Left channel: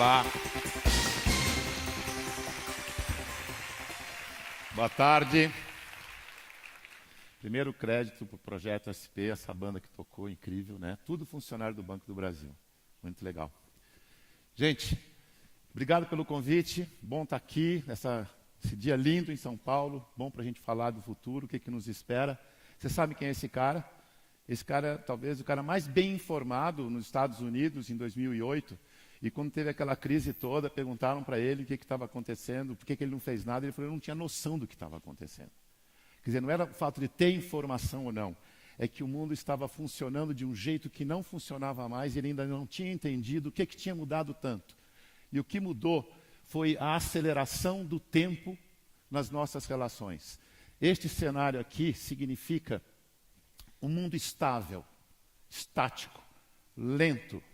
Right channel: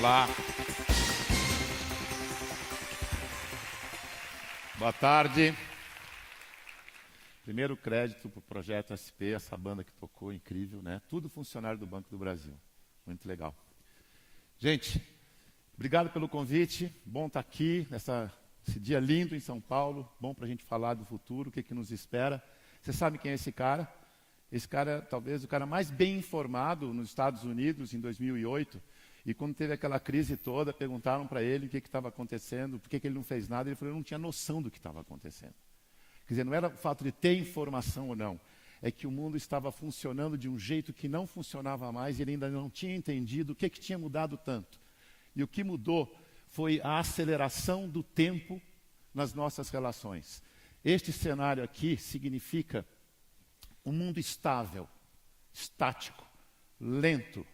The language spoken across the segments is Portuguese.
Olá. Boa tarde. Primeiro crédito para o Projeto SP, essa banda que tocou, incrível, né? Tudo funcionário do Banco do Brasil. Muito legal. Gente, obrigado pelo convite. Bom estar aqui, esse dia lindo em São Paulo. Bom para a gente falar do futuro, o que nos espera. Você sabe quem é esse cara? Esse cara é talvez o cara mais bem informado nos Estados Unidos em 2008. E quando teve aquela crise toda, perguntaram para ele o que estava acontecendo, por que ele não fez nada. Ele falou que não tinha noção do que estava acontecendo. Quer dizer, não era o fato de ter informação ou não. É que o mundo estava funcionando de um jeito que não funcionava mais e ele ainda não tinha entendido o que tinha mudado tanto. E o que mudou foi a aceleração do tempo nas nossas relações. Este cenário aqui significa um mundo estável, estático, lento.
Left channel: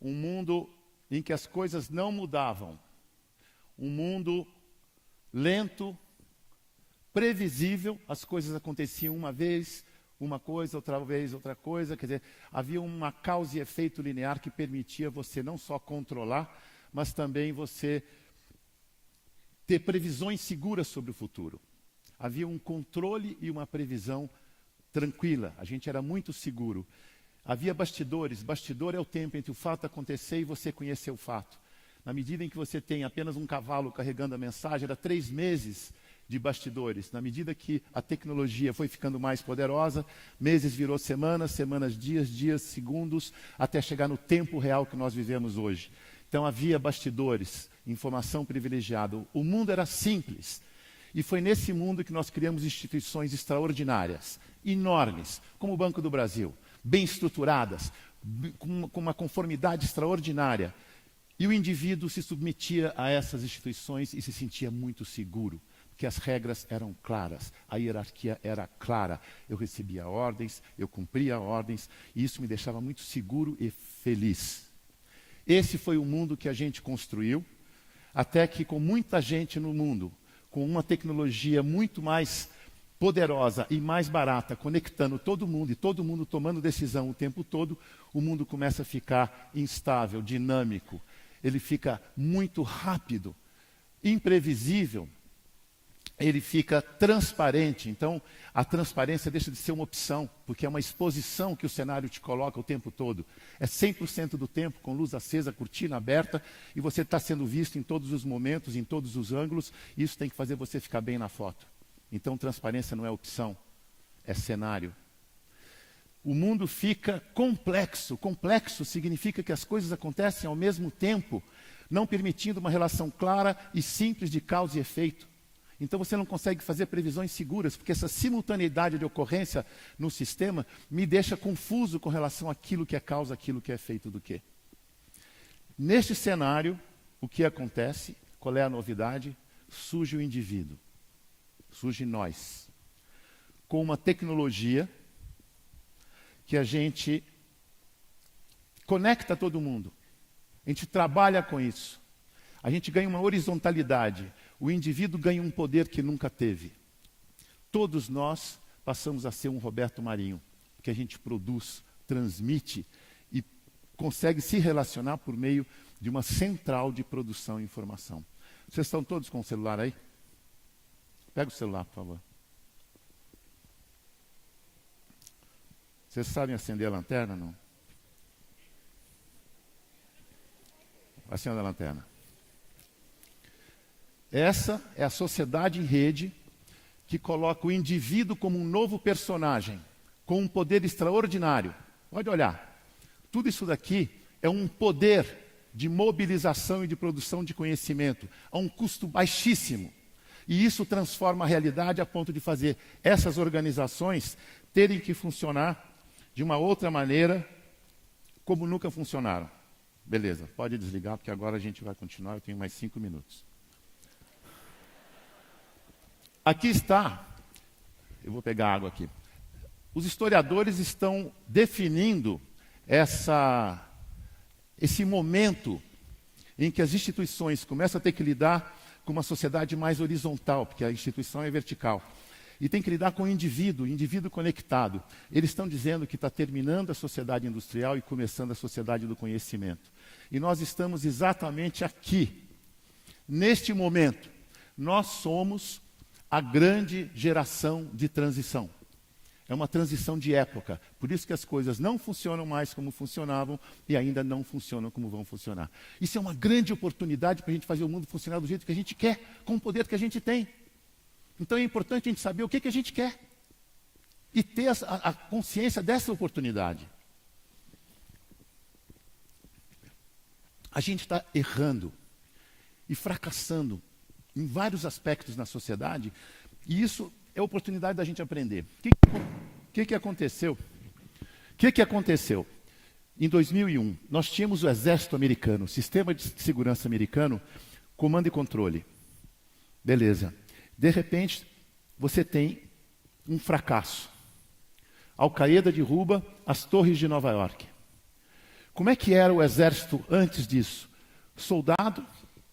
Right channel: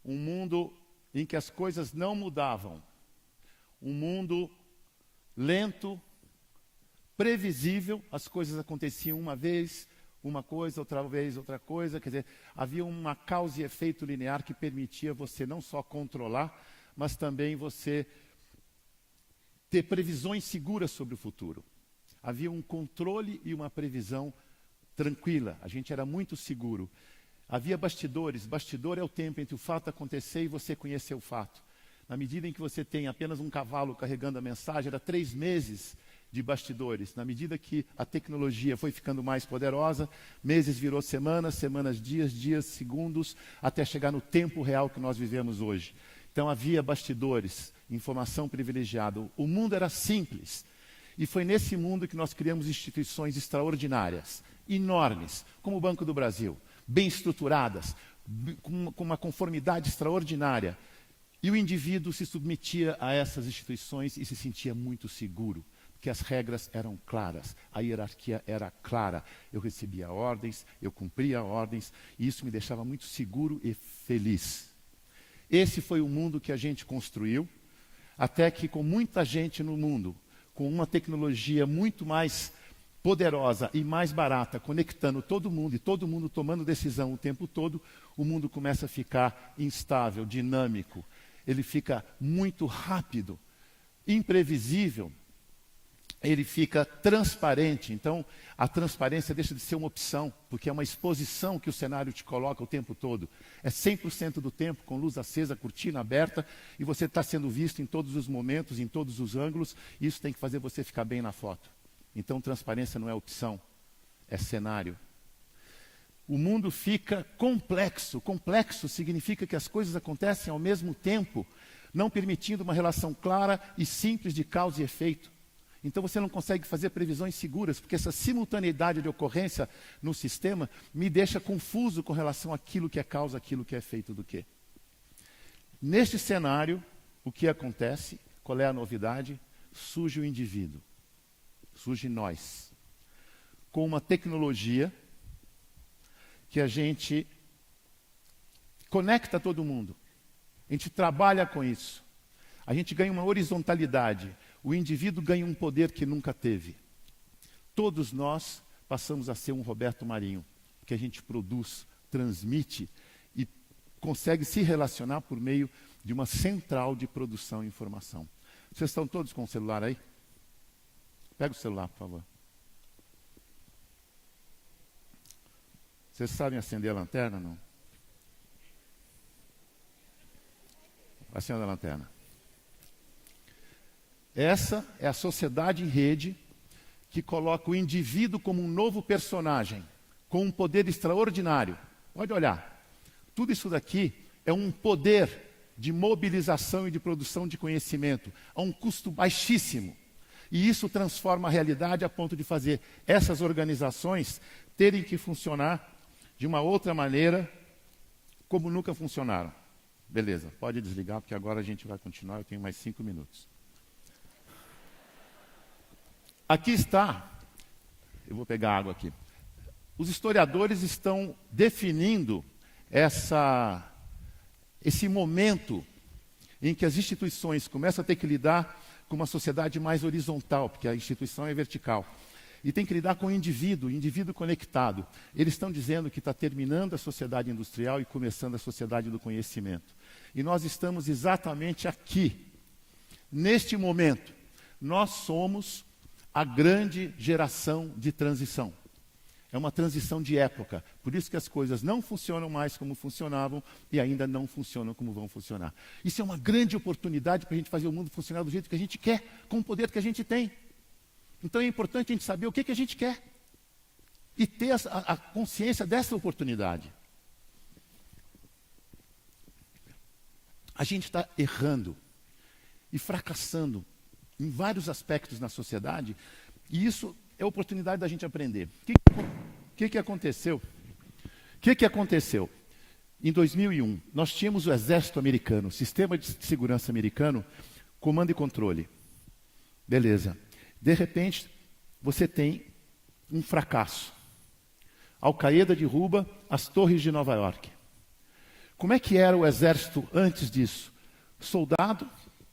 Um mundo em que as coisas não mudavam. Um mundo lento, previsível, as coisas aconteciam uma vez, uma coisa, outra vez, outra coisa. Quer dizer, havia uma causa e efeito linear que permitia você não só controlar, mas também você ter previsões seguras sobre o futuro. Havia um controle e uma previsão tranquila. A gente era muito seguro. Havia bastidores. Bastidor é o tempo entre o fato acontecer e você conhecer o fato. Na medida em que você tem apenas um cavalo carregando a mensagem, era 3 meses de bastidores. Na medida que a tecnologia foi ficando mais poderosa, meses virou semanas, semanas dias, dias, segundos, até chegar no tempo real que nós vivemos hoje. Então havia bastidores, informação privilegiada. O mundo era simples. E foi nesse mundo que nós criamos instituições extraordinárias, enormes, como o Banco do Brasil, bem estruturadas, com uma conformidade extraordinária. E o indivíduo se submetia a essas instituições e se sentia muito seguro, porque as regras eram claras, a hierarquia era clara. Eu recebia ordens, eu cumpria ordens, e isso me deixava muito seguro e feliz. Esse foi o mundo que a gente construiu, até que com muita gente no mundo, com uma tecnologia muito mais poderosa e mais barata, conectando todo mundo e todo mundo tomando decisão o tempo todo, o mundo começa a ficar instável, dinâmico. Ele fica muito rápido, imprevisível, ele fica transparente. Então, a transparência deixa de ser uma opção, porque é uma exposição que o cenário te coloca o tempo todo. É 100% do tempo com luz acesa, cortina aberta, e você está sendo visto em todos os momentos, em todos os ângulos, e isso tem que fazer você ficar bem na foto. Então, transparência não é opção, é cenário. O mundo fica complexo. Complexo significa que as coisas acontecem ao mesmo tempo, não permitindo uma relação clara e simples de causa e efeito. Então você não consegue fazer previsões seguras, porque essa simultaneidade de ocorrência no sistema me deixa confuso com relação àquilo que é causa, aquilo que é efeito do quê. Neste cenário, o que acontece? Qual é a novidade? Surge o indivíduo, surge nós, com uma tecnologia que a gente conecta todo mundo. A gente trabalha com isso. A gente ganha uma horizontalidade. O indivíduo ganha um poder que nunca teve. Todos nós passamos a ser um Roberto Marinho, que a gente produz, transmite e consegue se relacionar por meio de uma central de produção e informação. Vocês estão todos com o celular aí? Pega o celular, por favor. Vocês sabem acender a lanterna, não? Acenda a lanterna. Essa é a sociedade em rede que coloca o indivíduo como um novo personagem, com um poder extraordinário. Pode olhar. Tudo isso daqui é um poder de mobilização e de produção de conhecimento a um custo baixíssimo. E isso transforma a realidade a ponto de fazer essas organizações terem que funcionar de uma outra maneira, como nunca funcionaram. Beleza, pode desligar, porque agora a gente vai continuar, eu tenho mais 5 minutos. Aqui está, eu vou pegar água aqui. Os historiadores estão definindo esse momento em que as instituições começam a ter que lidar com uma sociedade mais horizontal, porque a instituição é vertical. E tem que lidar com o indivíduo conectado. Eles estão dizendo que está terminando a sociedade industrial e começando a sociedade do conhecimento. E nós estamos exatamente aqui, neste momento. Nós somos a grande geração de transição. É uma transição de época. Por isso que as coisas não funcionam mais como funcionavam e ainda não funcionam como vão funcionar. Isso é uma grande oportunidade para a gente fazer o mundo funcionar do jeito que a gente quer, com o poder que a gente tem. Então é importante a gente saber o que a gente quer e ter a consciência dessa oportunidade. A gente está errando e fracassando em vários aspectos na sociedade, e isso é a oportunidade da gente aprender. O que aconteceu? O que aconteceu? Em 2001, nós tínhamos o Exército Americano, Sistema de Segurança Americano, comando e controle. Beleza. De repente, você tem um fracasso. Al-Qaeda derruba as torres de Nova York. Como é que era o exército antes disso? Soldado,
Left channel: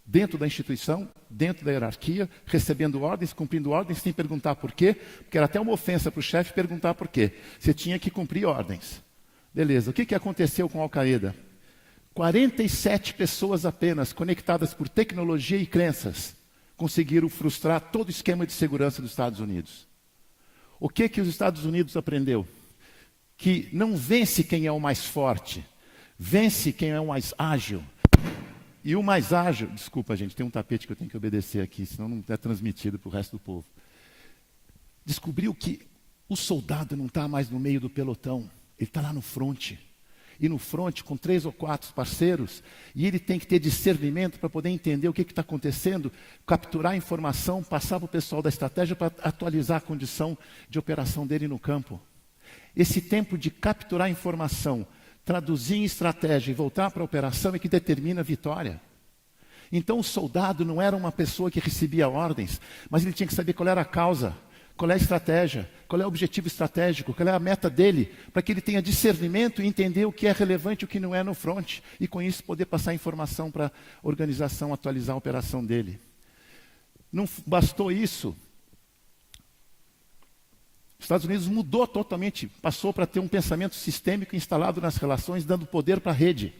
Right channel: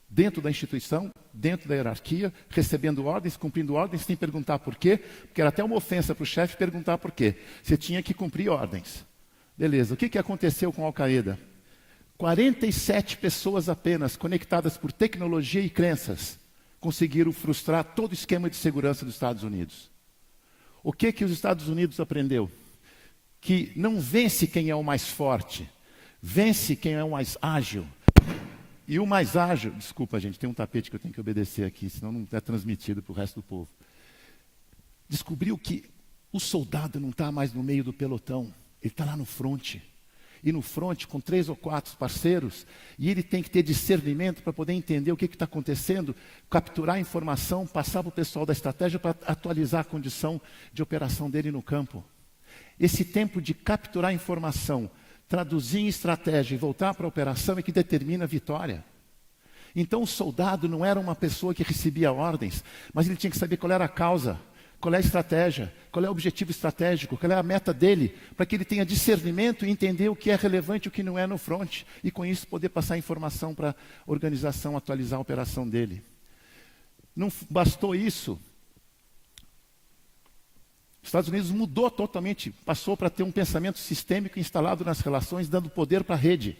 dentro da instituição, dentro da hierarquia, recebendo ordens, cumprindo ordens, sem perguntar por quê, porque era até uma ofensa para o chefe perguntar por quê. Você tinha que cumprir ordens. Beleza, o que aconteceu com a Al-Qaeda? 47 pessoas apenas, conectadas por tecnologia e crenças, conseguiram frustrar todo o esquema de segurança dos Estados Unidos. O que os Estados Unidos aprendeu? Que não vence quem é o mais forte, vence quem é o mais ágil. E o mais ágil, desculpa gente, tem um tapete que eu tenho que obedecer aqui, senão não está transmitido para o resto do povo. Descobriu que o soldado não está mais no meio do pelotão, ele está lá no fronte. E no fronte, com 3 ou 4 parceiros, e ele tem que ter discernimento para poder entender o que está acontecendo, capturar a informação, passar para o pessoal da estratégia para atualizar a condição de operação dele no campo. Esse tempo de capturar a informação, traduzir em estratégia e voltar para a operação é que determina a vitória. Então o soldado não era uma pessoa que recebia ordens, mas ele tinha que saber qual era a causa, qual é a estratégia, qual é o objetivo estratégico, qual é a meta dele, para que ele tenha discernimento e entender o que é relevante e o que não é no front, e com isso poder passar informação para a organização atualizar a operação dele. Não bastou isso. Os Estados Unidos mudou totalmente, passou para ter um pensamento sistêmico instalado nas relações, dando poder para a rede.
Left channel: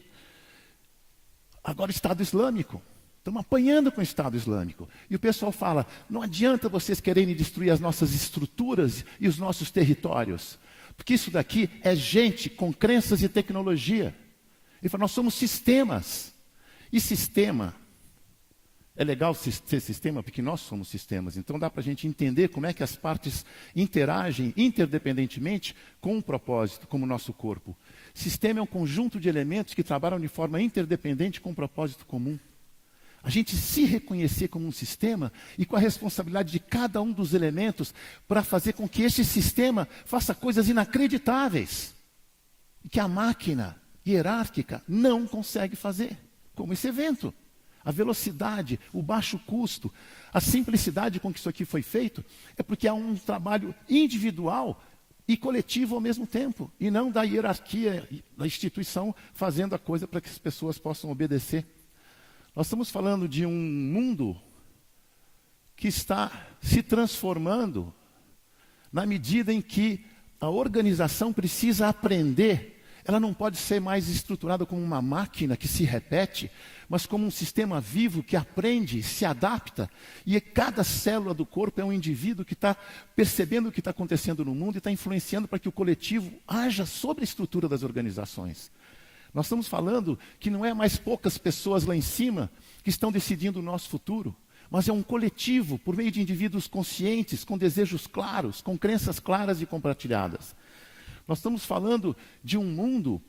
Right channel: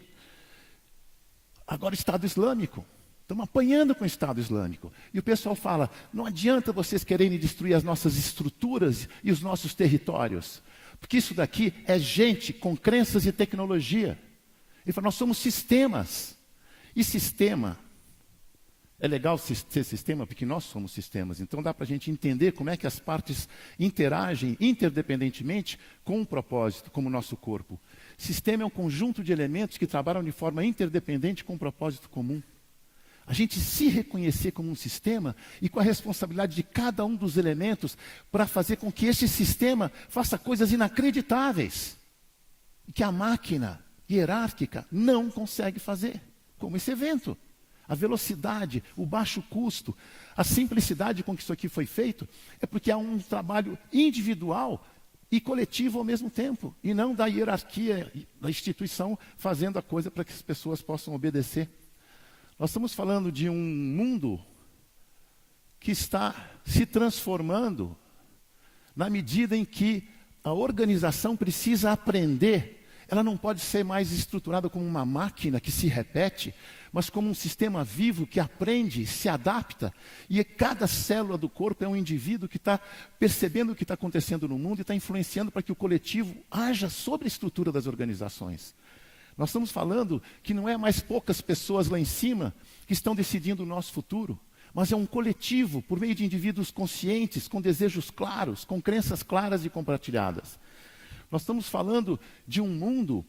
Agora, Estado Islâmico. Estamos apanhando com o Estado Islâmico. E o pessoal fala, não adianta vocês quererem destruir as nossas estruturas e os nossos territórios. Porque isso daqui é gente com crenças e tecnologia. Ele fala, nós somos sistemas. E sistema... É legal ser sistema, porque nós somos sistemas. Então dá para a gente entender como é que as partes interagem interdependentemente com um propósito, como o nosso corpo. Sistema é um conjunto de elementos que trabalham de forma interdependente com um propósito comum. A gente se reconhecer como um sistema e com a responsabilidade de cada um dos elementos para fazer com que esse sistema faça coisas inacreditáveis. Que a máquina hierárquica não consegue fazer, como esse evento. A velocidade, o baixo custo, a simplicidade com que isso aqui foi feito, é porque é um trabalho individual e coletivo ao mesmo tempo, e não da hierarquia da instituição fazendo a coisa para que as pessoas possam obedecer. Nós estamos falando de um mundo que está se transformando na medida em que a organização precisa aprender. Ela não pode ser mais estruturada como uma máquina que se repete, mas como um sistema vivo que aprende, se adapta, e cada célula do corpo é um indivíduo que está percebendo o que está acontecendo no mundo e está influenciando para que o coletivo haja sobre a estrutura das organizações. Nós estamos falando que não é mais poucas pessoas lá em cima que estão decidindo o nosso futuro, mas é um coletivo por meio de indivíduos conscientes, com desejos claros, com crenças claras e compartilhadas. Nós estamos falando de um mundo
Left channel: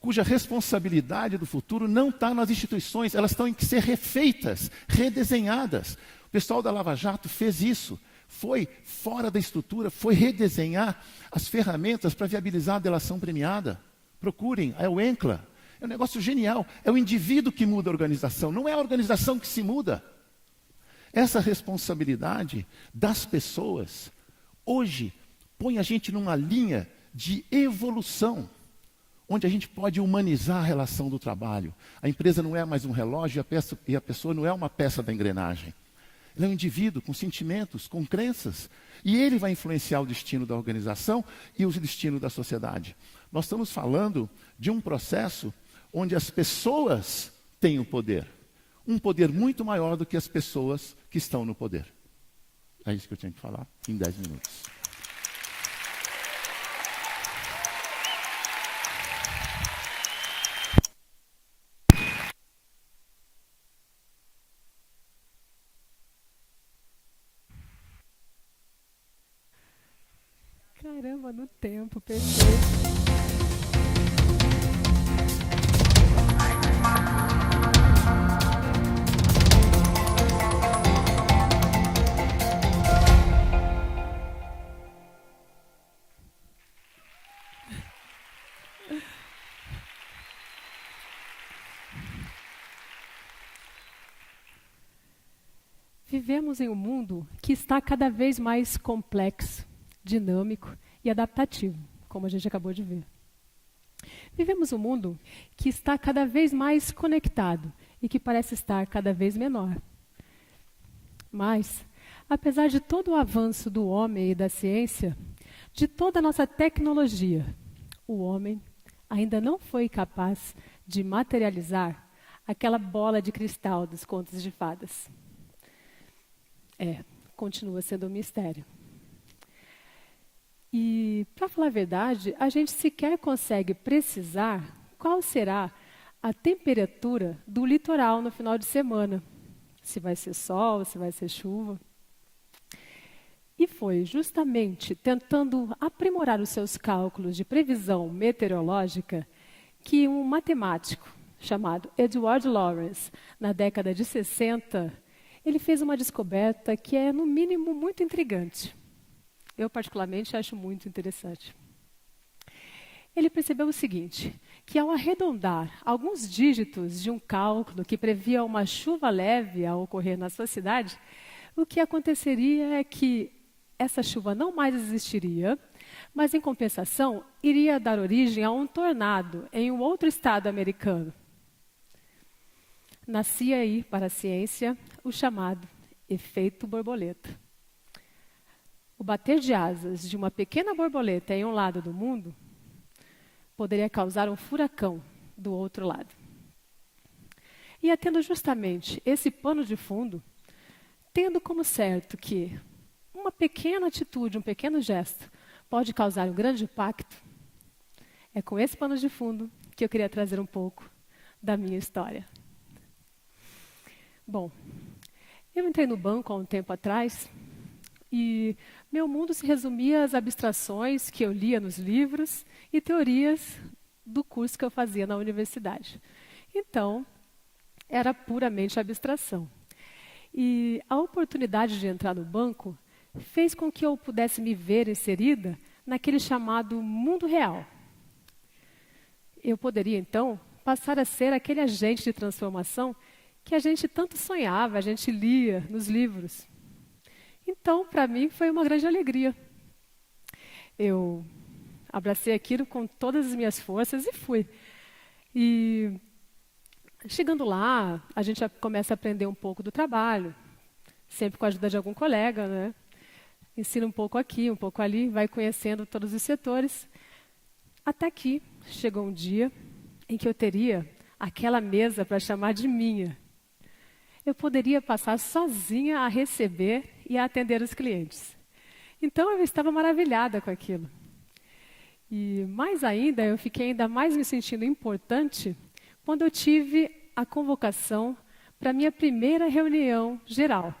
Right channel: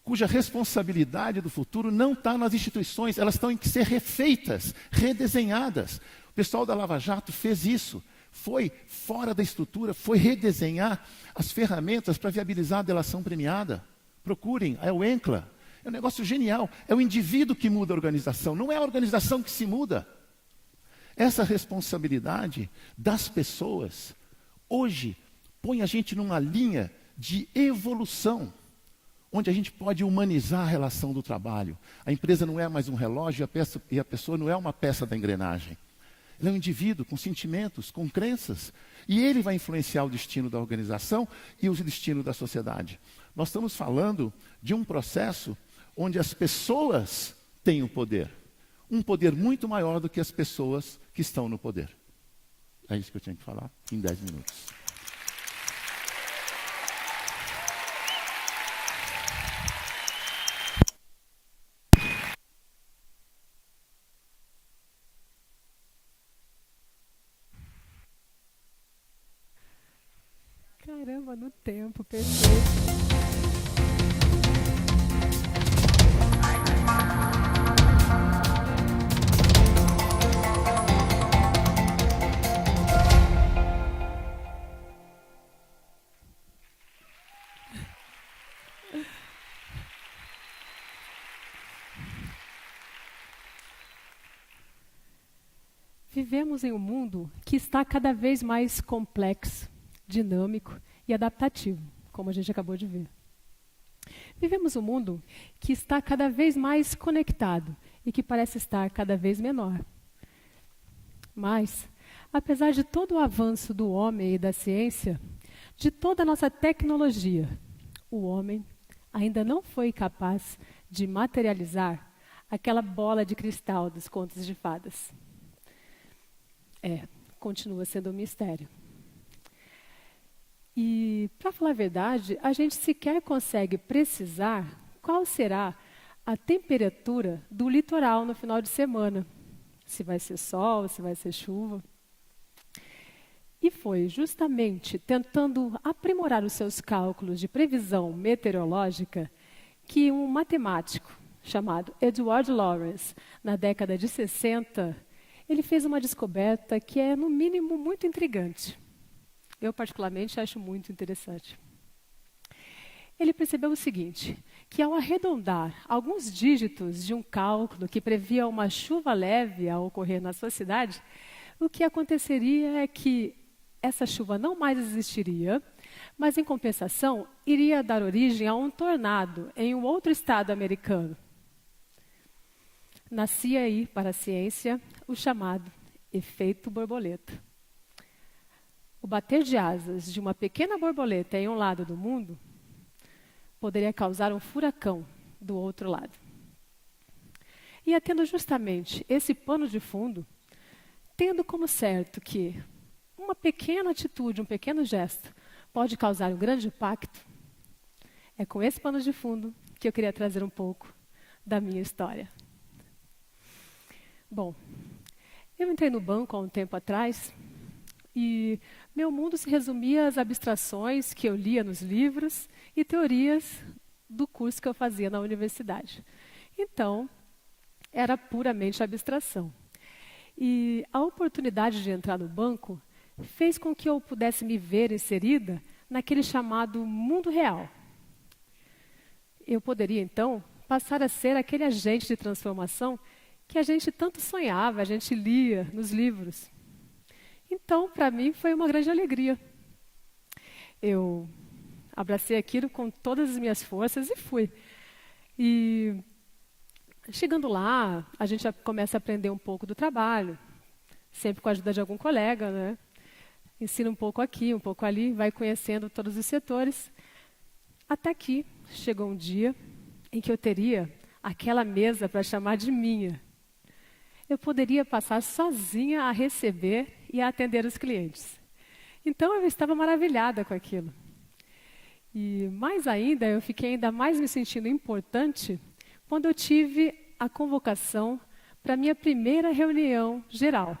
cuja responsabilidade do futuro não está nas instituições, elas têm que ser refeitas, redesenhadas. O pessoal da Lava Jato fez isso, foi fora da estrutura, foi redesenhar as ferramentas para viabilizar a delação premiada. Procurem, é o ENCLA, é um negócio genial, é o indivíduo que muda a organização, não é a organização que se muda. Essa responsabilidade das pessoas, hoje, põe a gente numa linha de evolução, onde a gente pode humanizar a relação do trabalho. A empresa não é mais um relógio e a pessoa não é uma peça da engrenagem. Ele é um indivíduo com sentimentos, com crenças, e ele vai influenciar o destino da organização e o destino da sociedade. Nós estamos falando de um processo onde as pessoas têm o poder. Um poder muito maior do que as pessoas que estão no poder. É isso que eu tinha que falar em 10 minutos. Caramba, no tempo, perfeito. Vivemos em um mundo que está cada vez mais complexo, dinâmico e adaptativo, como a gente acabou de ver. Vivemos um mundo que está cada vez mais conectado e que parece estar cada vez menor. Mas, apesar de todo o avanço do homem e da ciência, de toda a nossa tecnologia, o homem ainda não foi capaz de materializar aquela bola de cristal dos contos de fadas. Continua sendo um mistério. E, para falar a verdade, a gente sequer consegue precisar qual será a temperatura do litoral no final de semana. Se vai ser sol, se vai ser chuva. E foi justamente tentando aprimorar os seus cálculos de previsão meteorológica que um matemático chamado Edward Lorenz, na década de 60, ele fez uma descoberta que é, no mínimo, muito intrigante. Eu, particularmente, acho muito interessante. Ele percebeu o seguinte, que ao arredondar alguns dígitos de um cálculo que previa uma chuva leve a ocorrer na sua cidade, o que aconteceria é que essa chuva não mais existiria, mas, em compensação, iria dar origem a um tornado em um outro estado americano. Nascia aí, para a ciência, o chamado efeito borboleta. O bater de asas de uma pequena borboleta em um lado do mundo poderia causar um furacão do outro lado. E é tendo justamente esse pano de fundo, tendo como certo que uma pequena atitude, um pequeno gesto, pode causar um grande impacto, é com esse pano de fundo que eu queria trazer um pouco da minha história. Bom, eu entrei no banco há um tempo atrás e meu mundo se resumia às abstrações que eu lia nos livros e teorias do curso que eu fazia na universidade. Então, era puramente abstração. E a oportunidade de entrar no banco fez com que eu pudesse me ver inserida naquele chamado mundo real. Eu poderia, então, passar a ser aquele agente de transformação que a gente tanto sonhava, a gente lia nos livros. Então, para mim, foi uma grande alegria. Eu abracei aquilo com todas as minhas forças e fui. E, chegando lá, a gente já começa a aprender um pouco do trabalho, sempre com a ajuda de algum colega, né? Ensina um pouco aqui, um pouco ali, vai conhecendo todos os setores. Até que chegou um dia em que eu teria aquela mesa para chamar de minha. Eu poderia passar sozinha a receber e a atender os clientes. Então, eu estava maravilhada com aquilo. E, mais ainda, eu fiquei ainda mais me sentindo importante quando eu tive a convocação para a minha primeira reunião geral.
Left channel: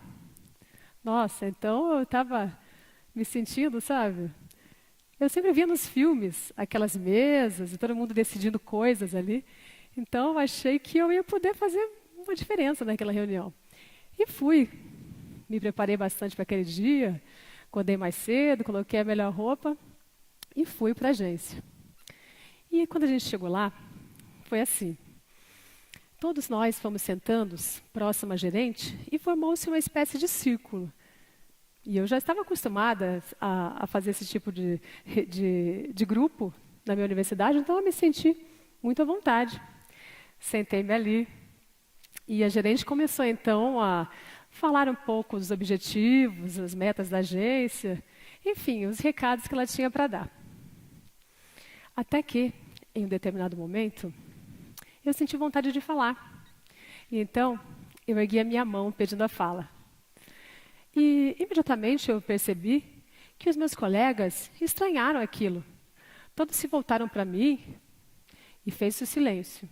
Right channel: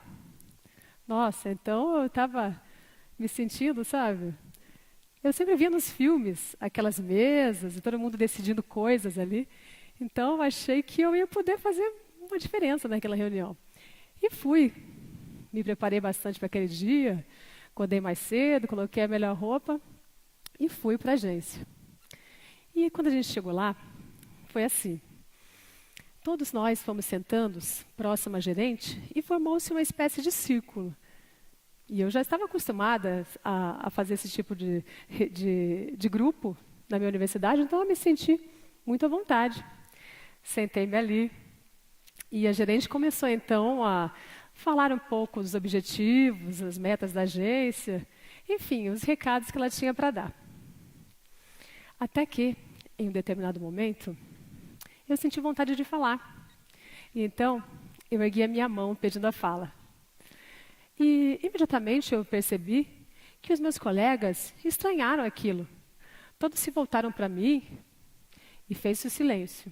Nossa, então eu estava me sentindo, sabe? Eu sempre via nos filmes aquelas mesas, todo mundo decidindo coisas ali. Então, eu achei que eu ia poder fazer uma diferença naquela reunião. E fui. Me preparei bastante para aquele dia, acordei mais cedo, coloquei a melhor roupa e fui para a agência. E quando a gente chegou lá, foi assim. Todos nós fomos sentando próximo à gerente e formou-se uma espécie de círculo. E eu já estava acostumada a fazer esse tipo de grupo na minha universidade, então eu me senti muito à vontade. Sentei-me ali. E a gerente começou, então, a falar um pouco dos objetivos, as metas da agência, enfim, os recados que ela tinha para dar. Até que, em determinado momento, eu senti vontade de falar. E então, eu ergui a minha mão pedindo a fala. E imediatamente eu percebi que os meus colegas estranharam aquilo. Todos se voltaram para mim e fez-se o silêncio.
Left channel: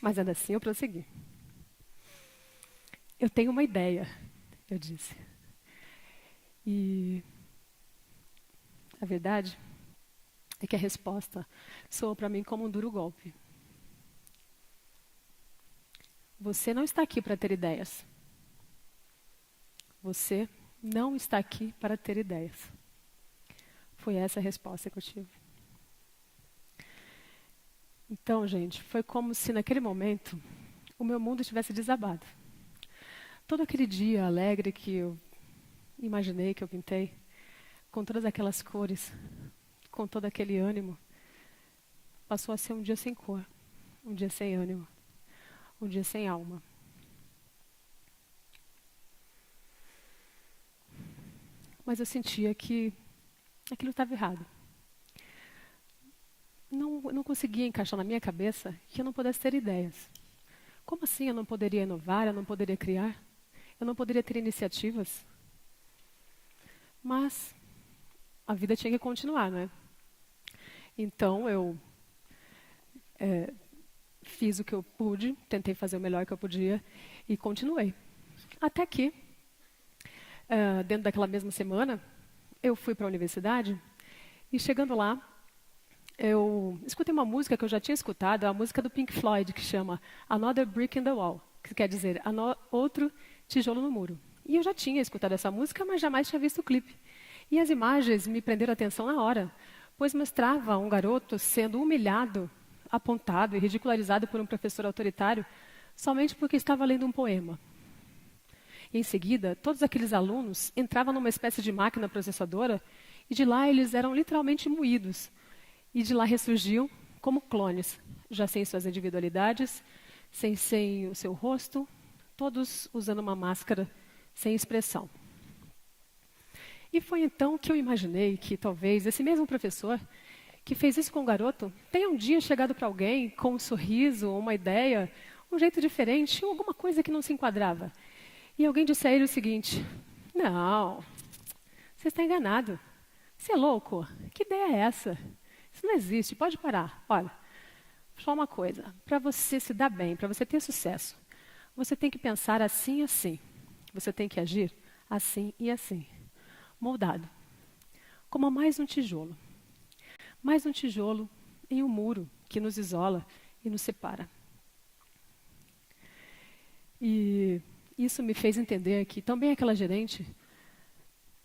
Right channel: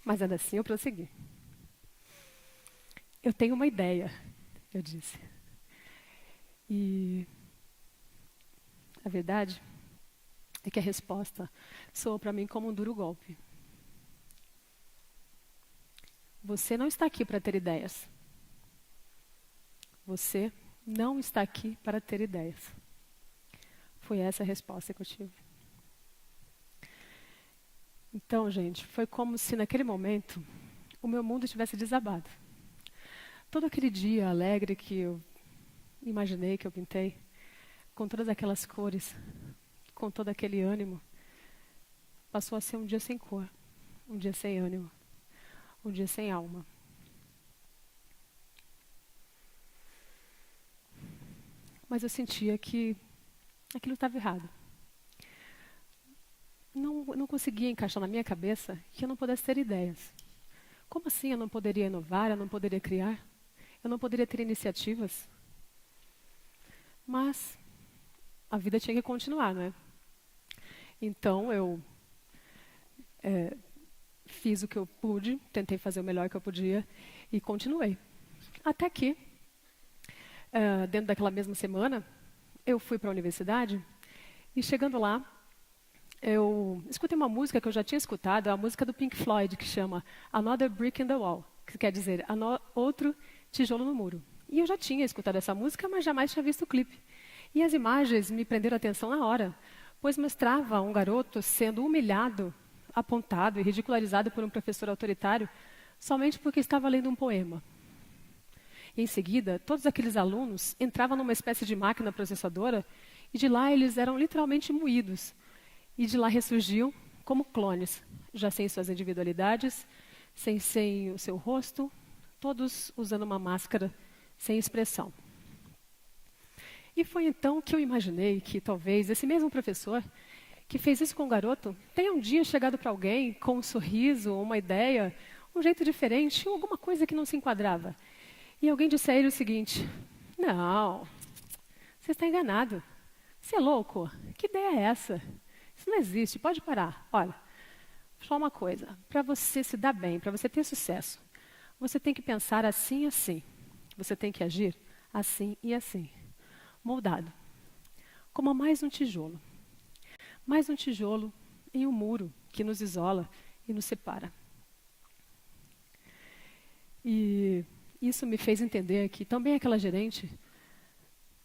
Mas ainda assim eu prossegui. Eu tenho uma ideia, eu disse. E a verdade é que a resposta soou para mim como um duro golpe. Você não está aqui para ter ideias. Você não está aqui para ter ideias. Foi essa a resposta que eu tive. Então, gente, foi como se naquele momento o meu mundo tivesse desabado. Todo aquele dia alegre que eu imaginei, que eu pintei, com todas aquelas cores, com todo aquele ânimo, passou a ser um dia sem cor, um dia sem ânimo, um dia sem alma. Mas eu sentia que aquilo estava errado. Eu não conseguia encaixar na minha cabeça que eu não pudesse ter ideias. Como assim eu não poderia inovar, eu não poderia criar? Eu não poderia ter iniciativas? Mas a vida tinha que continuar, né? Então eu fiz o que eu pude, tentei fazer o melhor que eu podia e continuei. Até que, dentro daquela mesma semana, eu fui para a universidade e chegando lá, eu escutei uma música que eu já tinha escutado, a música do Pink Floyd, que chama Another Brick in the Wall, que quer dizer outro tijolo no muro. E eu já tinha escutado essa música, mas jamais tinha visto o clipe. E as imagens me prenderam a atenção na hora, pois mostrava um garoto sendo humilhado, apontado e ridicularizado por um professor autoritário somente porque estava lendo um poema. Em seguida, todos aqueles alunos entravam numa espécie de máquina processadora e de lá eles eram literalmente moídos. E de lá ressurgiu como clones, já sem suas individualidades, sem o seu rosto, todos usando uma máscara sem expressão. E foi então que eu imaginei que talvez esse mesmo professor que fez isso com o garoto tenha um dia chegado para alguém com um sorriso, uma ideia, um jeito diferente, ou alguma coisa que não se enquadrava. E alguém disse a ele o seguinte: não, você está enganado. Você é louco? Que ideia é essa? Isso não existe, pode parar. Olha, só uma coisa, para você se dar bem, para você ter sucesso, você tem que pensar assim e assim. Você tem que agir assim e assim. Moldado. Como mais um tijolo. Mais um tijolo em um muro que nos isola e nos separa. E isso me fez entender que também aquela gerente,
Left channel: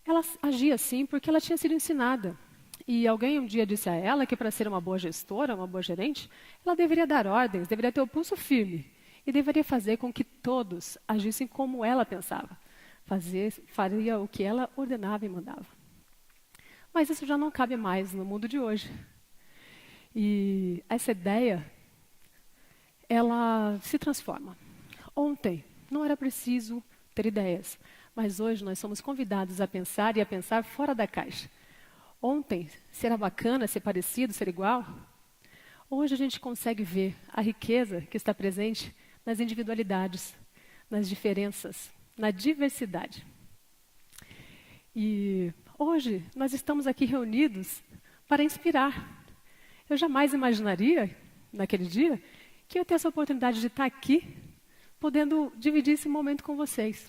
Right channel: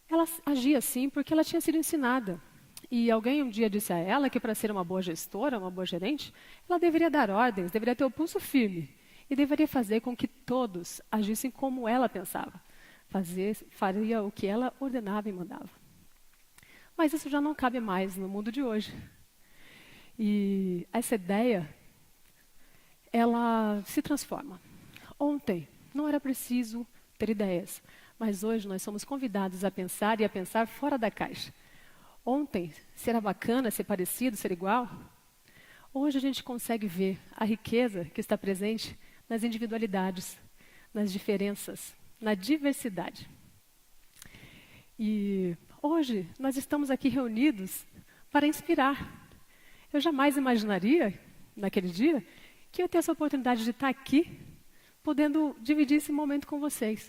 ela agia assim porque ela tinha sido ensinada. E alguém um dia disse a ela que para ser uma boa gestora, uma boa gerente, ela deveria dar ordens, deveria ter o pulso firme. E deveria fazer com que todos agissem como ela pensava. Faria o que ela ordenava e mandava. Mas isso já não cabe mais no mundo de hoje. E essa ideia, ela se transforma. Ontem não era preciso ter ideias, mas hoje nós somos convidados a pensar e a pensar fora da caixa. Ontem, se era bacana, ser parecido, ser igual, hoje a gente consegue ver a riqueza que está presente nas individualidades, nas diferenças, na diversidade. E hoje nós estamos aqui reunidos para inspirar. Eu jamais imaginaria, naquele dia, que eu ia ter essa oportunidade de estar aqui, podendo dividir esse momento com vocês.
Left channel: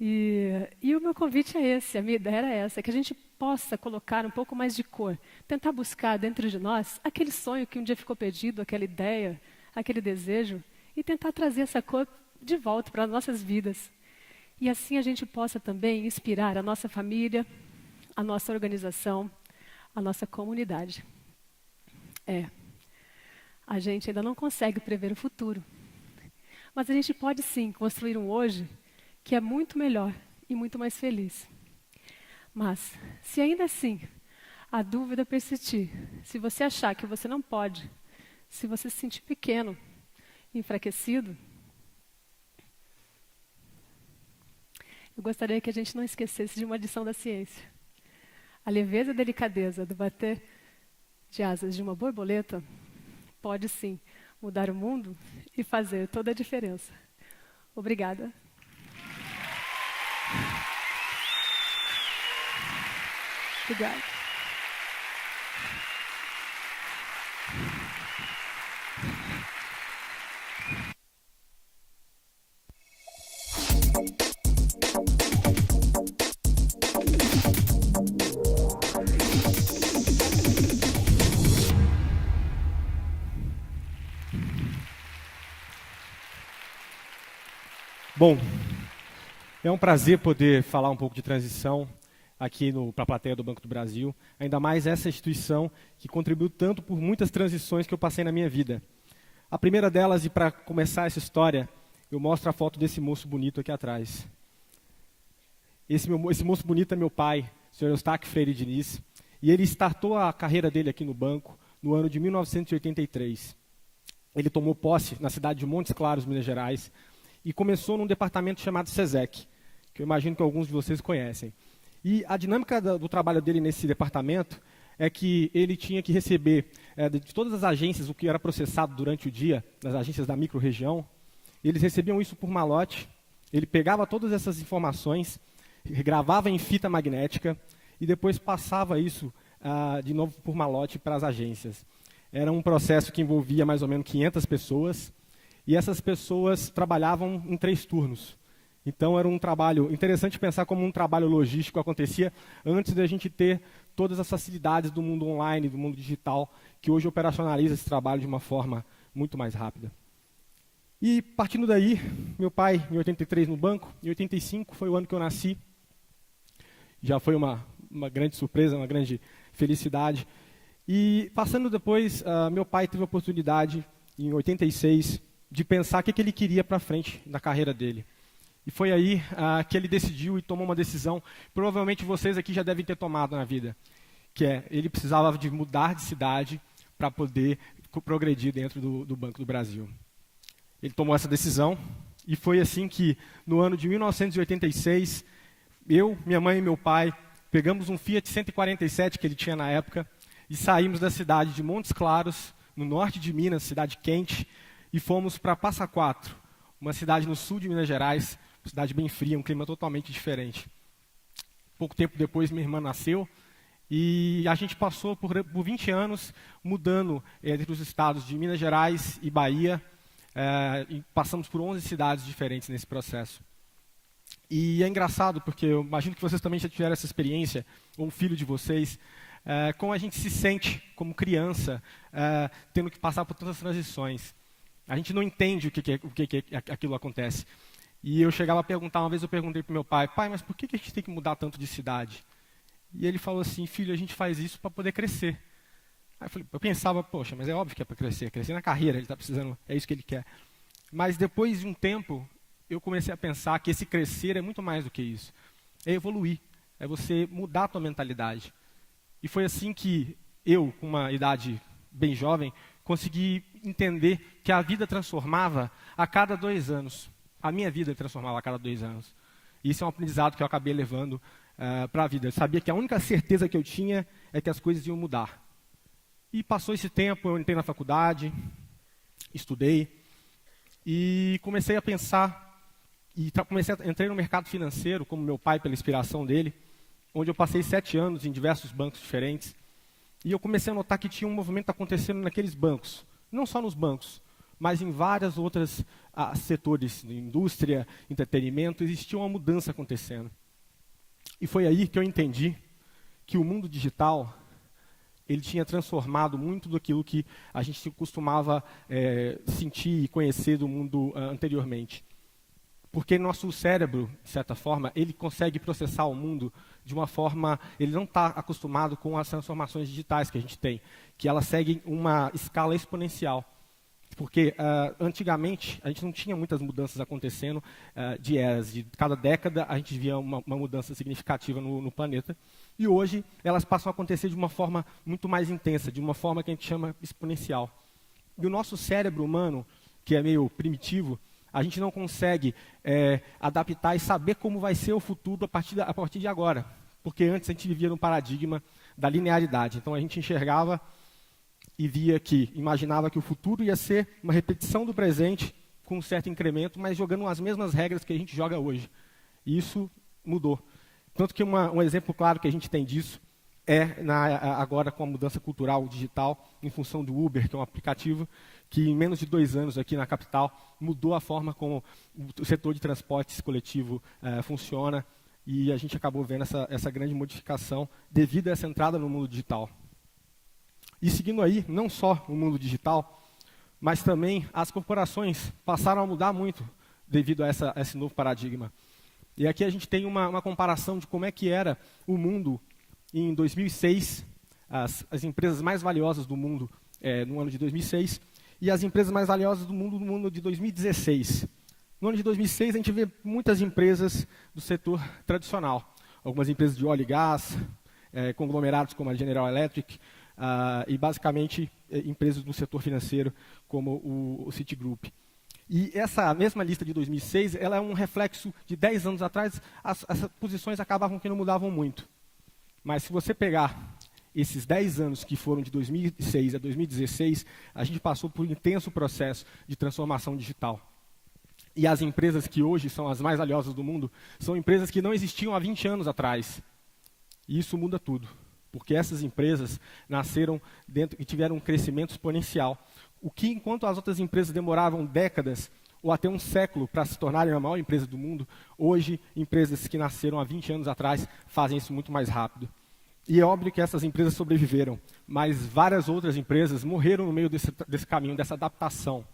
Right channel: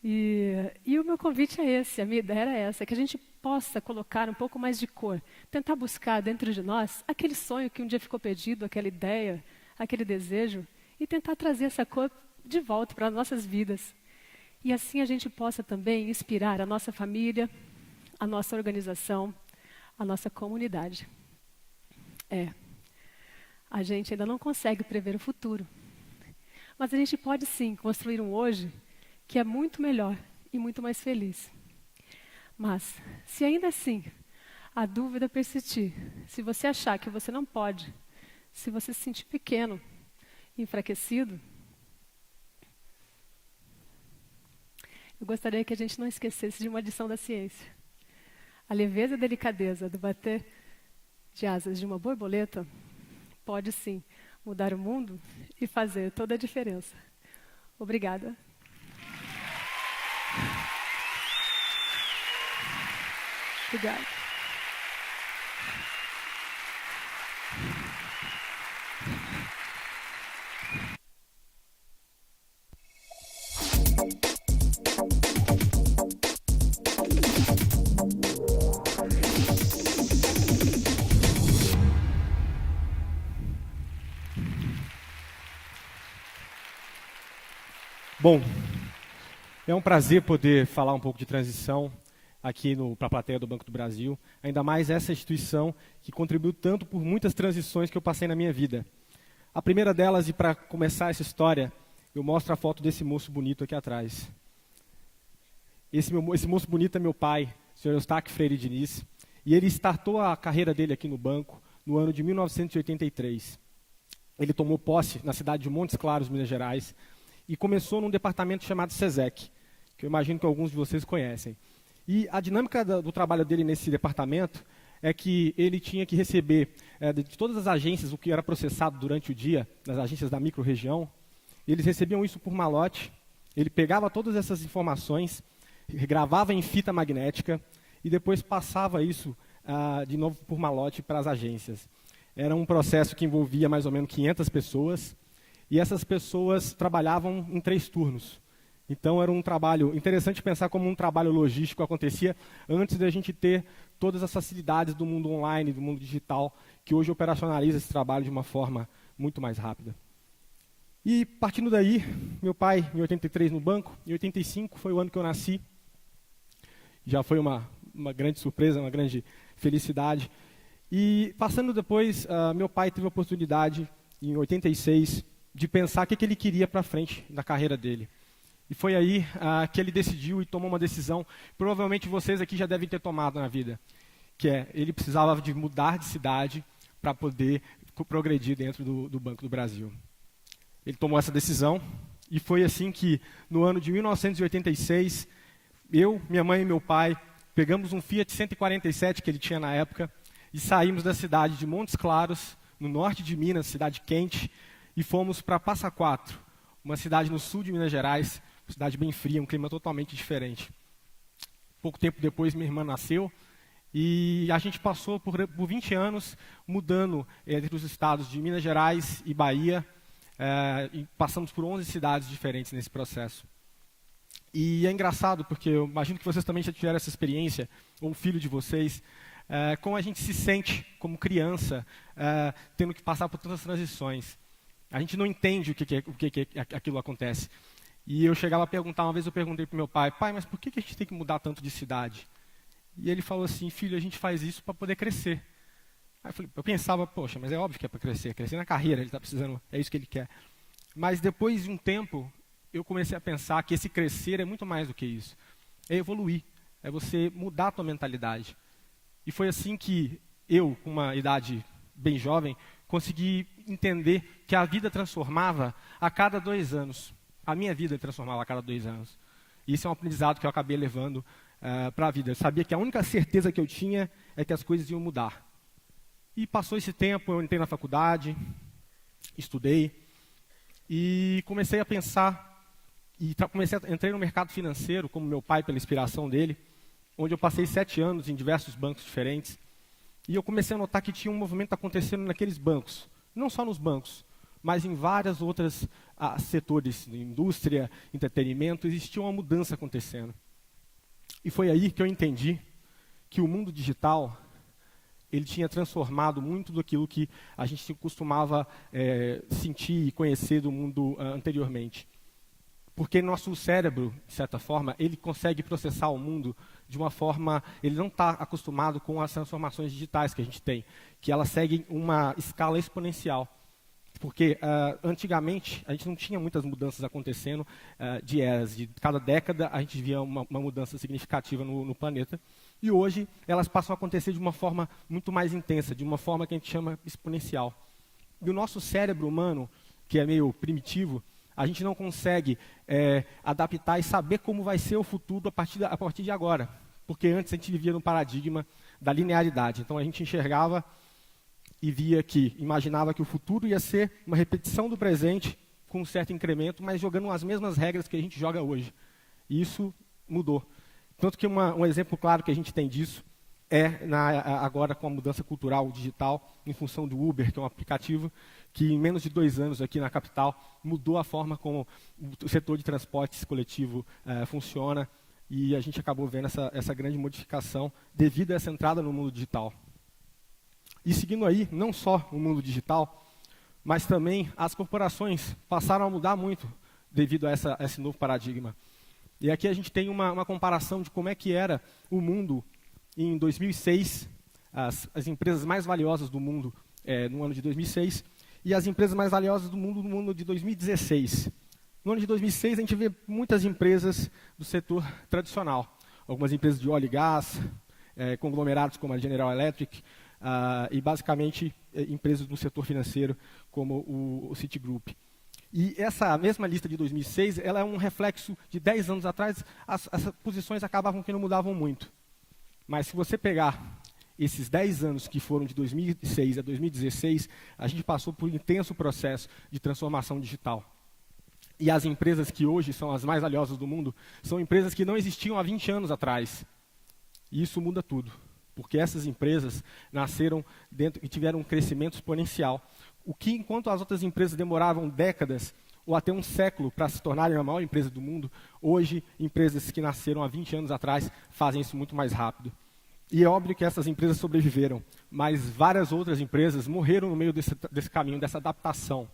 E o meu convite é esse, a minha ideia era essa, que a gente possa colocar um pouco mais de cor, tentar buscar dentro de nós aquele sonho que um dia ficou perdido, aquela ideia, aquele desejo, e tentar trazer essa cor de volta para as nossas vidas. E assim a gente possa também inspirar a nossa família, a nossa organização, a nossa comunidade. A gente ainda não consegue prever o futuro, mas a gente pode sim construir um hoje que é muito melhor e muito mais feliz. Mas, se ainda assim a dúvida persistir, se você achar que você não pode, se você se sentir pequeno, enfraquecido, eu gostaria que a gente não esquecesse de uma lição da ciência. A leveza e delicadeza do bater de asas de uma borboleta pode sim mudar o mundo e fazer toda a diferença. Obrigada. Obrigada. Bom, é um prazer poder falar um pouco de transição aqui para a plateia do Banco do Brasil, ainda mais essa instituição que contribuiu tanto por muitas transições que eu passei na minha vida. A primeira delas, e para começar essa história, eu mostro a foto desse moço bonito aqui atrás. Esse moço bonito é meu pai, o Sr. Eustáquio Freire Diniz, e ele startou a carreira dele aqui no banco no ano de 1983. Ele tomou posse na cidade de Montes Claros, Minas Gerais, e começou num departamento chamado SESEC, que eu imagino que alguns de vocês conhecem. E a dinâmica do trabalho dele nesse departamento é que ele tinha que receber de todas as agências o que era processado durante o dia, das agências da micro-região. Eles recebiam isso por malote, ele pegava todas essas informações, gravava em fita magnética e depois passava isso de novo por malote para as agências. Era um processo que envolvia mais ou menos 500 pessoas, e essas pessoas trabalhavam em 3 turnos. Então era um trabalho interessante pensar como um trabalho logístico acontecia antes da gente ter todas as facilidades do mundo online, do mundo digital, que hoje operacionaliza esse trabalho de uma forma muito mais rápida. E partindo daí, meu pai em 83 no banco, em 85 foi o ano que eu nasci. Já foi uma grande surpresa, uma grande felicidade. E passando depois, meu pai teve a oportunidade, em 86, de pensar o que ele queria para frente na carreira dele. E foi aí que ele decidiu e tomou uma decisão, provavelmente vocês aqui já devem ter tomado na vida, que ele precisava de mudar de cidade para poder progredir dentro do Banco do Brasil. Ele tomou essa decisão e foi assim que, no ano de 1986, eu, minha mãe e meu pai pegamos um Fiat 147 que ele tinha na época e saímos da cidade de Montes Claros, no norte de Minas, cidade quente, e fomos para Passa Quatro, uma cidade no sul de Minas Gerais, uma cidade bem fria, um clima totalmente diferente. Pouco tempo depois, minha irmã nasceu e a gente passou por 20 anos mudando entre os estados de Minas Gerais e Bahia, e passamos por 11 cidades diferentes nesse processo. E é engraçado, porque eu imagino que vocês também já tiveram essa experiência, ou o filho de vocês, como a gente se sente como criança, tendo que passar por todas as transições. A gente não entende o que aquilo acontece. E eu chegava a perguntar, uma vez eu perguntei para meu pai, mas por que a gente tem que mudar tanto de cidade? E ele falou assim, filho, a gente faz isso para poder crescer. Aí eu pensava, poxa, mas é óbvio que é para crescer na carreira, ele está precisando, é isso que ele quer. Mas depois de um tempo, eu comecei a pensar que esse crescer é muito mais do que isso. É evoluir, é você mudar a tua mentalidade. E foi assim que eu, com uma idade bem jovem, consegui entender que a vida transformava a cada 2 anos. A minha vida transformava a cada 2 anos. E isso é um aprendizado que eu acabei levando para a vida. Eu sabia que a única certeza que eu tinha é que as coisas iam mudar. E passou esse tempo, eu entrei na faculdade, estudei, e comecei a pensar, entrei no mercado financeiro, como meu pai, pela inspiração dele, onde eu passei 7 anos em diversos bancos diferentes. E eu comecei a notar que tinha um movimento acontecendo naqueles bancos. Não só nos bancos, mas em vários outros setores, indústria, entretenimento, existia uma mudança acontecendo. E foi aí que eu entendi que o mundo digital ele tinha transformado muito daquilo que a gente costumava sentir e conhecer do mundo anteriormente. Porque nosso cérebro, de certa forma, ele consegue processar o mundo de uma forma, ele não está acostumado com as transformações digitais que a gente tem, que elas seguem uma escala exponencial. Porque antigamente a gente não tinha muitas mudanças acontecendo de eras. De cada década a gente via uma mudança significativa no planeta. E hoje elas passam a acontecer de uma forma muito mais intensa, de uma forma que a gente chama exponencial. E o nosso cérebro humano, que é meio primitivo, a gente não consegue adaptar e saber como vai ser o futuro a partir de agora. Porque antes a gente vivia no paradigma da linearidade. Então a gente enxergava e imaginava que o futuro ia ser uma repetição do presente com um certo incremento, mas jogando as mesmas regras que a gente joga hoje. E isso mudou. Tanto que um exemplo claro que a gente tem disso agora com a mudança cultural digital, em função do Uber, que é um aplicativo que em menos de 2 anos aqui na capital mudou a forma como o setor de transportes coletivo funciona, e a gente acabou vendo essa grande modificação devido a essa entrada no mundo digital. E seguindo aí, não só o mundo digital, mas também as corporações passaram a mudar muito devido a esse novo paradigma. E aqui a gente tem uma comparação de como é que era o mundo em 2006, as empresas mais valiosas do mundo no ano de 2006, e as empresas mais valiosas do mundo no ano de 2016. No ano de 2006 a gente vê muitas empresas do setor tradicional, algumas empresas de óleo e gás, conglomerados como a General Electric, e basicamente empresas do setor financeiro como o Citigroup. E essa mesma lista de 2006, ela é um reflexo de 10 anos atrás, as posições acabavam que não mudavam muito. Mas se você pegar esses 10 anos que foram de 2006 a 2016, a gente passou por um intenso processo de transformação digital. E as empresas que hoje são as mais valiosas do mundo, são empresas que não existiam há 20 anos atrás. E isso muda tudo, porque essas empresas nasceram e tiveram um crescimento exponencial. O que, enquanto as outras empresas demoravam décadas ou até um século para se tornarem a maior empresa do mundo, hoje, empresas que nasceram há 20 anos atrás fazem isso muito mais rápido. E é óbvio que essas empresas sobreviveram, mas várias outras empresas morreram no meio desse caminho, dessa adaptação.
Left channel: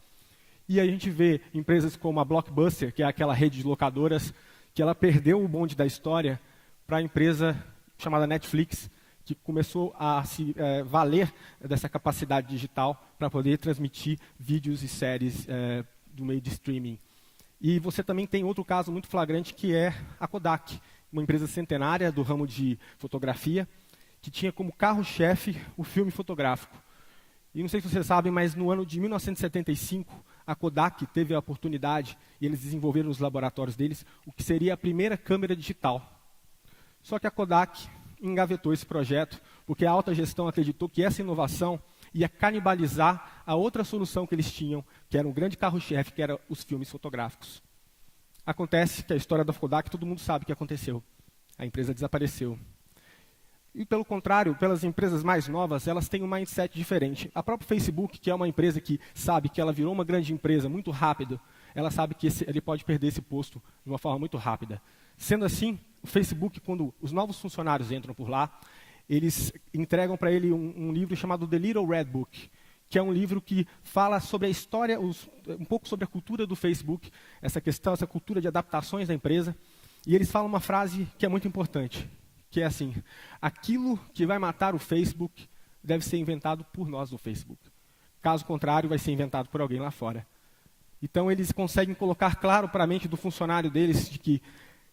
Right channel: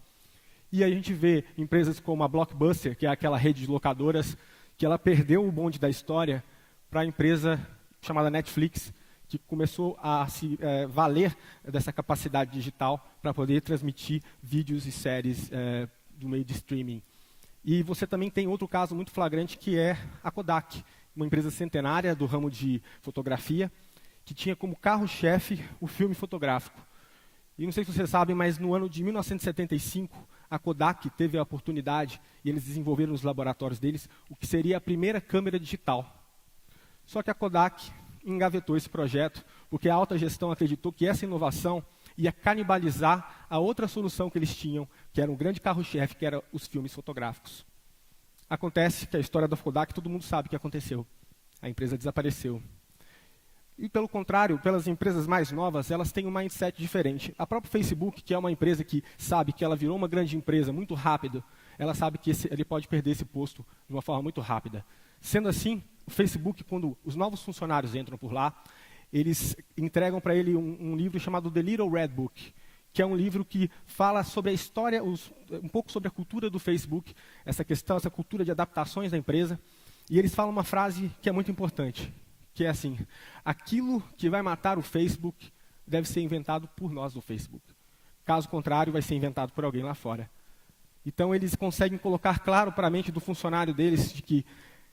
E aí a gente vê empresas como a Blockbuster, que é aquela rede de locadoras, que ela perdeu o bonde da história para a empresa chamada Netflix, que começou a se valer dessa capacidade digital para poder transmitir vídeos e séries do meio de streaming. E você também tem outro caso muito flagrante, que é a Kodak, uma empresa centenária do ramo de fotografia, que tinha como carro-chefe o filme fotográfico. E não sei se vocês sabem, mas no ano de 1975, a Kodak teve a oportunidade, e eles desenvolveram nos laboratórios deles, o que seria a primeira câmera digital. Só que a Kodak engavetou esse projeto, porque a alta gestão acreditou que essa inovação ia canibalizar a outra solução que eles tinham, que era um grande carro-chefe, que era os filmes fotográficos. Acontece que a história da Kodak, todo mundo sabe o que aconteceu. A empresa desapareceu. E, pelo contrário, pelas empresas mais novas, elas têm um mindset diferente. A própria Facebook, que é uma empresa que sabe que ela virou uma grande empresa muito rápido, ela sabe que ele pode perder esse posto de uma forma muito rápida. Sendo assim, o Facebook, quando os novos funcionários entram por lá, eles entregam para ele um livro chamado The Little Red Book, que é um livro que fala sobre a história, um pouco sobre a cultura do Facebook, essa cultura de adaptações da empresa. E eles falam uma frase que é muito importante, que é assim: aquilo que vai matar o Facebook deve ser inventado por nós no Facebook. Caso contrário, vai ser inventado por alguém lá fora. Então eles conseguem colocar claro para a mente do funcionário deles de que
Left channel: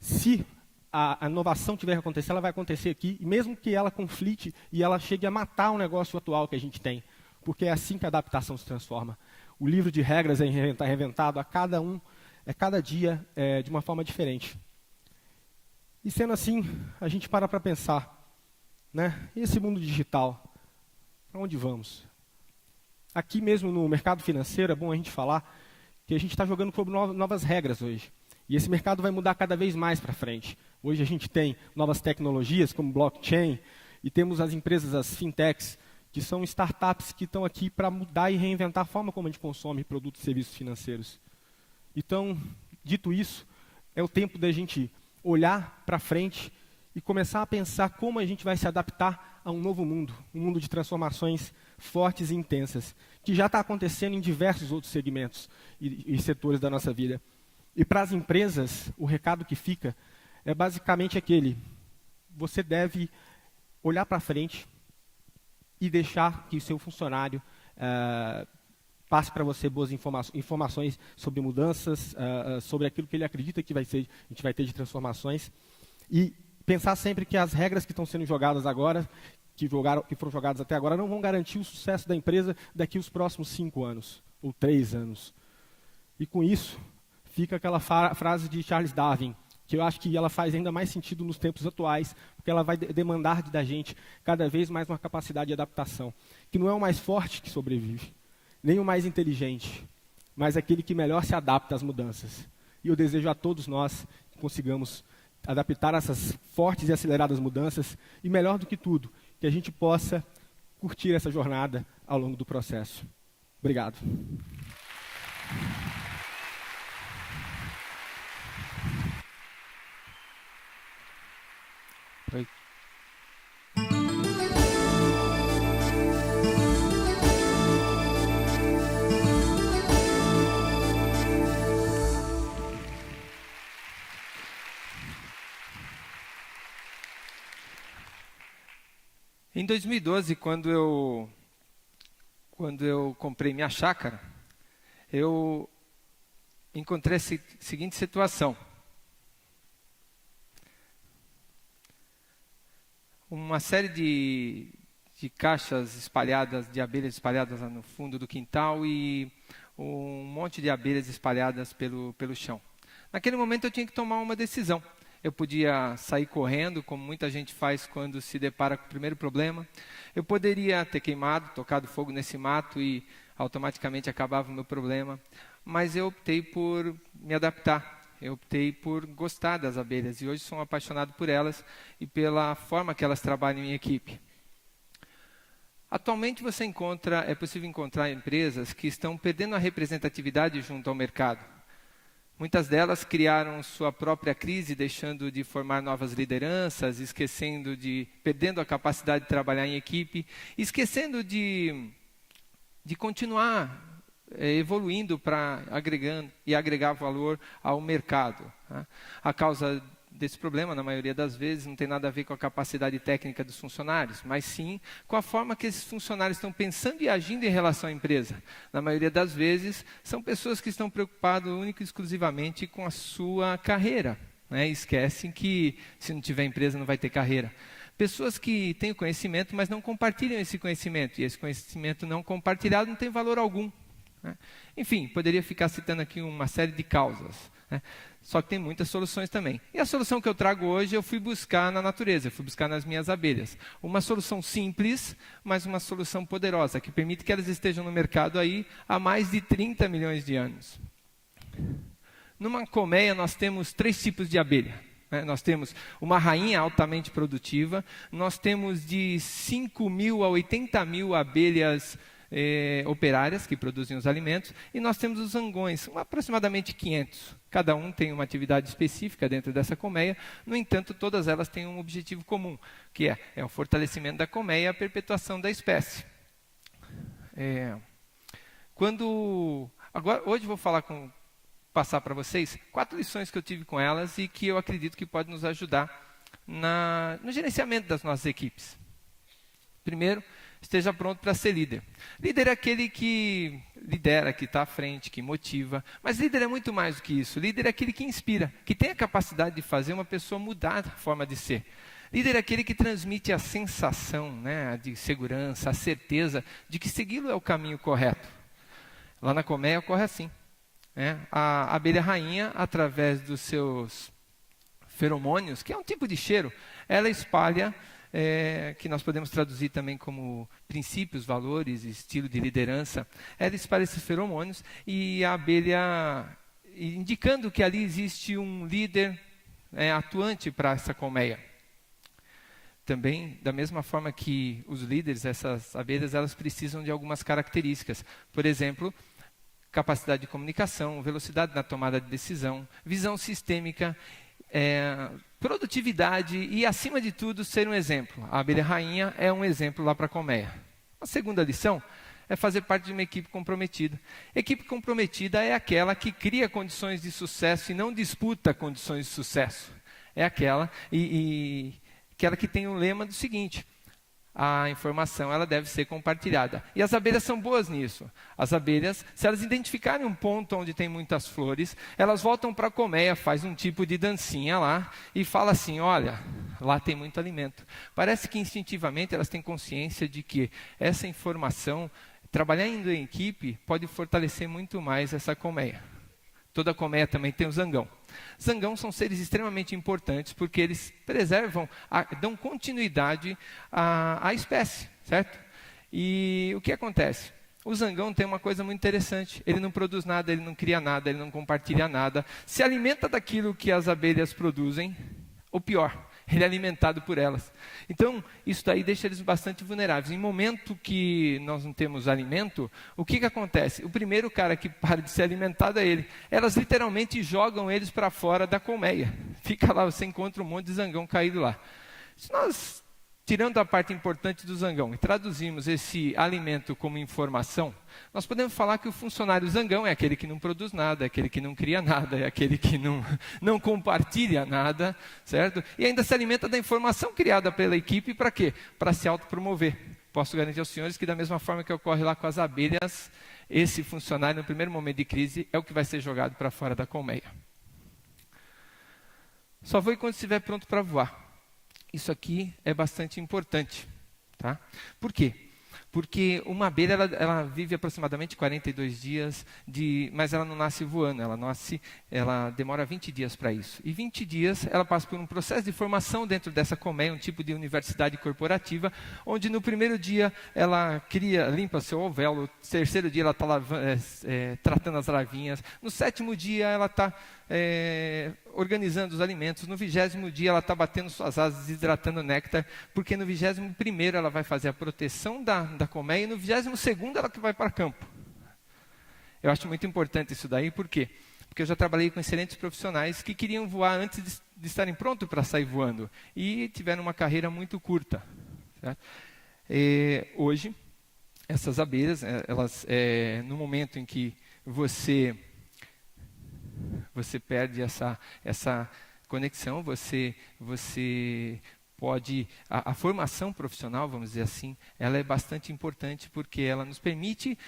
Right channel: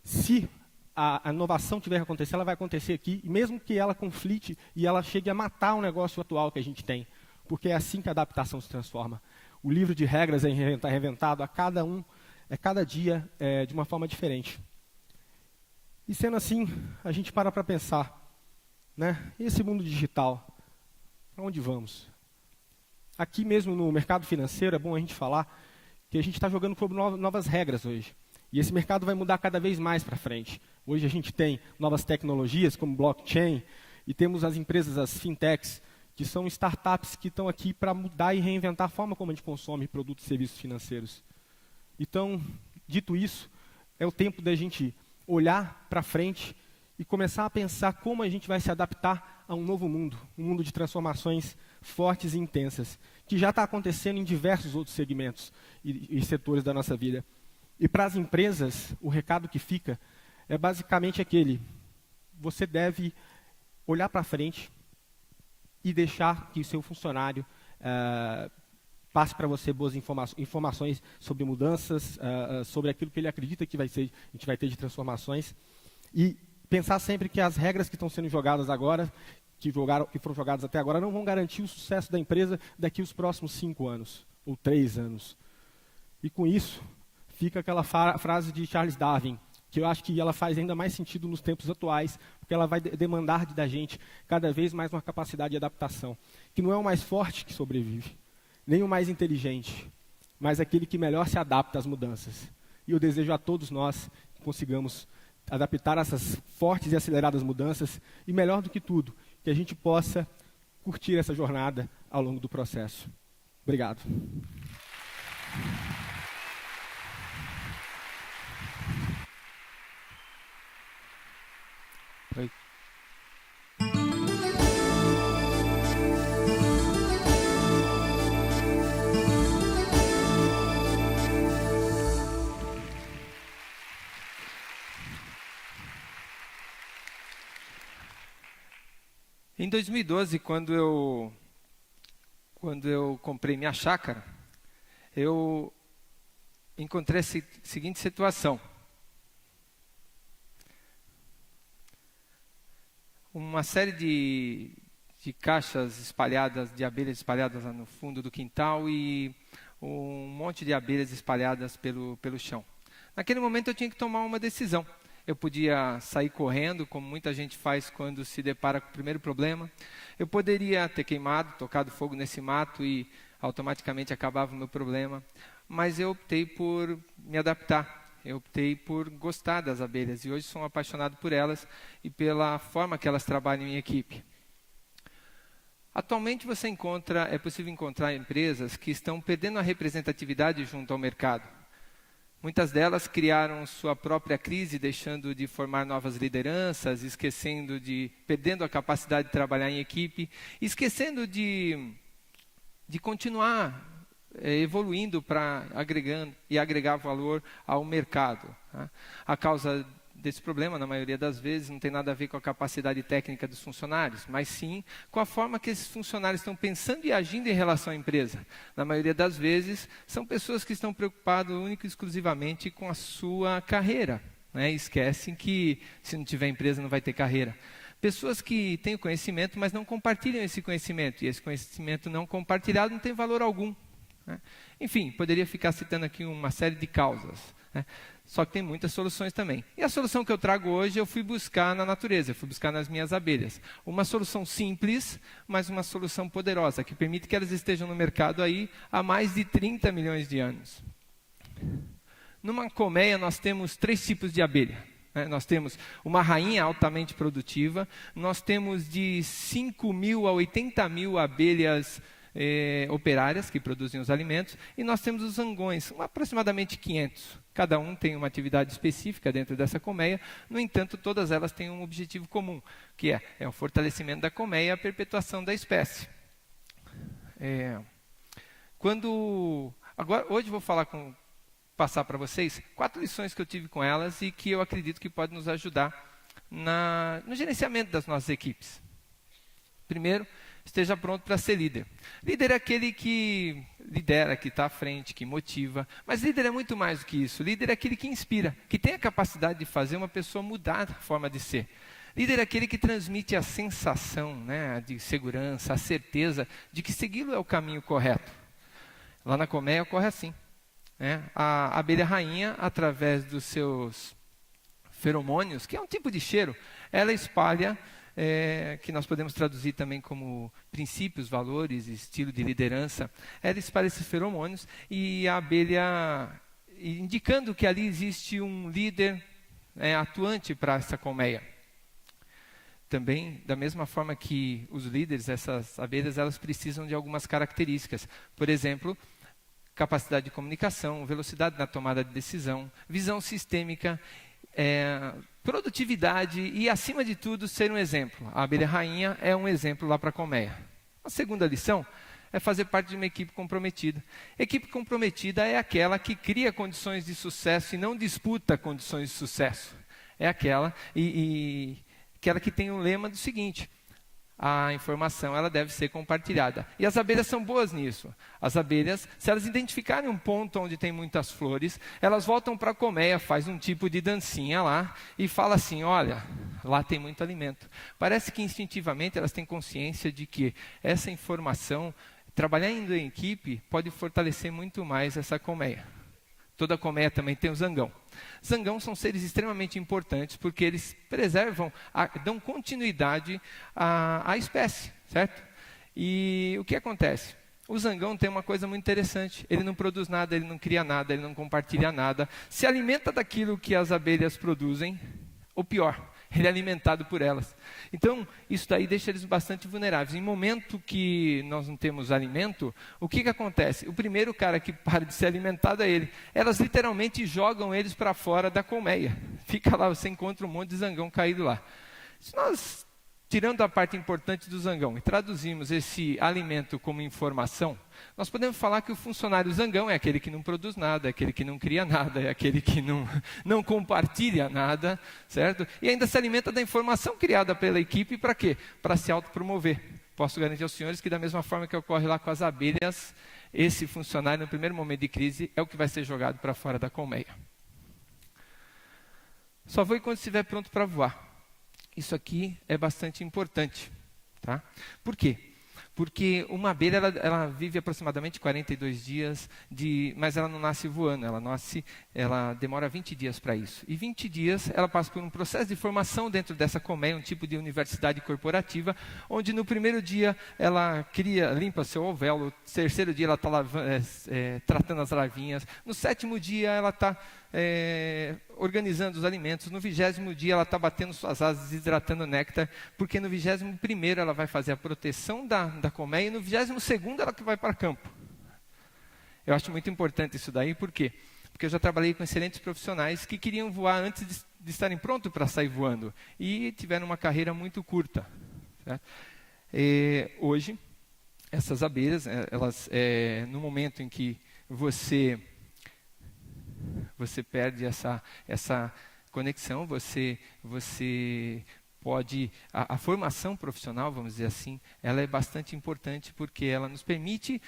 se a inovação tiver que acontecer, ela vai acontecer aqui, mesmo que ela conflite e ela chegue a matar o negócio atual que a gente tem. Porque é assim que a adaptação se transforma. O livro de regras é reinventado a cada dia de uma forma diferente. E sendo assim, a gente para pensar, né? Esse mundo digital, para onde vamos? Aqui mesmo no mercado financeiro, é bom a gente falar que a gente está jogando por novas regras hoje. E esse mercado vai mudar cada vez mais para frente. Hoje a gente tem novas tecnologias como blockchain, e temos as empresas, as fintechs, que são startups que estão aqui para mudar e reinventar a forma como a gente consome produtos e serviços financeiros. Então, dito isso, é o tempo da gente olhar para frente e começar a pensar como a gente vai se adaptar a um novo mundo, um mundo de transformações fortes e intensas, que já está acontecendo em diversos outros segmentos e setores da nossa vida. E para as empresas, o recado que fica é basicamente aquele: você deve olhar para frente e deixar que o seu funcionário passe para você boas informações sobre mudanças, sobre aquilo que ele acredita que a gente vai ter de transformações, e pensar sempre que as regras que estão sendo jogadas agora, que foram jogadas até agora, não vão garantir o sucesso da empresa daqui aos próximos 5 anos, ou 3 anos. E com isso, fica aquela frase de Charles Darwin, que eu acho que ela faz ainda mais sentido nos tempos atuais, porque ela vai demandar da gente cada vez mais uma capacidade de adaptação, que não é o mais forte que sobrevive, nem o mais inteligente, mas aquele que melhor se adapta às mudanças. E eu desejo a todos nós que consigamos adaptar essas fortes e aceleradas mudanças e, melhor do que tudo, que a gente possa curtir essa jornada ao longo do processo. Obrigado. Em 2012, quando eu comprei minha chácara, eu encontrei a seguinte situação. Uma série de caixas espalhadas, de abelhas espalhadas lá no fundo do quintal e um monte de abelhas espalhadas pelo chão. Naquele momento eu tinha que tomar uma decisão. Eu podia sair correndo, como muita gente faz quando se depara com o primeiro problema. Eu poderia ter queimado, tocado fogo nesse mato e automaticamente acabava o meu problema. Mas eu optei por me adaptar. Eu optei por gostar das abelhas. E hoje sou apaixonado por elas e pela forma que elas trabalham em equipe. Atualmente é possível encontrar empresas que estão perdendo a representatividade junto ao mercado. Muitas delas criaram sua própria crise, deixando de formar novas lideranças, perdendo a capacidade de trabalhar em equipe, esquecendo de continuar evoluindo para agregar valor ao mercado. Tá? A causa desse problema, na maioria das vezes, não tem nada a ver com a capacidade técnica dos funcionários, mas sim com a forma que esses funcionários estão pensando e agindo em relação à empresa. Na maioria das vezes, são pessoas que estão preocupadas única e exclusivamente com a sua carreira. Né? Esquecem que se não tiver empresa não vai ter carreira. Pessoas que têm conhecimento, mas não compartilham esse conhecimento. E esse conhecimento não compartilhado não tem valor algum. Né? Enfim, poderia ficar citando aqui uma série de causas. Né? Só que tem muitas soluções também. E a solução que eu trago hoje eu fui buscar na natureza, eu fui buscar nas minhas abelhas. Uma solução simples, mas uma solução poderosa, que permite que elas estejam no mercado aí há mais de 30 milhões de anos. Numa colmeia nós temos 3 tipos de abelha. Nós temos uma rainha altamente produtiva, nós temos de 5.000 a 80.000 abelhas operárias que produzem os alimentos, e nós temos os zangões, aproximadamente 500. Cada um tem uma atividade específica dentro dessa colmeia, no entanto, todas elas têm um objetivo comum, que é o fortalecimento da colmeia e a perpetuação da espécie. Hoje vou passar para vocês 4 lições que eu tive com elas e que eu acredito que podem nos ajudar no gerenciamento das nossas equipes. Primeiro, esteja pronto para ser líder. Líder é aquele que lidera, que está à frente, que motiva. Mas líder é muito mais do que isso. Líder é aquele que inspira, que tem a capacidade de fazer uma pessoa mudar a forma de ser. Líder é aquele que transmite a sensação, né, de segurança, a certeza de que segui-lo é o caminho correto. Lá na colmeia ocorre assim. Né? A abelha rainha, através dos seus feromônios, que é um tipo de cheiro, ela espalha, que nós podemos traduzir também como princípios, valores, estilo de liderança. Ela espalha esses feromônios e a abelha, indicando que ali existe um líder atuante para essa colmeia. Também, da mesma forma que os líderes, essas abelhas, elas precisam de algumas características. Por exemplo, capacidade de comunicação, velocidade na tomada de decisão, visão sistêmica, produtividade e, acima de tudo, ser um exemplo. A abelha rainha é um exemplo lá para a colmeia. A segunda lição é fazer parte de uma equipe comprometida. Equipe comprometida é aquela que cria condições de sucesso e não disputa condições de sucesso. É aquela que tem o lema do seguinte: a informação ela deve ser compartilhada. E as abelhas são boas nisso. As abelhas, se elas identificarem um ponto onde tem muitas flores, elas voltam para a colmeia, faz um tipo de dancinha lá e fala assim: olha, lá tem muito alimento. Parece que instintivamente elas têm consciência de que essa informação, trabalhando em equipe, pode fortalecer muito mais essa colmeia. Toda colmeia também tem o zangão. Zangão são seres extremamente importantes porque eles preservam, dão continuidade à espécie, certo? E o que acontece? O zangão tem uma coisa muito interessante. Ele não produz nada, ele não cria nada, ele não compartilha nada. Se alimenta daquilo que as abelhas produzem, ou pior, ele é alimentado por elas. Então, isso daí deixa eles bastante vulneráveis. Em momento que nós não temos alimento, o que acontece? O primeiro cara que para de ser alimentado é ele. Elas literalmente jogam eles para fora da colmeia. Fica lá, você encontra um monte de zangão caído lá. Se nós, tirando a parte importante do zangão, traduzimos esse alimento como informação, nós podemos falar que o funcionário zangão é aquele que não produz nada, é aquele que não cria nada, é aquele que não compartilha nada, certo? E ainda se alimenta da informação criada pela equipe para quê? Para se autopromover. Posso garantir aos senhores que da mesma forma que ocorre lá com as abelhas, esse funcionário no primeiro momento de crise é o que vai ser jogado para fora da colmeia. Só voe quando estiver pronto para voar. Isso aqui é bastante importante. Tá? Por quê? Porque uma abelha ela vive aproximadamente 42 dias, mas ela não nasce voando, ela demora 20 dias para isso. E 20 dias ela passa por um processo de formação dentro dessa colmeia, um tipo de universidade corporativa, onde no primeiro dia ela limpa seu alvéolo, no terceiro dia ela está tratando as larvinhas, no sétimo dia ela está organizando os alimentos, no 20º dia ela está batendo suas asas, desidratando o néctar, porque no 21º ela vai fazer a proteção da colmeia e no 22º ela que vai para campo. Eu acho muito importante isso daí, por quê? Porque eu já trabalhei com excelentes profissionais que queriam voar antes de estarem prontos para sair voando e tiveram uma carreira muito curta. Tá? Hoje, essas abelhas, elas, no momento em que você perde essa conexão, você pode... A formação profissional, vamos dizer assim, ela é bastante importante porque ela nos permite,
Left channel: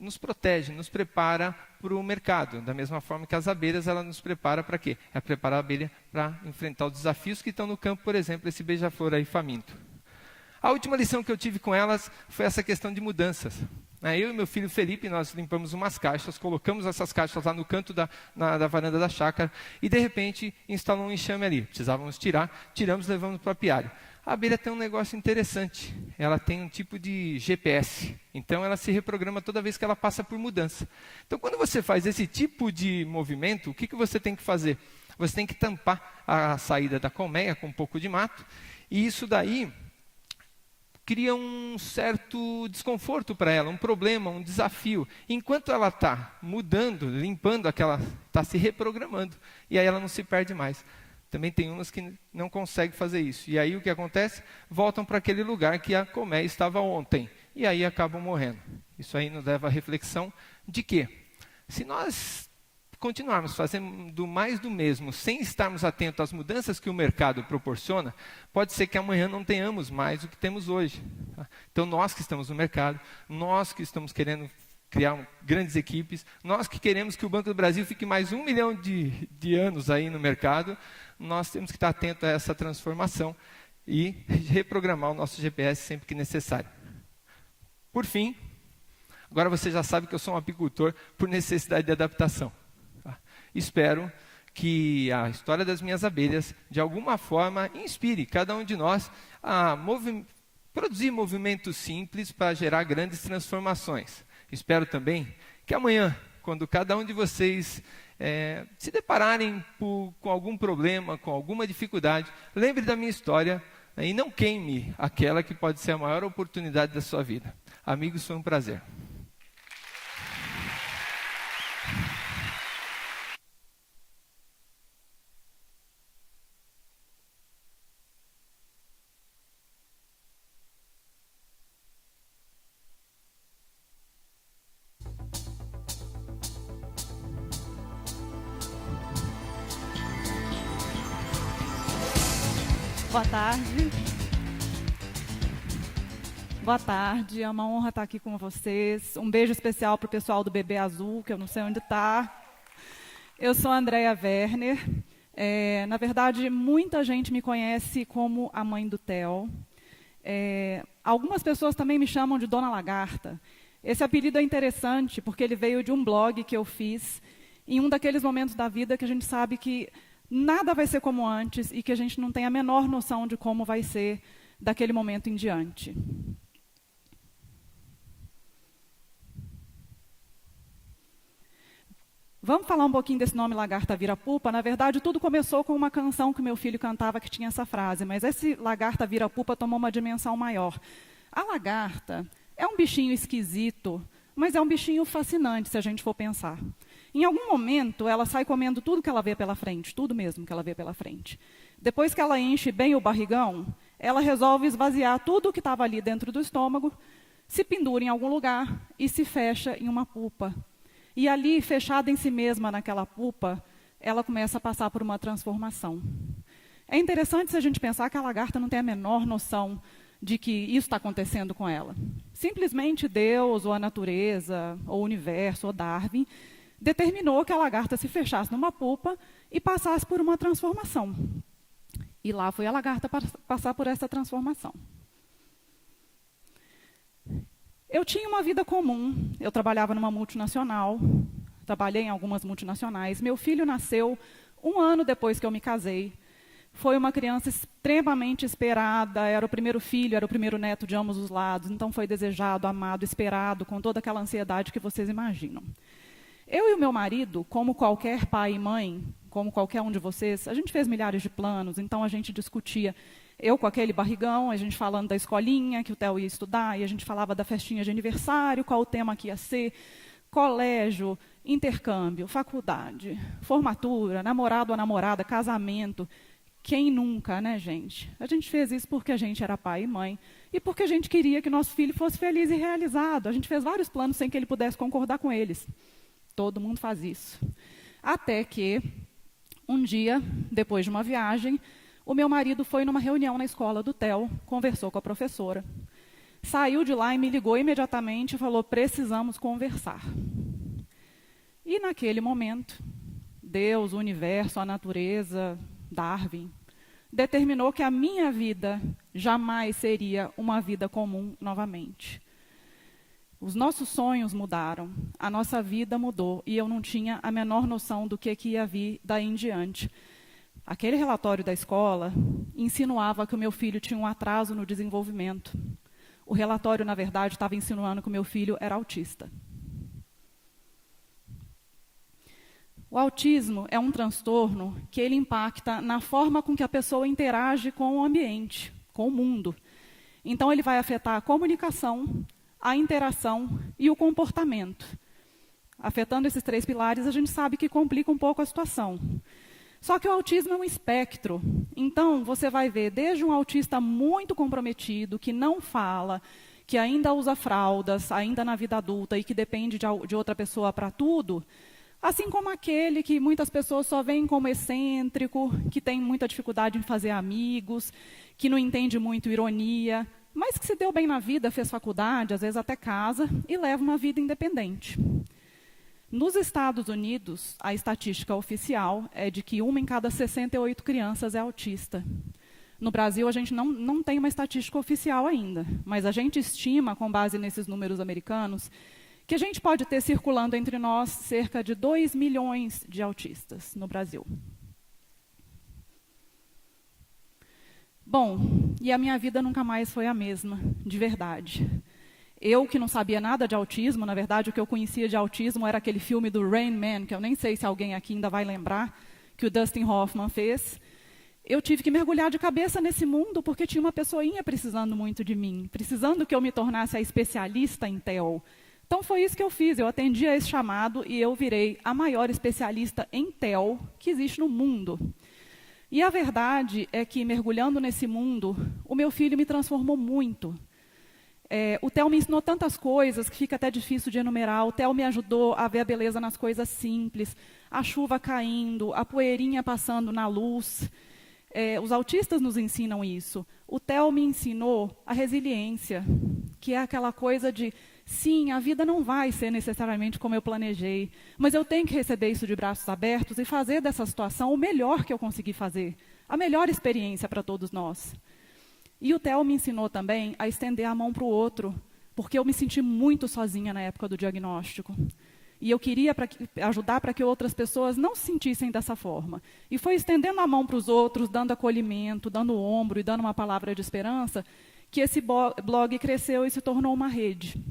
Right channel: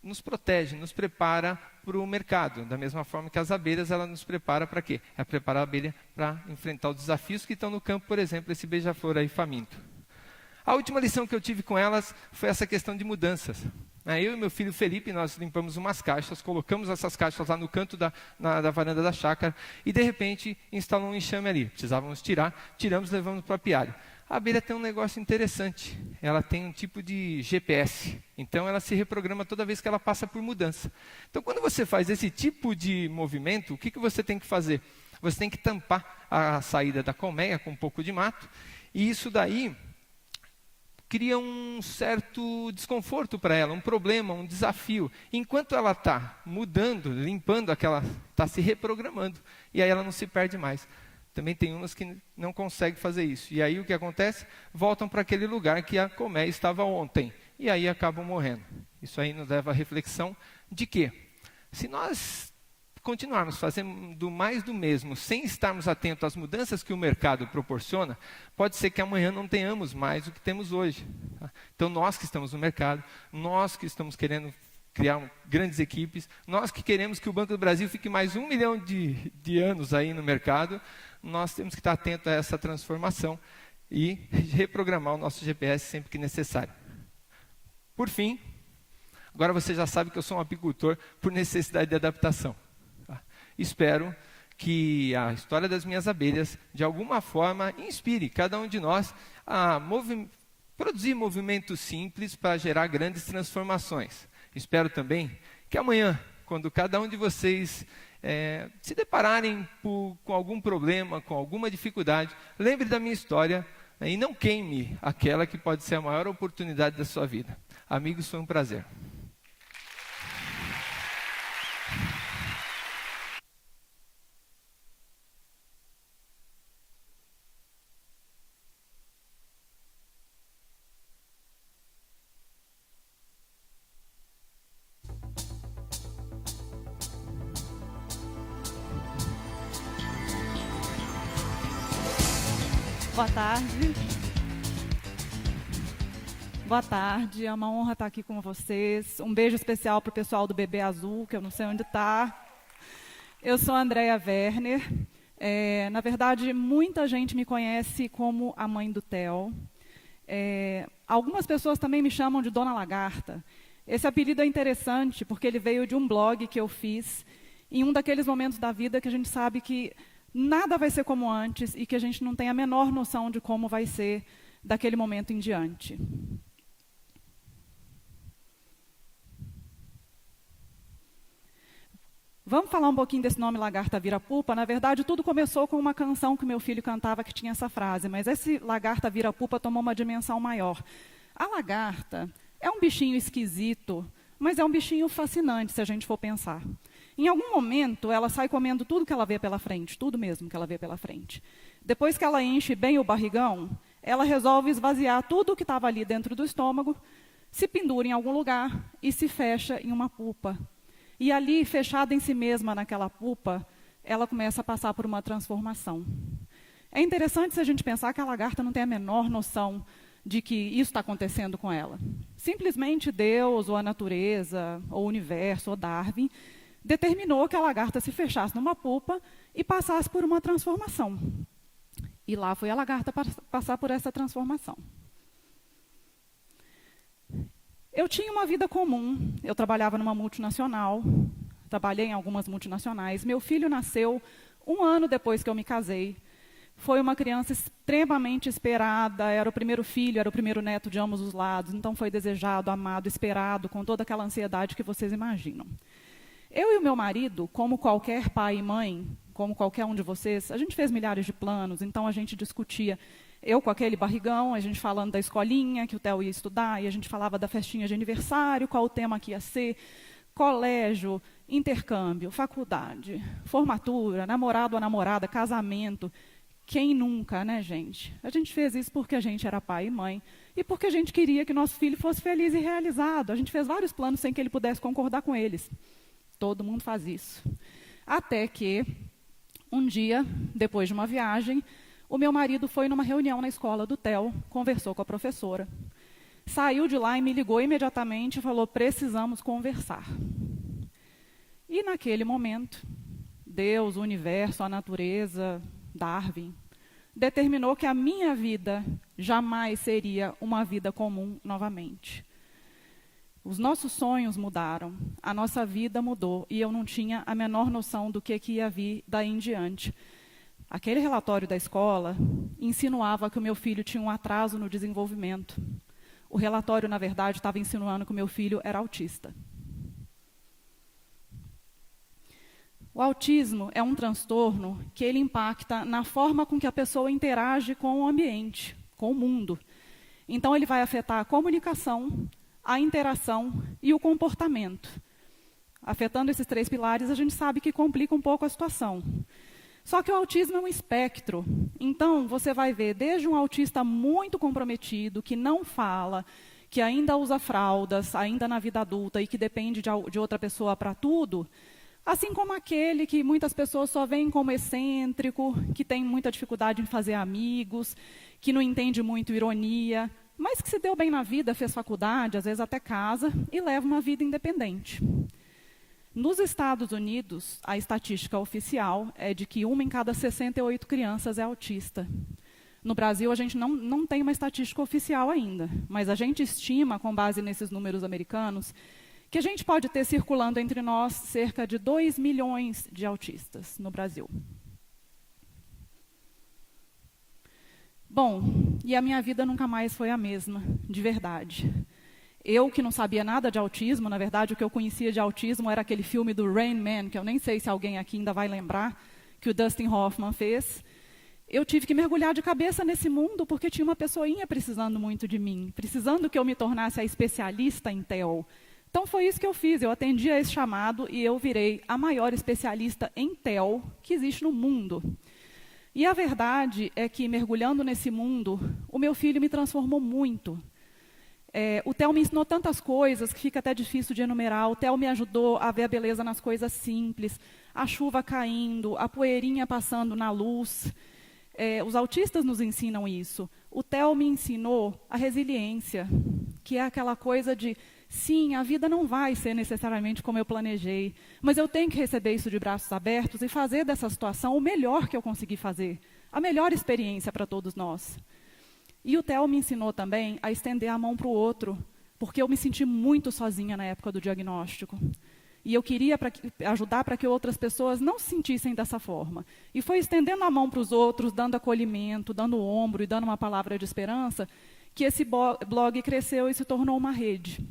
nos protege, nos prepara para o mercado. Da mesma forma que as abelhas, ela nos prepara para quê? Ela prepara a abelha para enfrentar os desafios que estão no campo, por exemplo, esse beija-flor aí faminto. A última lição que eu tive com elas foi essa questão de mudanças. Eu e meu filho Felipe, nós limpamos umas caixas, colocamos essas caixas lá no canto da varanda da chácara e, de repente, instalou um enxame ali. Precisávamos tiramos e levamos para o apiário. A abelha tem um negócio interessante. Ela tem um tipo de GPS. Então, ela se reprograma toda vez que ela passa por mudança. Então, quando você faz esse tipo de movimento, o que você tem que fazer? Você tem que tampar a saída da colmeia com um pouco de mato. E isso daí cria um certo desconforto para ela, um problema, um desafio. Enquanto ela está mudando, limpando aquela, está se reprogramando. E aí ela não se perde mais. Também tem umas que não conseguem fazer isso. E aí o que acontece? Voltam para aquele lugar que a colmeia estava ontem. E aí acabam morrendo. Isso aí nos leva à reflexão de que, se nós continuarmos fazendo mais do mesmo, sem estarmos atentos às mudanças que o mercado proporciona, pode ser que amanhã não tenhamos mais o que temos hoje. Tá? Então nós que estamos no mercado, nós que estamos querendo criar grandes equipes, nós que queremos que o Banco do Brasil fique mais 1 milhão de anos aí no mercado, nós temos que estar atentos a essa transformação e reprogramar o nosso GPS sempre que necessário. Por fim, agora você já sabe que eu sou um apicultor por necessidade de adaptação. Tá? Espero que a história das minhas abelhas, de alguma forma, inspire cada um de nós a produzir movimentos simples para gerar grandes transformações. Espero também que amanhã, quando cada um de vocês se depararem com algum problema, com alguma dificuldade, lembre da minha história e não queime aquela que pode ser a maior oportunidade da sua vida. Amigos, foi um prazer. Boa tarde. Boa tarde, é uma honra estar aqui com vocês. Um beijo especial para o pessoal do Bebê Azul, que eu não sei onde está. Eu sou a Andréia Werner. Na verdade, muita gente me conhece como a mãe do Theo. Algumas pessoas também me chamam de Dona Lagarta. Esse apelido é interessante porque ele veio de um blog que eu fiz em um daqueles momentos da vida que a gente sabe que nada vai ser como antes e que a gente não tem a menor noção de como vai ser daquele momento em diante. Vamos falar um pouquinho desse nome Lagarta Vira-Pupa. Na verdade, tudo começou com uma canção que meu filho cantava que tinha essa frase, mas esse Lagarta Vira-Pupa tomou uma dimensão maior. A lagarta é um bichinho esquisito, mas é um bichinho fascinante, se a gente for pensar. Em algum momento, ela sai comendo tudo que ela vê pela frente, tudo mesmo que ela vê pela frente. Depois que ela enche bem o barrigão, ela resolve esvaziar tudo que estava ali dentro do estômago, se pendura em algum lugar e se fecha em uma pupa. E ali, fechada em si mesma naquela pupa, ela começa a passar por uma transformação. É interessante se a gente pensar que a lagarta não tem a menor noção de que isso está acontecendo com ela. Simplesmente Deus, ou a natureza, ou o universo, ou Darwin, determinou que a lagarta se fechasse numa pupa e passasse por uma transformação. E lá foi a lagarta passar por essa transformação. Eu tinha uma vida comum, eu trabalhava numa multinacional, trabalhei em algumas multinacionais. Meu filho nasceu 1 ano depois que eu me casei. Foi uma criança extremamente esperada, era o primeiro filho, era o primeiro neto de ambos os lados, então foi desejado, amado, esperado, com toda aquela ansiedade que vocês imaginam. Eu e o meu marido, como qualquer pai e mãe, como qualquer um de vocês, a gente fez milhares de planos, então a gente discutia, eu com aquele barrigão, a gente falando da escolinha que o Theo ia estudar, e a gente falava da festinha de aniversário, qual o tema que ia ser, colégio, intercâmbio, faculdade, formatura, namorado ou namorada, casamento. Quem nunca, né, gente? A gente fez isso porque a gente era pai e mãe e porque a gente queria que nosso filho fosse feliz e realizado. A gente fez vários planos sem que ele pudesse concordar com eles. Todo mundo faz isso. Até que, um dia, depois de uma viagem, o meu marido foi numa reunião na escola do Theo, conversou com a professora. Saiu de lá e me ligou imediatamente e falou, precisamos conversar. E naquele momento, Deus, o universo, a natureza, Darwin, determinou que a minha vida jamais seria uma vida comum novamente. Os nossos sonhos mudaram, a nossa vida mudou e eu não tinha a menor noção do que ia vir daí em diante. Aquele relatório da escola insinuava que o meu filho tinha um atraso no desenvolvimento. O relatório, na verdade, estava insinuando que o meu filho era autista. O autismo é um transtorno que ele impacta na forma com que a pessoa interage com o ambiente, com o mundo. Então, ele vai afetar a comunicação, a interação e o comportamento. Afetando esses 3 pilares, a gente sabe que complica um pouco a situação. Só que o autismo é um espectro. Então, você vai ver desde um autista muito comprometido, que não fala, que ainda usa fraldas, ainda na vida adulta e que depende de outra pessoa para tudo, assim como aquele que muitas pessoas só veem como excêntrico, que tem muita dificuldade em fazer amigos, que não entende muito ironia, mas que se deu bem na vida, fez faculdade, às vezes até casa, e leva uma vida independente. Nos Estados Unidos, a estatística oficial é de que 1 em cada 68 crianças é autista. No Brasil, a gente não tem uma estatística oficial ainda, mas a gente estima, com base nesses números americanos, que a gente pode ter circulando entre nós cerca de 2 milhões de autistas no Brasil. Bom, e a minha vida nunca mais foi a mesma, de verdade. Eu, que não sabia nada de autismo, na verdade, o que eu conhecia de autismo era aquele filme do Rain Man, que eu nem sei se alguém aqui ainda vai lembrar, que o Dustin Hoffman fez. Eu tive que mergulhar de cabeça nesse mundo porque tinha uma pessoinha precisando muito de mim, precisando que eu me tornasse a especialista em TEL. Então foi isso que eu fiz, eu atendi a esse chamado e eu virei a maior especialista em TEL que existe no mundo. E a verdade é que, mergulhando nesse mundo, o meu filho me transformou muito. O Theo me ensinou tantas coisas que fica até difícil de enumerar. O Theo me ajudou a ver a beleza nas coisas simples, a chuva caindo, a poeirinha passando na luz. Os autistas nos ensinam isso. O Theo me ensinou a resiliência, que é aquela coisa de, sim, a vida não vai ser necessariamente como eu planejei, mas eu tenho que receber isso de braços abertos e fazer dessa situação o melhor que eu conseguir fazer, a melhor experiência para todos nós. E o Theo me ensinou também a estender a mão para o outro, porque eu me senti muito sozinha na época do diagnóstico. E eu queria ajudar para que outras pessoas não se sentissem dessa forma. E foi estendendo a mão para os outros, dando acolhimento, dando o ombro e dando uma palavra de esperança, que esse blog cresceu e se tornou uma rede.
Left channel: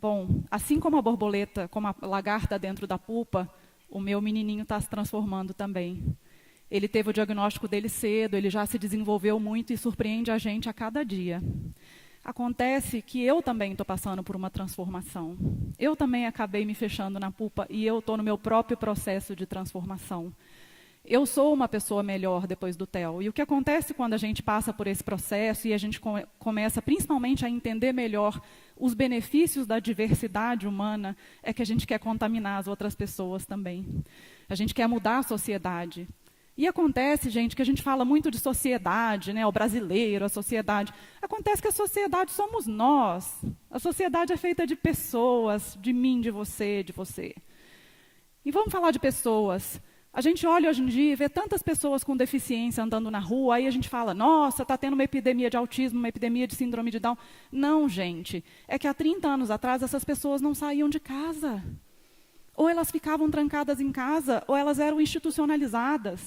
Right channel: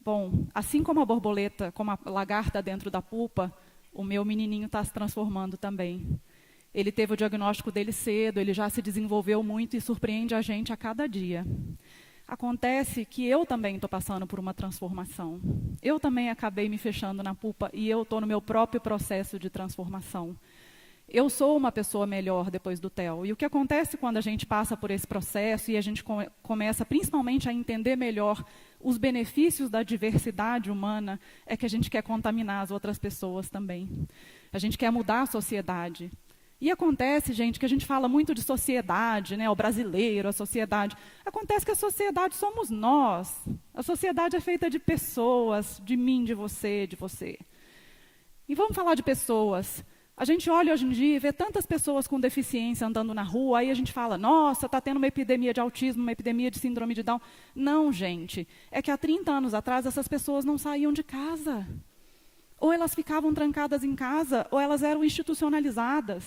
Bom, assim como a borboleta, como a lagarta dentro da pupa, o meu menininho está se transformando também. Ele teve o diagnóstico dele cedo, ele já se desenvolveu muito e surpreende a gente a cada dia. Acontece que eu também estou passando por uma transformação. Eu também acabei me fechando na pupa e eu estou no meu próprio processo de transformação. Eu sou uma pessoa melhor depois do TEL. E o que acontece quando a gente passa por esse processo e a gente começa principalmente a entender melhor os benefícios da diversidade humana é que a gente quer contaminar as outras pessoas também. A gente quer mudar a sociedade. E acontece, gente, que a gente fala muito de sociedade, né? O brasileiro, a sociedade. Acontece que a sociedade somos nós. A sociedade é feita de pessoas, de mim, de você, de você. E vamos falar de pessoas. A gente olha hoje em dia e vê tantas pessoas com deficiência andando na rua, aí a gente fala, nossa, está tendo uma epidemia de autismo, uma epidemia de síndrome de Down. Não, gente. É que há 30 anos atrás essas pessoas não saíam de casa. Ou elas ficavam trancadas em casa, ou elas eram institucionalizadas.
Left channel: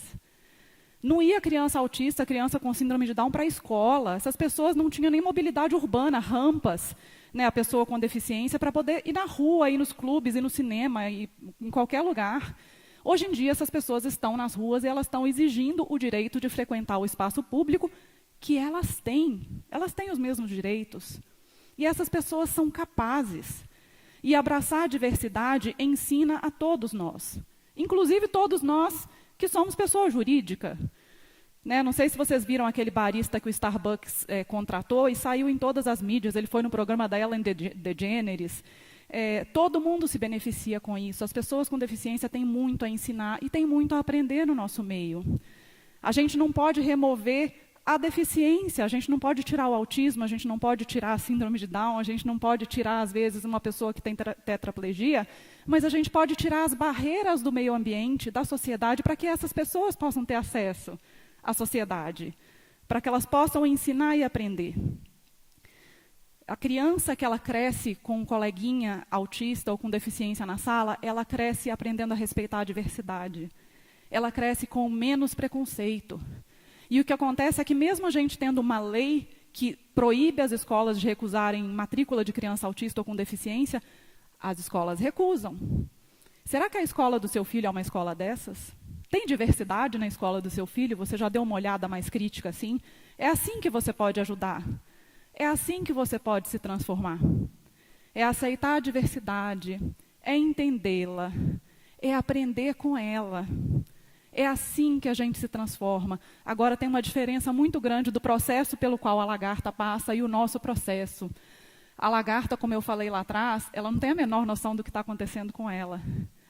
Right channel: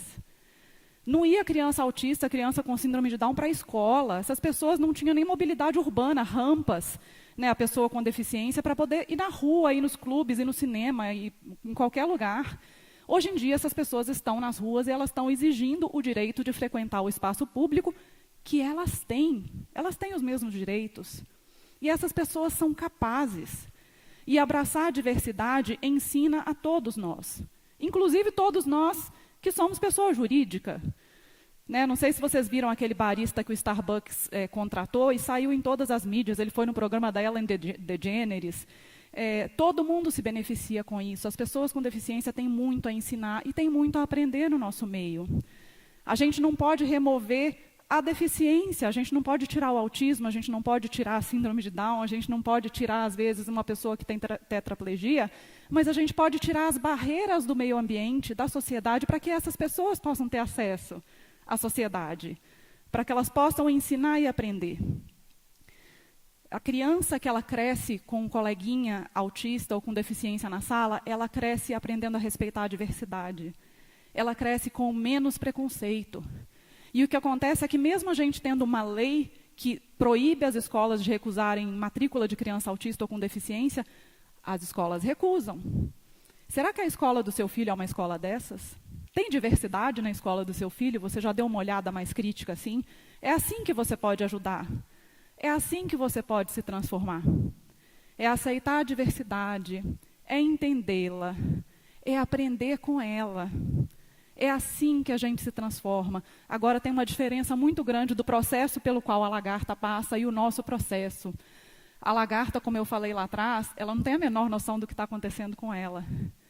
Não ia criança autista, criança com síndrome de Down para a escola. Essas pessoas não tinham nem mobilidade urbana, rampas, né, a pessoa com deficiência para poder ir na rua, ir nos clubes, ir no cinema, ir em qualquer lugar. Hoje em dia, essas pessoas estão nas ruas e elas estão exigindo o direito de frequentar o espaço público que elas têm. Elas têm os mesmos direitos. E essas pessoas são capazes. E abraçar a diversidade ensina a todos nós. Inclusive todos nós que somos pessoa jurídica. Né? Não sei se vocês viram aquele barista que o Starbucks contratou e saiu em todas as mídias. Ele foi no programa da Ellen DeGeneres. Todo mundo se beneficia com isso. As pessoas com deficiência têm muito a ensinar e têm muito a aprender no nosso meio. A gente não pode remover a deficiência, a gente não pode tirar o autismo, a gente não pode tirar a síndrome de Down, a gente não pode tirar, às vezes, uma pessoa que tem tetraplegia, mas a gente pode tirar as barreiras do meio ambiente, da sociedade, para que essas pessoas possam ter acesso à sociedade, para que elas possam ensinar e aprender. A criança que ela cresce com um coleguinha autista ou com deficiência na sala, ela cresce aprendendo a respeitar a diversidade. Ela cresce com menos preconceito. E o que acontece é que mesmo a gente tendo uma lei que proíbe as escolas de recusarem matrícula de criança autista ou com deficiência, as escolas recusam. Será que a escola do seu filho é uma escola dessas? Tem diversidade na escola do seu filho? Você já deu uma olhada mais crítica assim? É assim que você pode ajudar. É assim que você pode se transformar. É aceitar a diversidade, é entendê-la, é aprender com ela. É assim que a gente se transforma. Agora tem uma diferença muito grande do processo pelo qual a lagarta passa e o nosso processo. A lagarta, como eu falei lá atrás, ela não tem a menor noção do que está acontecendo com ela.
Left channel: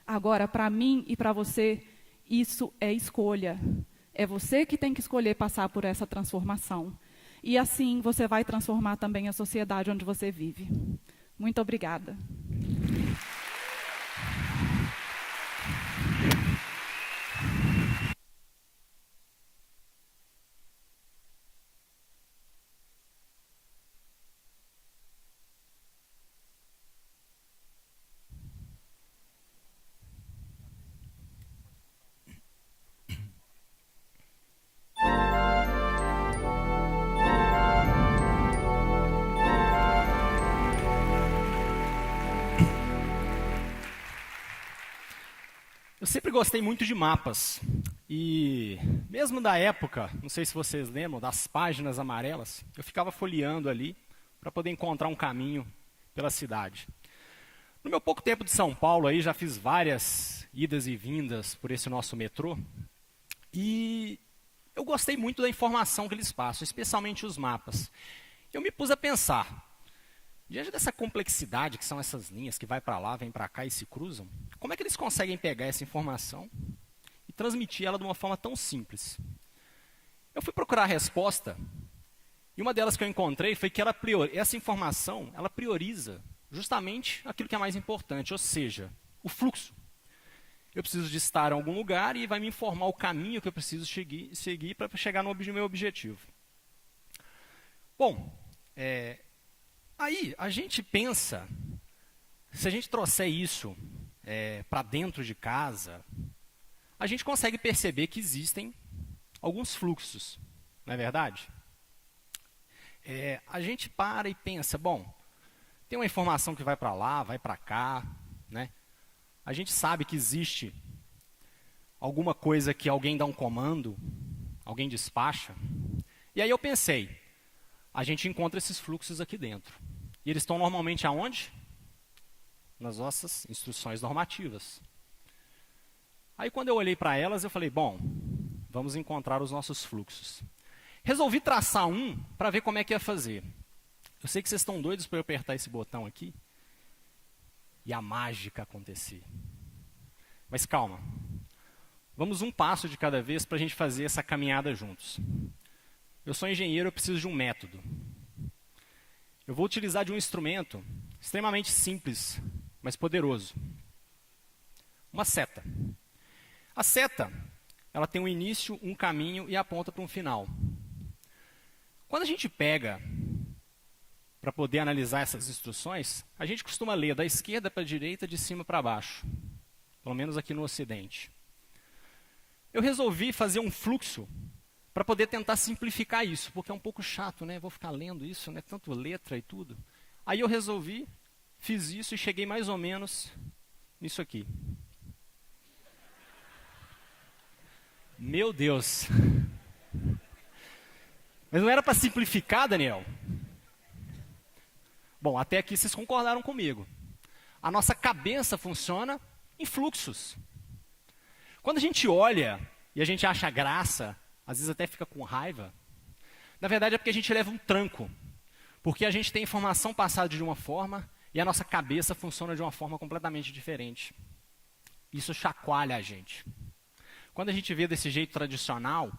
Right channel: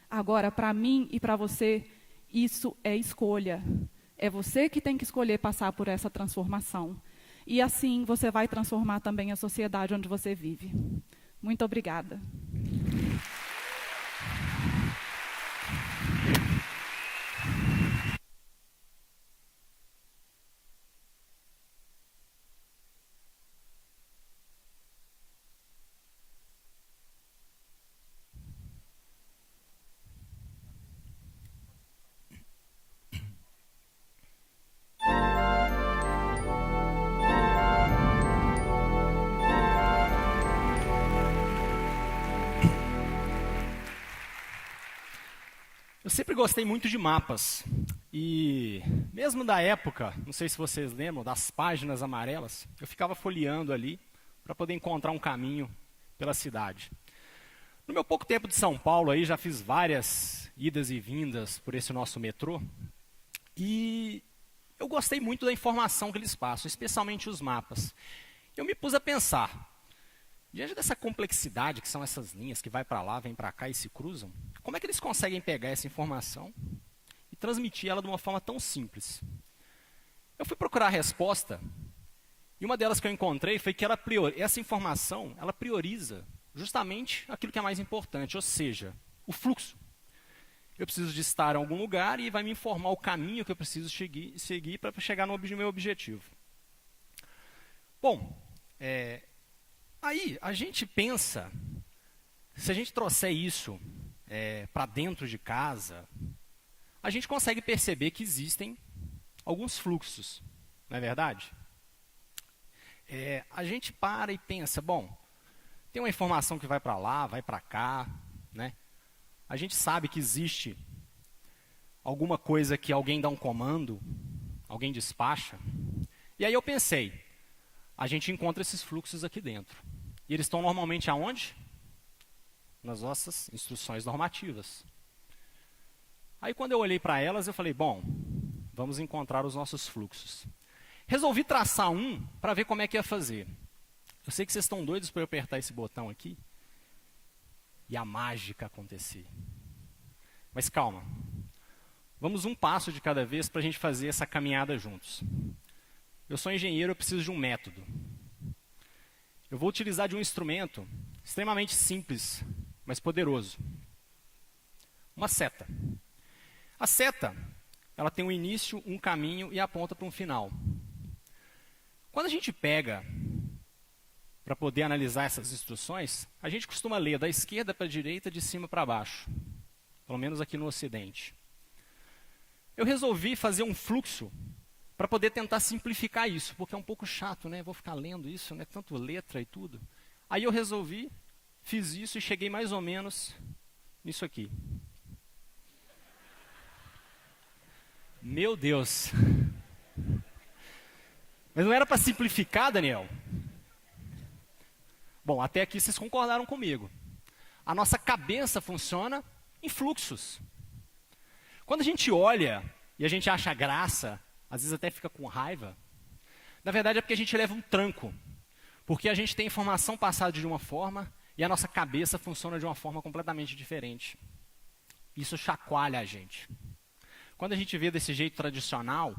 Agora, para mim e para você, isso é escolha. É você que tem que escolher passar por essa transformação. E assim você vai transformar também a sociedade onde você vive. Muito obrigada. Eu sempre gostei muito de mapas. E mesmo da época, não sei se vocês lembram, das páginas amarelas, eu ficava folheando ali para poder encontrar um caminho pela cidade. No meu pouco tempo de São Paulo, aí já fiz várias idas e vindas por esse nosso metrô. E eu gostei muito da informação que eles passam, especialmente os mapas. Eu me pus a pensar, diante dessa complexidade que são essas linhas que vai para lá, vem para cá e se cruzam, como é que eles conseguem pegar essa informação e transmitir ela de uma forma tão simples? Eu fui procurar a resposta e uma delas que eu encontrei foi que essa informação ela prioriza justamente aquilo que é mais importante, ou seja, o fluxo. Eu preciso de estar em algum lugar e vai me informar o caminho que eu preciso seguir para chegar no meu objetivo. Bom, aí a gente pensa, se a gente trouxer isso para dentro de casa, a gente consegue perceber que existem alguns fluxos, não é verdade? A gente para e pensa, bom, tem uma informação que vai para lá, vai para cá, né? A gente sabe que existe alguma coisa que alguém dá um comando, alguém despacha. E aí eu pensei, a gente encontra esses fluxos aqui dentro. E eles estão normalmente aonde? Nas nossas instruções normativas. Aí quando eu olhei para elas, eu falei, bom, vamos encontrar os nossos fluxos. Resolvi traçar um para ver como é que ia fazer. Eu sei que vocês estão doidos para eu apertar esse botão aqui e a mágica acontecer. Mas calma. Vamos um passo de cada vez para a gente fazer essa caminhada juntos. Eu sou engenheiro, eu preciso de um método. Eu vou utilizar de um instrumento extremamente simples, mas poderoso. Uma seta. A seta, ela tem um início, um caminho e aponta para um final. Quando a gente pega para poder analisar essas instruções, a gente costuma ler da esquerda para a direita, de cima para baixo. Pelo menos aqui no Ocidente. Eu resolvi fazer um fluxo para poder tentar simplificar isso, porque é um pouco chato, né? Vou ficar lendo isso, né? Tanto letra e tudo. Aí eu resolvi, fiz isso e cheguei mais ou menos nisso aqui. Meu Deus! Mas não era para simplificar, Daniel? Bom, até aqui vocês concordaram comigo. A nossa cabeça funciona em fluxos. Quando a gente olha e a gente acha graça, às vezes até fica com raiva, na verdade é porque a gente leva um tranco. Porque a gente tem informação passada de uma forma e a nossa cabeça funciona de uma forma completamente diferente. Isso chacoalha a gente. Quando a gente vê desse jeito tradicional,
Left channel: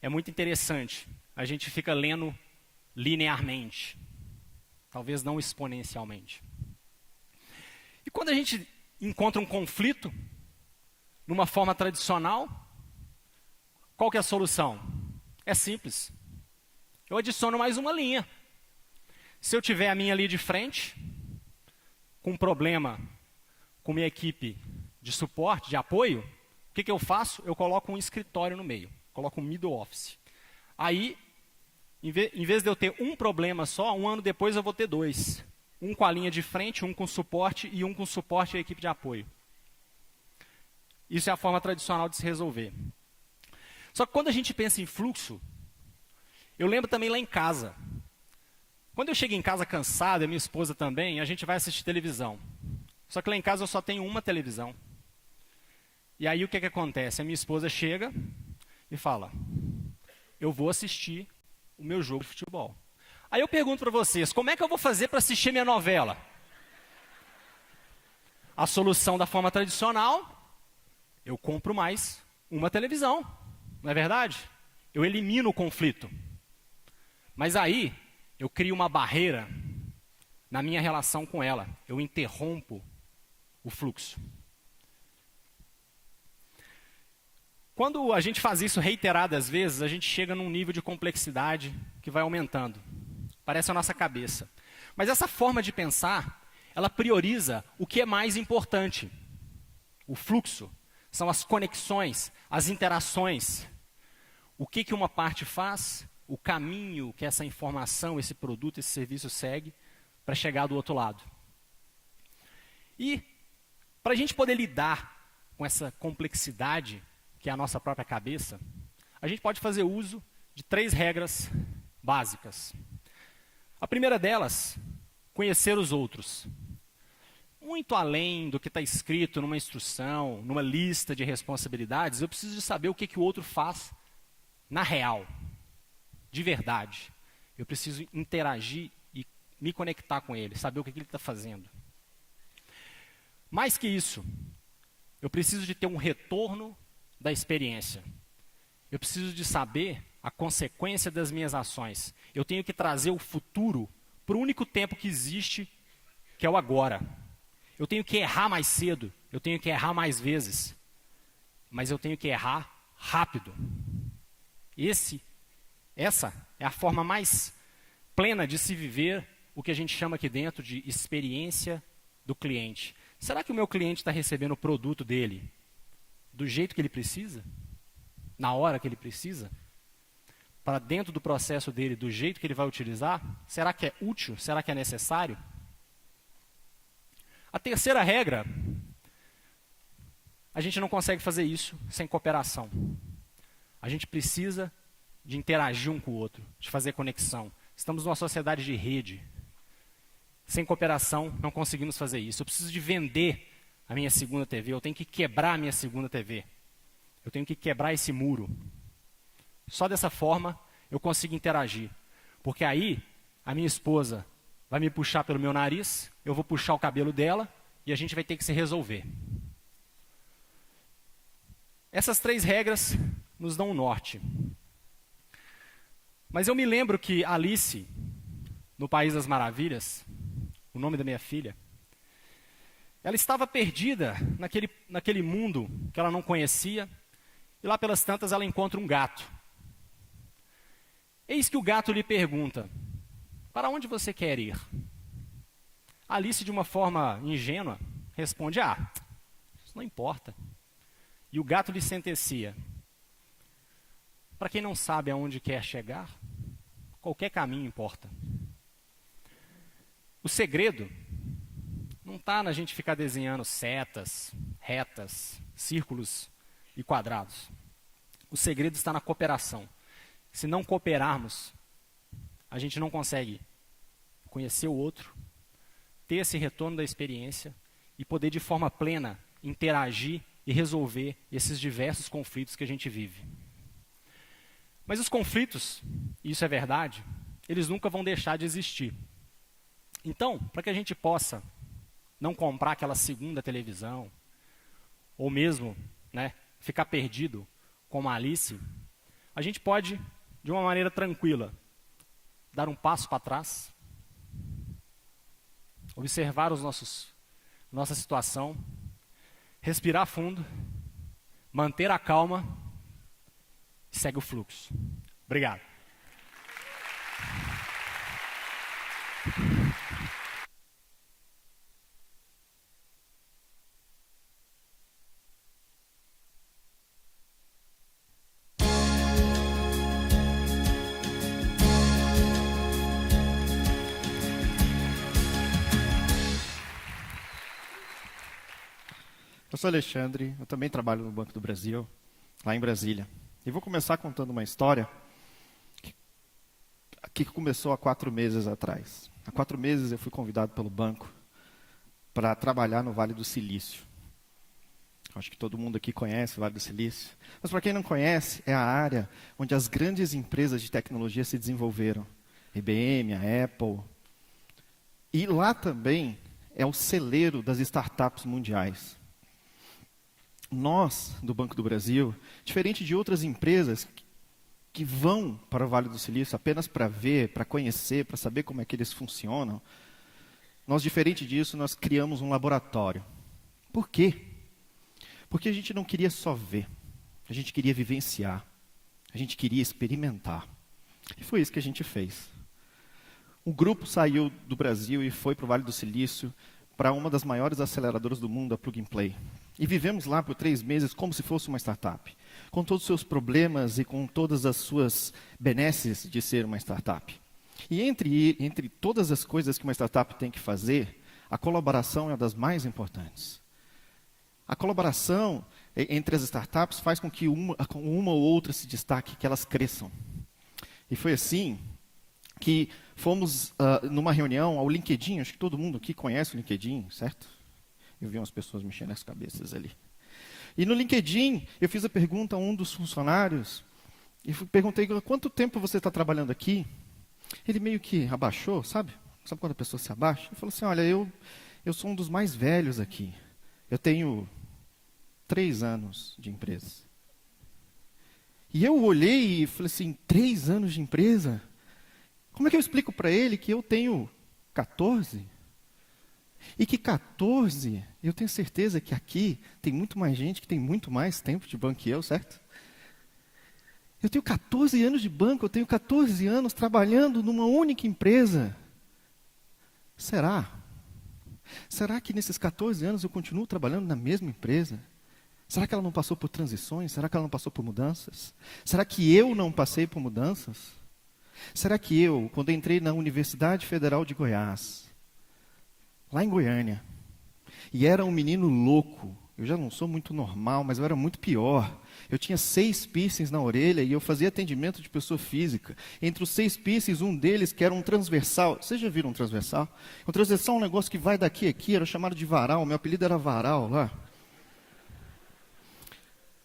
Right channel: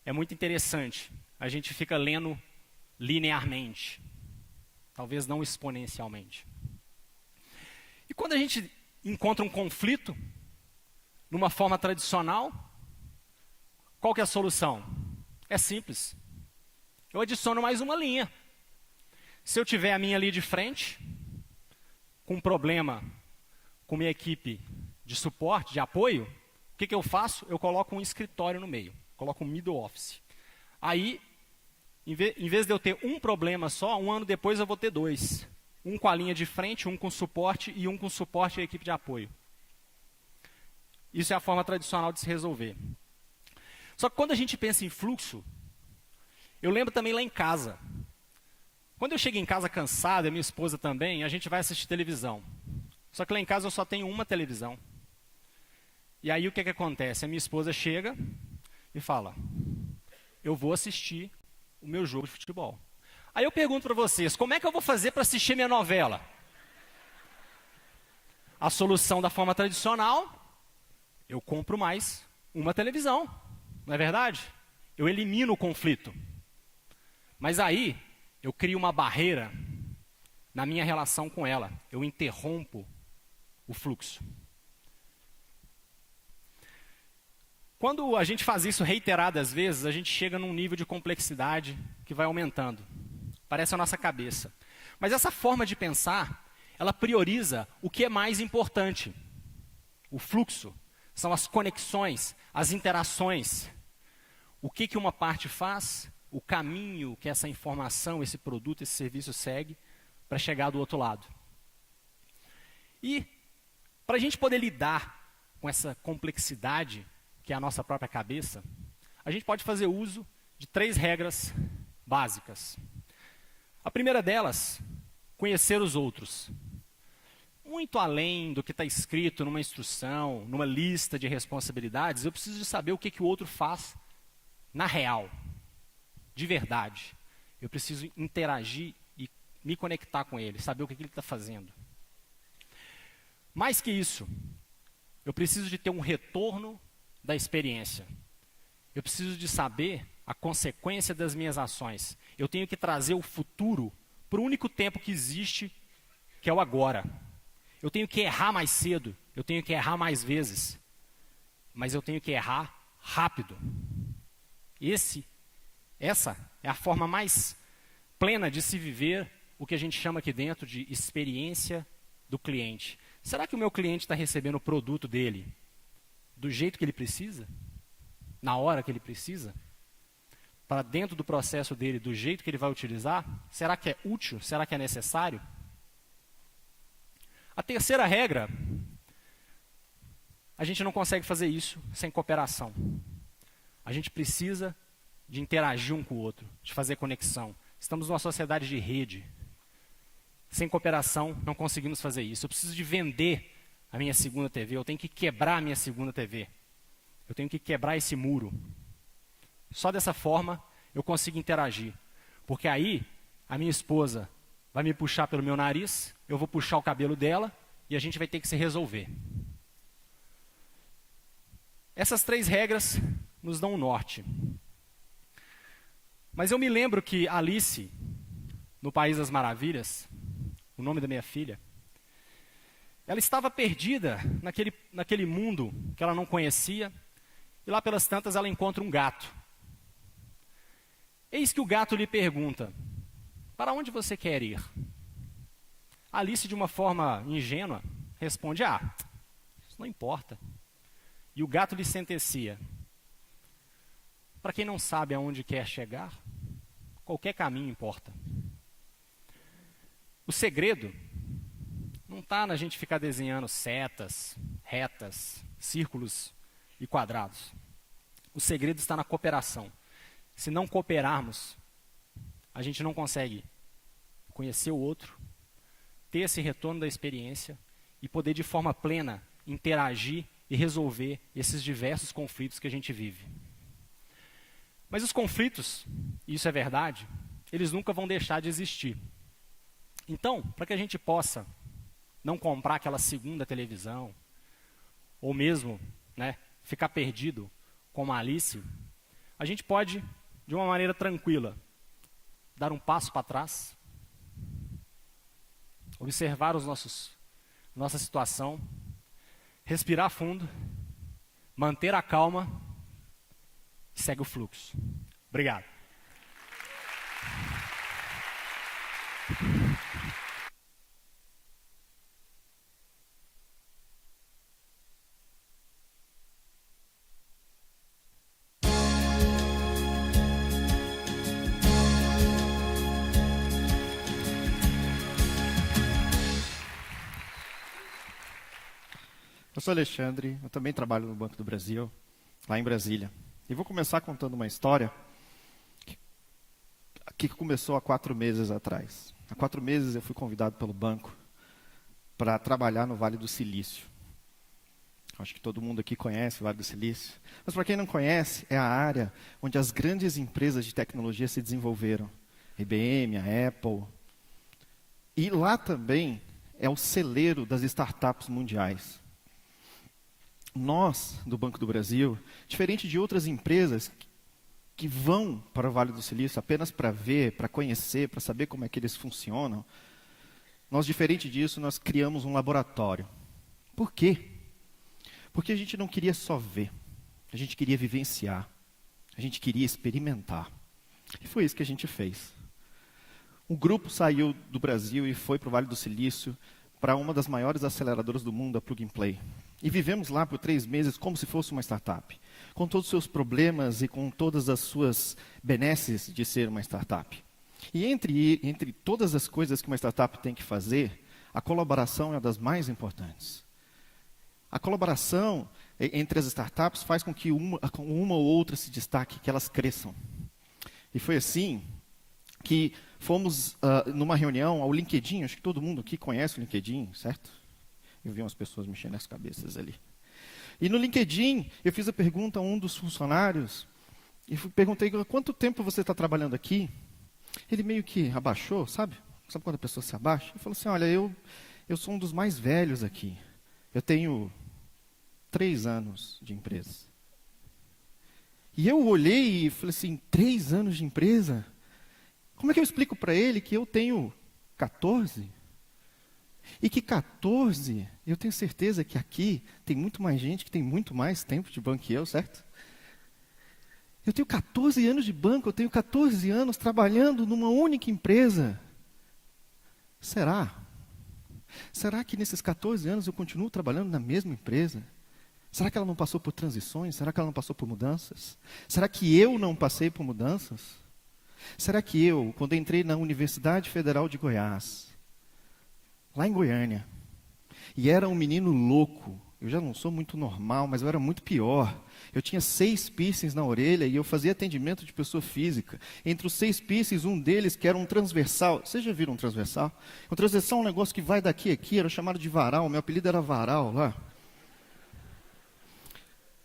é muito interessante. A gente fica lendo linearmente, talvez não exponencialmente. E quando a gente encontra um conflito, numa forma tradicional, qual que é a solução? É simples. Eu adiciono mais uma linha. Se eu tiver a minha linha de frente, com um problema com minha equipe de suporte, de apoio, o que eu faço? Eu coloco um escritório no meio, coloco um middle office. Aí, em vez de eu ter um problema só, um ano depois eu vou ter dois. Um com a linha de frente, um com suporte e um com suporte à equipe de apoio. Isso é a forma tradicional de se resolver. Só que quando a gente pensa em fluxo, eu lembro também lá em casa. Quando eu chego em casa cansado, e a minha esposa também, a gente vai assistir televisão. Só que lá em casa eu só tenho uma televisão. E aí o que acontece? A minha esposa chega e fala, eu vou assistir o meu jogo de futebol. Aí eu pergunto para vocês, como é que eu vou fazer para assistir minha novela? A solução da forma tradicional, eu compro mais uma televisão, não é verdade? Eu elimino o conflito. Mas aí, eu crio uma barreira na minha relação com ela. Eu interrompo o fluxo. Quando a gente faz isso reiteradas vezes, a gente chega num nível de complexidade que vai aumentando. Parece a nossa cabeça. Mas essa forma de pensar, ela prioriza o que é mais importante. O fluxo são as conexões, as interações. O que uma parte faz, o caminho que essa informação, esse produto, esse serviço segue para chegar do outro lado. E para a gente poder lidar com essa complexidade, que é a nossa própria cabeça, a gente pode fazer uso de 3 regras básicas. A primeira delas, conhecer os outros. Muito além do que está escrito numa instrução, numa lista de responsabilidades, eu preciso saber o que o outro faz na real, de verdade. Eu preciso interagir e me conectar com ele, saber o que ele está fazendo. Mais que isso, eu preciso de ter um retorno da experiência. Eu preciso de saber a consequência das minhas ações. Eu tenho que trazer o futuro para o único tempo que existe, que é o agora. Eu tenho que errar mais cedo, eu tenho que errar mais vezes, mas eu tenho que errar rápido. Essa é a forma mais plena de se viver o que a gente chama aqui dentro de experiência do cliente. Será que o meu cliente está recebendo o produto dele do jeito que ele precisa? Na hora que ele precisa? Para dentro do processo dele, do jeito que ele vai utilizar? Será que é útil? Será que é necessário? A terceira regra, a gente não consegue fazer isso sem cooperação. A gente precisa de interagir um com o outro, de fazer conexão. Estamos numa sociedade de rede. Sem cooperação, não conseguimos fazer isso. Eu preciso de vender a minha segunda TV, eu tenho que quebrar a minha segunda TV. Eu tenho que quebrar esse muro. Só dessa forma eu consigo interagir. Porque aí a minha esposa vai me puxar pelo meu nariz, eu vou puxar o cabelo dela e a gente vai ter que se resolver. Essas 3 regras nos dão um norte. Mas eu me lembro que Alice, no País das Maravilhas, o nome da minha filha, ela estava perdida naquele mundo que ela não conhecia, e lá pelas tantas ela encontra um gato. Eis que o gato lhe pergunta: para onde você quer ir? Alice, de uma forma ingênua, responde: isso não importa. E o gato lhe sentencia: para quem não sabe aonde quer chegar, qualquer caminho importa. O segredo não está na gente ficar desenhando setas, retas, círculos e quadrados. O segredo está na cooperação. Se não cooperarmos, a gente não consegue conhecer o outro, ter esse retorno da experiência e poder de forma plena interagir e resolver esses diversos conflitos que a gente vive. Mas os conflitos, isso é verdade, eles nunca vão deixar de existir. Então, para que a gente possa não comprar aquela segunda televisão, ou mesmo ficar perdido com a Alice, a gente pode, de uma maneira tranquila, dar um passo para trás, observar nossa situação, respirar fundo, manter a calma e segue o fluxo. Obrigado. Eu sou Alexandre, eu também trabalho no Banco do Brasil, lá em Brasília. E vou começar contando uma história que começou há 4 meses atrás. Há 4 meses eu fui convidado pelo banco para trabalhar no Vale do Silício. Acho que todo mundo aqui conhece o Vale do Silício. Mas para quem não conhece, é a área onde as grandes empresas de tecnologia se desenvolveram. IBM, a Apple. E lá também é o celeiro das startups mundiais. Nós, do Banco do Brasil, diferente de outras empresas que vão para o Vale do Silício apenas para ver, para conhecer, para saber como é que eles funcionam, nós, diferente disso, nós criamos um laboratório. Por quê? Porque a gente não queria só ver, a gente queria vivenciar, a gente queria experimentar. E foi isso que a gente fez. Um grupo saiu do Brasil e foi para o Vale do Silício, para uma das maiores aceleradoras do mundo, a Plug and Play. E vivemos lá por 3 meses como se fosse uma startup, com todos os seus problemas e com todas as suas benesses de ser uma startup. E entre todas as coisas que uma startup tem que fazer, a colaboração é uma das mais importantes. A colaboração entre as startups faz com que uma ou outra se destaque, que elas cresçam. E foi assim que fomos numa reunião ao LinkedIn. Acho que todo mundo aqui conhece o LinkedIn, certo? Eu vi umas pessoas mexendo as cabeças ali. E no LinkedIn, eu fiz a pergunta a um dos funcionários, e perguntei: há quanto tempo você está trabalhando aqui? Ele meio que abaixou, sabe? Sabe quando a pessoa se abaixa? Ele falou assim: olha, eu sou um dos mais velhos aqui. Eu tenho 3 anos de empresa. E eu olhei e falei assim: 3 anos de empresa? Como é que eu explico para ele que eu tenho 14? E que 14, eu tenho certeza que aqui tem muito mais gente que tem muito mais tempo de banco que eu, certo? Eu tenho 14 anos de banco, eu tenho 14 anos trabalhando numa única empresa. Será? Será que nesses 14 anos eu continuo trabalhando na mesma empresa? Será que ela não passou por transições? Será que ela não passou por mudanças? Será que eu não passei por mudanças? Será que eu, quando entrei na Universidade Federal de Goiás, lá em Goiânia, E era um menino louco. Eu já não sou muito normal, mas eu era muito pior. Eu tinha 6 piercings na orelha e eu fazia atendimento de pessoa física. Entre os 6 piercings, um deles que era um transversal. Vocês já viram um transversal? Um transversal é um negócio que vai daqui a aqui, era chamado de varal. Meu apelido era varal lá.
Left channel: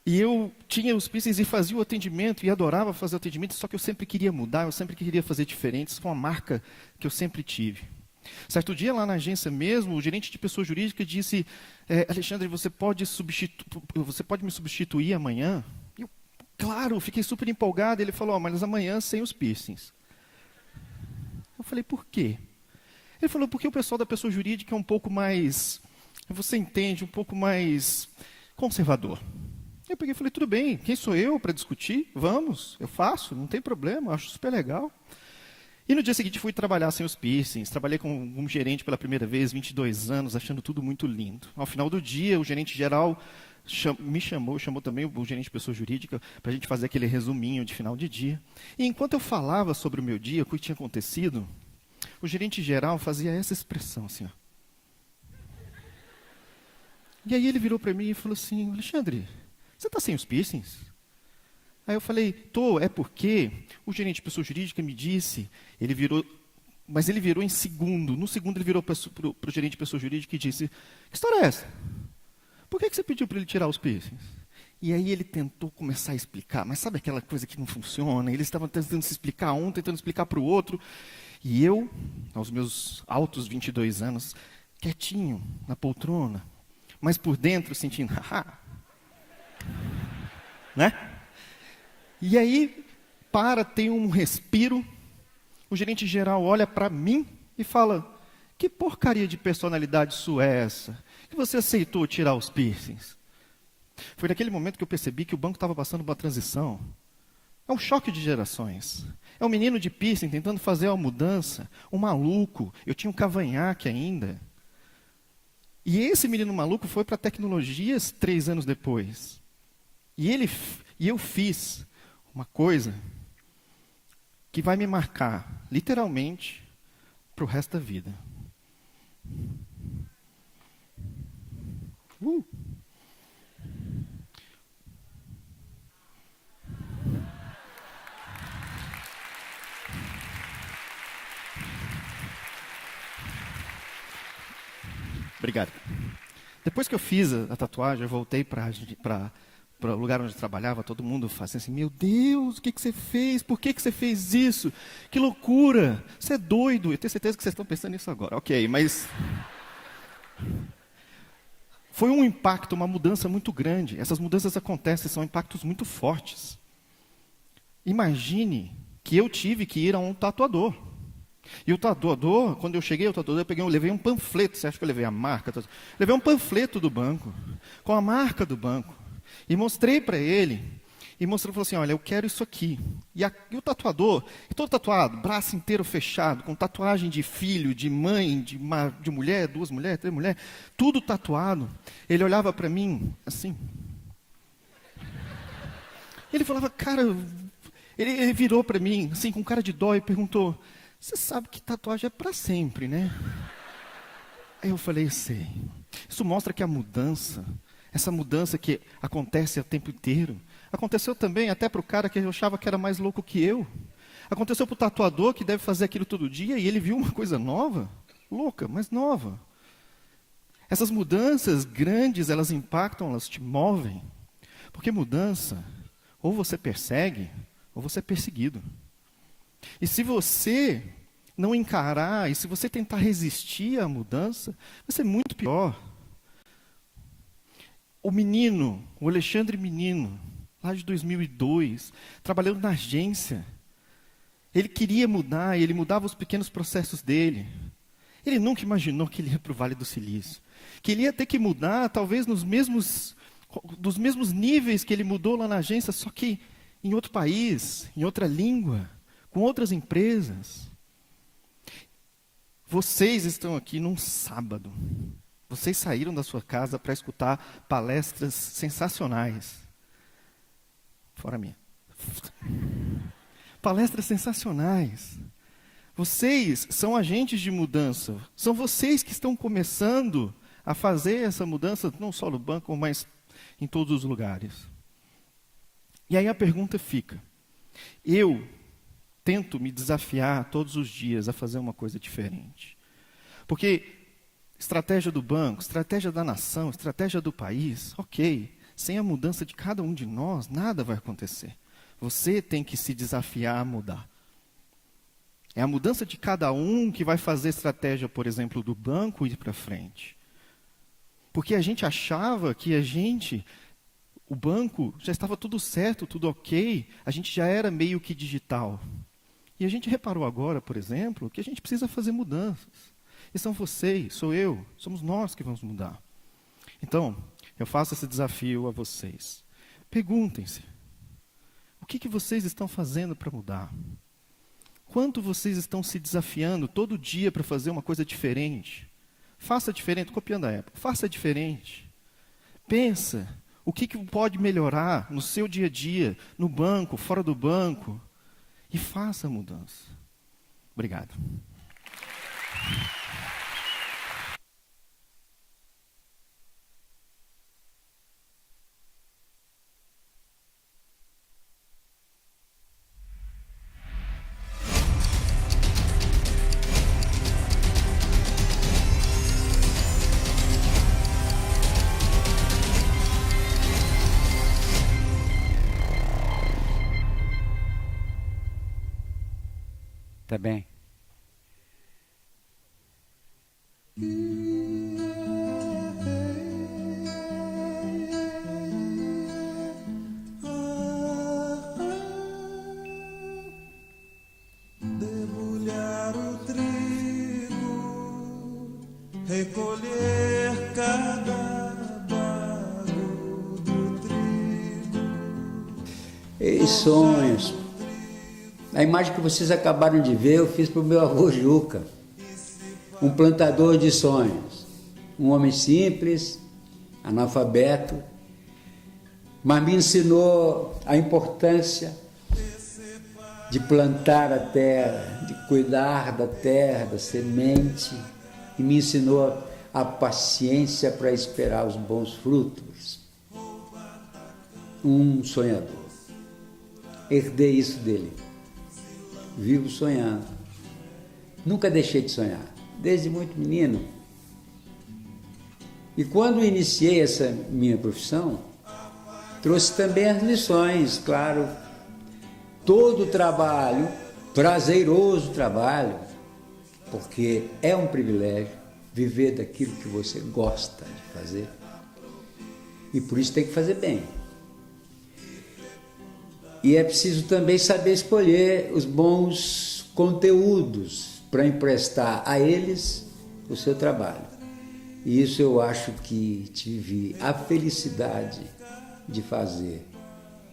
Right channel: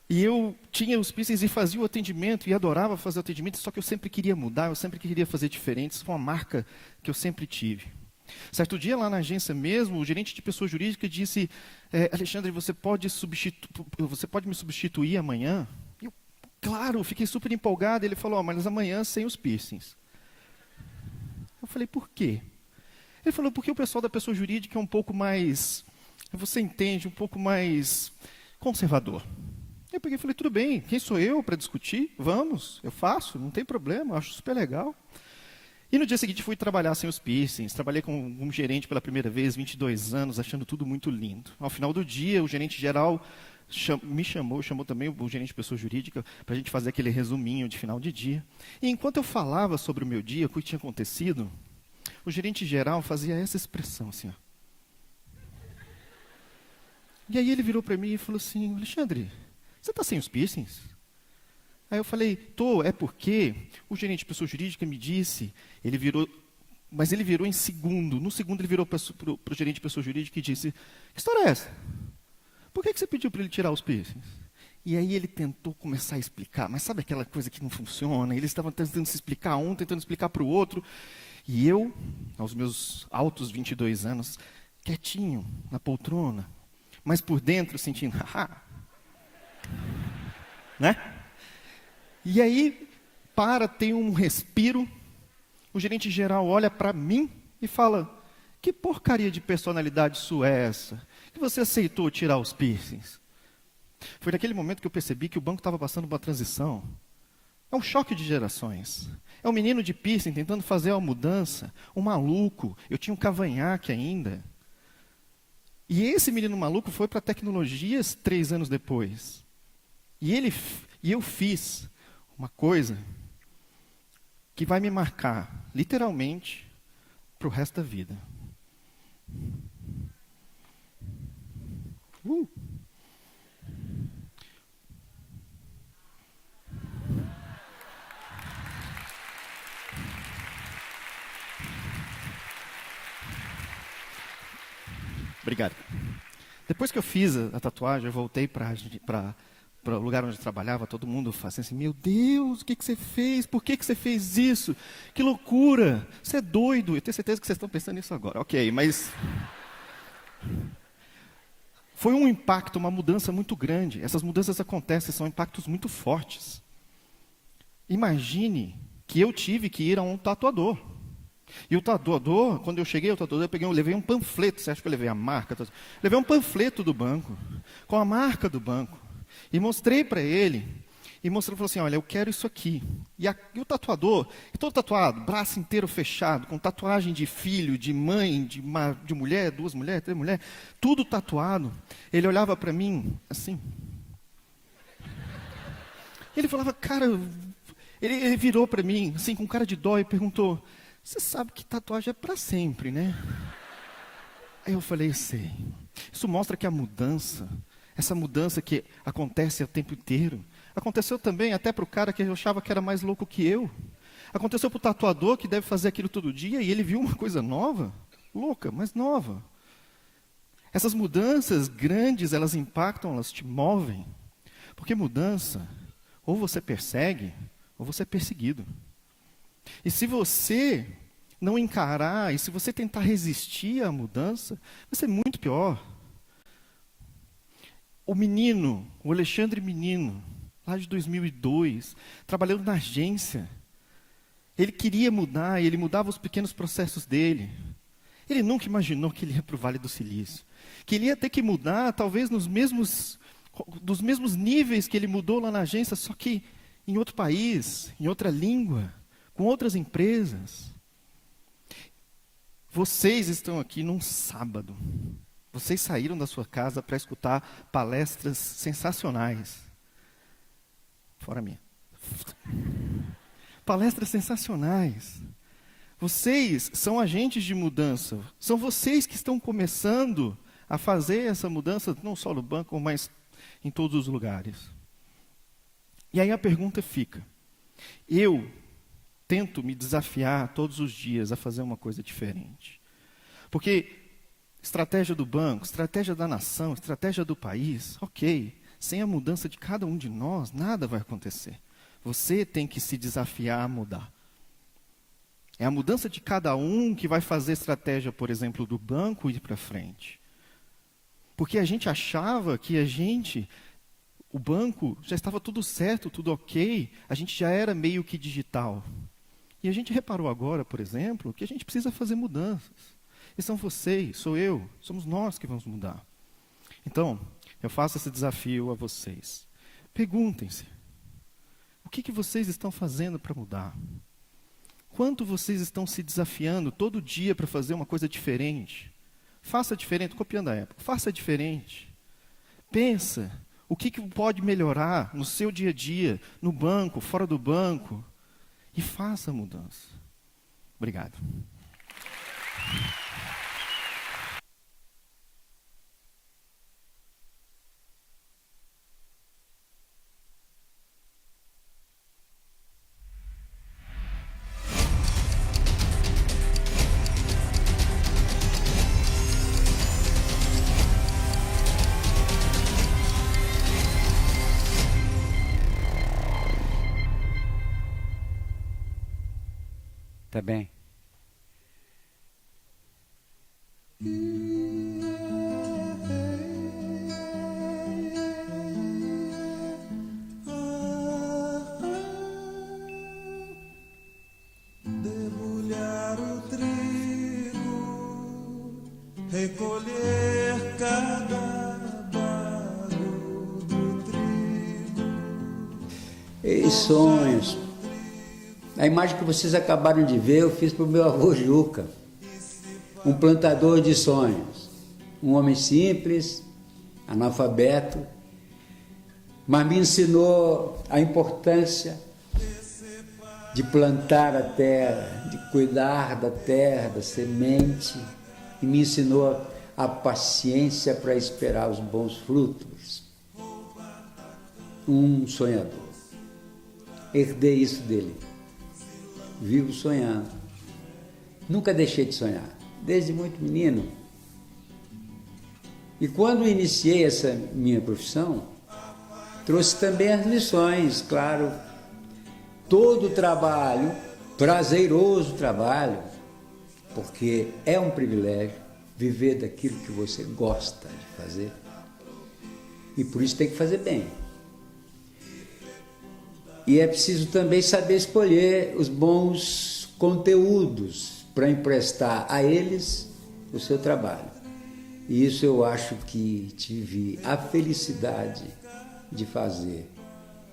E eu tinha os piercings e fazia o atendimento e adorava fazer o atendimento, só que eu sempre queria mudar, eu sempre queria fazer diferente. Isso foi uma marca que eu sempre tive. Certo dia lá na agência mesmo, o gerente de pessoa jurídica disse: Alexandre, você pode me substituir amanhã? Eu, claro, fiquei super empolgado. Ele falou: mas amanhã sem os piercings. Eu falei: por quê? Ele falou: porque o pessoal da pessoa jurídica é um pouco mais, você entende, um pouco mais conservador. Eu peguei e falei: tudo bem, quem sou eu para discutir? Vamos, eu faço, não tem problema, acho super legal. E no dia seguinte fui trabalhar sem os piercings, trabalhei com um gerente pela primeira vez, 22 anos, achando tudo muito lindo. Ao final do dia, o gerente geral me chamou também o gerente de pessoa jurídica, para a gente fazer aquele resuminho de final de dia. E enquanto eu falava sobre o meu dia, o que tinha acontecido, o gerente geral fazia essa expressão assim, ó. E aí ele virou para mim e falou assim: Alexandre, você está sem os piercings? Aí eu falei: tô, é porque o gerente de pessoa jurídica me disse, mas ele virou em segundo. No segundo ele virou para o gerente de pessoa jurídica e disse: que história é essa? Por que você pediu para ele tirar os piercings? E aí ele tentou começar a explicar, mas sabe aquela coisa que não funciona? Eles estavam tentando se explicar um, tentando explicar para o outro. E eu, aos meus altos 22 anos, quietinho, na poltrona, mas por dentro sentindo, né? E aí, tem um respiro, o gerente geral olha para mim e fala: que porcaria de personalidade sua é essa? Que você aceitou tirar os piercings? Foi naquele momento que eu percebi que o banco estava passando por uma transição. É um choque de gerações. É um menino de piercing tentando fazer uma mudança, um maluco. Eu tinha um cavanhaque ainda. E esse menino maluco foi para tecnologias 3 anos depois. E eu fiz uma coisa que vai me marcar, literalmente, para o resto da vida. Obrigado. Depois que eu fiz a tatuagem, eu voltei para o lugar onde eu trabalhava, todo mundo fazia assim: meu Deus, o que você fez? Por que você fez isso? Que loucura! Você é doido! Eu tenho certeza que vocês estão pensando nisso agora. Ok, mas foi um impacto, uma mudança muito grande. Essas mudanças acontecem, são impactos muito fortes. Imagine que eu tive que ir a um tatuador. E o tatuador, quando eu cheguei ao tatuador, eu levei um panfleto. Você acha que eu levei a marca? Levei um panfleto do banco, com a marca do banco. E mostrei para ele. E falou assim: olha, eu quero isso aqui. E o tatuador, todo tatuado, braço inteiro fechado, com tatuagem de filho, de mãe, de mulher, 2 mulheres, 3 mulheres, tudo tatuado. Ele olhava para mim assim. Ele falava: cara, ele virou para mim, assim, com cara de dó, e perguntou: você sabe que tatuagem é para sempre, né? Aí eu falei: sei. Isso mostra que a mudança, essa mudança que acontece o tempo inteiro, aconteceu também até para o cara que eu achava que era mais louco que eu. Aconteceu para o tatuador, que deve fazer aquilo todo dia, e ele viu uma coisa nova, louca, mas nova. Essas mudanças grandes, elas impactam, elas te movem. Porque mudança, ou você persegue, ou você é perseguido. E se você não encarar, e se você tentar resistir à mudança, vai ser muito pior. O Alexandre Menino, lá de 2002, trabalhando na agência, ele queria mudar, ele mudava os pequenos processos dele. Ele nunca imaginou que ele ia para o Vale do Silício. Queria ter que mudar, talvez dos mesmos níveis que ele mudou lá na agência, só que em outro país, em outra língua, com outras empresas. Vocês estão aqui num sábado. Vocês saíram da sua casa para escutar palestras sensacionais. Fora a minha. Palestras sensacionais. Vocês são agentes de mudança. São vocês que estão começando a fazer essa mudança, não só no banco, mas em todos os lugares. E aí a pergunta fica, eu tento me desafiar todos os dias a fazer uma coisa diferente. Porque estratégia do banco, estratégia da nação, estratégia do país, ok. Sem a mudança de cada um de nós, nada vai acontecer. Você tem que se desafiar a mudar. É a mudança de cada um que vai fazer a estratégia, por exemplo, do banco ir para frente. Porque a gente achava que o banco já estava tudo certo, tudo ok, a gente já era meio que digital. E a gente reparou agora, por exemplo, que a gente precisa fazer mudanças. E são vocês, sou eu, somos nós que vamos mudar. Então, eu faço esse desafio a vocês. Perguntem-se, o que vocês estão fazendo para mudar? Quanto vocês estão se desafiando todo dia para fazer uma coisa diferente? Faça diferente, copiando a Apple, faça diferente. Pensa, o que pode melhorar no seu dia a dia, no banco, fora do banco, e faça a mudança. Obrigado. Tá bem. Debulhar o trigo, recolher cada barro do trigo. E sonhos. A imagem que vocês acabaram de ver, eu fiz para o meu avô Juca, um plantador de sonhos, um homem simples, analfabeto, mas me ensinou a importância de plantar a terra, de cuidar da terra, da semente, e me ensinou a paciência para esperar os bons frutos. Um sonhador. Herdei isso dele. Vivo sonhando. Nunca deixei de sonhar, desde muito menino. E quando iniciei essa minha profissão, trouxe também as lições, claro. Todo trabalho, prazeroso trabalho, porque é um privilégio viver daquilo que você gosta de fazer. E por isso tem que fazer bem. E é preciso também saber escolher os bons conteúdos para emprestar a eles o seu trabalho. E isso eu acho que tive a felicidade de fazer.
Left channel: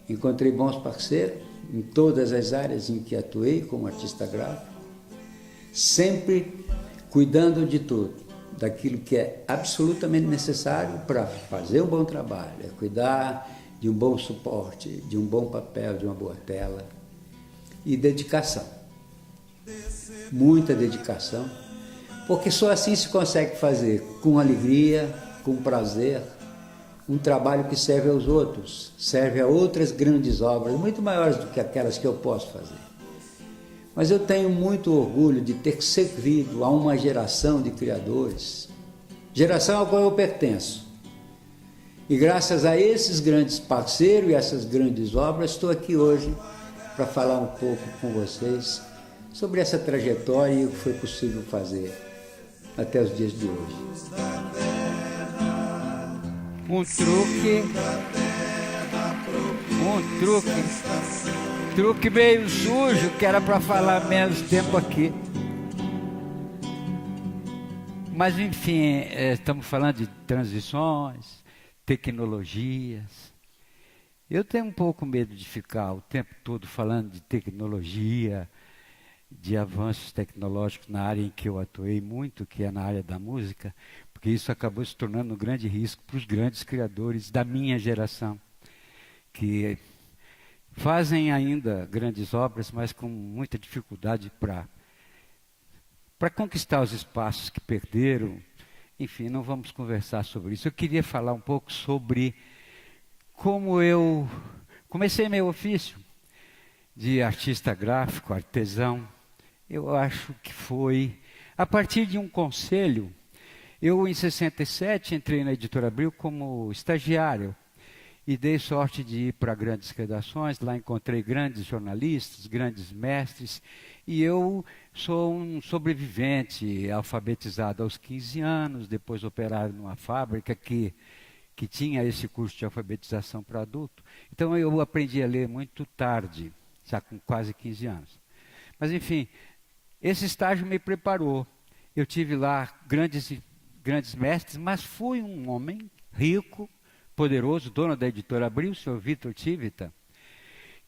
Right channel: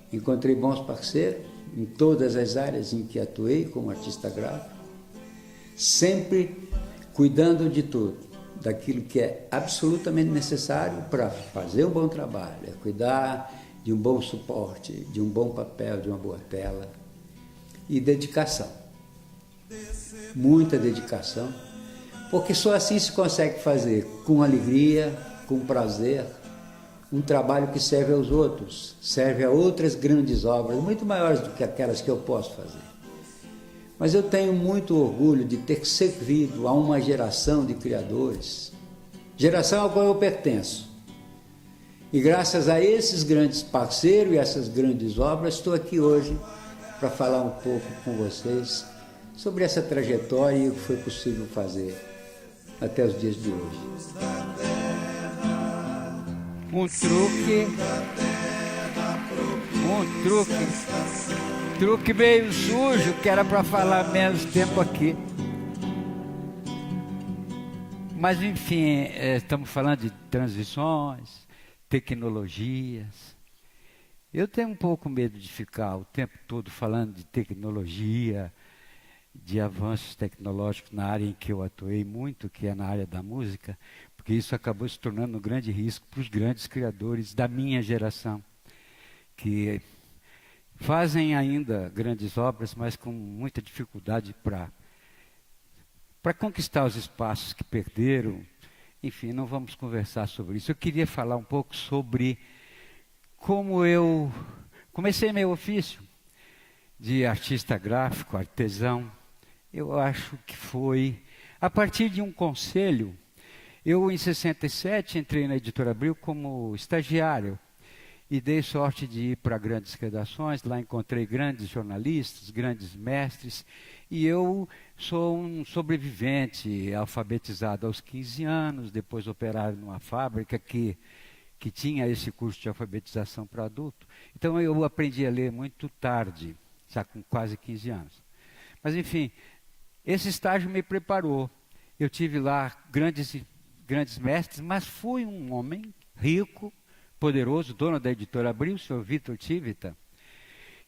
Encontrei bons parceiros em todas as áreas em que atuei como artista gráfico, sempre cuidando de tudo, daquilo que é absolutamente necessário para fazer o bom trabalho, é cuidar de um bom suporte, de um bom papel, de uma boa tela e dedicação. Muita dedicação, porque só assim se consegue fazer com alegria, com prazer, um trabalho que serve aos outros, serve a outras grandes obras, muito maiores do que aquelas que eu posso fazer. Mas eu tenho muito orgulho de ter servido a uma geração de criadores, geração a qual eu pertenço. E graças a esses grandes parceiros e essas grandes obras, estou aqui hoje para falar um pouco com vocês sobre essa trajetória e o que foi possível fazer até os dias de hoje. Um truque meio sujo, que era para falar menos tempo aqui. Mas enfim, estamos falando de transições, tecnologias. Eu tenho um pouco medo de ficar o tempo todo falando de tecnologia, de avanços tecnológicos na área em que eu atuei muito, que é na área da música, porque isso acabou se tornando um grande risco para os grandes criadores da minha geração, que fazem ainda grandes obras, mas com muita dificuldade para conquistar os espaços que perderam enfim, não vamos conversar sobre isso. Eu queria falar um pouco sobre como eu comecei meu ofício de artista gráfico, artesão. Eu acho que foi a partir de um conselho. Eu, em 67, entrei na Editora Abril como estagiário e dei sorte de ir para grandes redações. Lá encontrei grandes jornalistas, grandes mestres, e eu sou um sobrevivente, alfabetizado aos 15 anos, depois operário numa fábrica que tinha esse curso de alfabetização para adulto. Então eu aprendi a ler muito tarde, já com quase 15 anos. Mas, enfim, esse estágio me preparou. Eu tive lá grandes mestres, mas fui um homem rico, poderoso, dono da Editora Abril, o Sr. Vitor Tivita,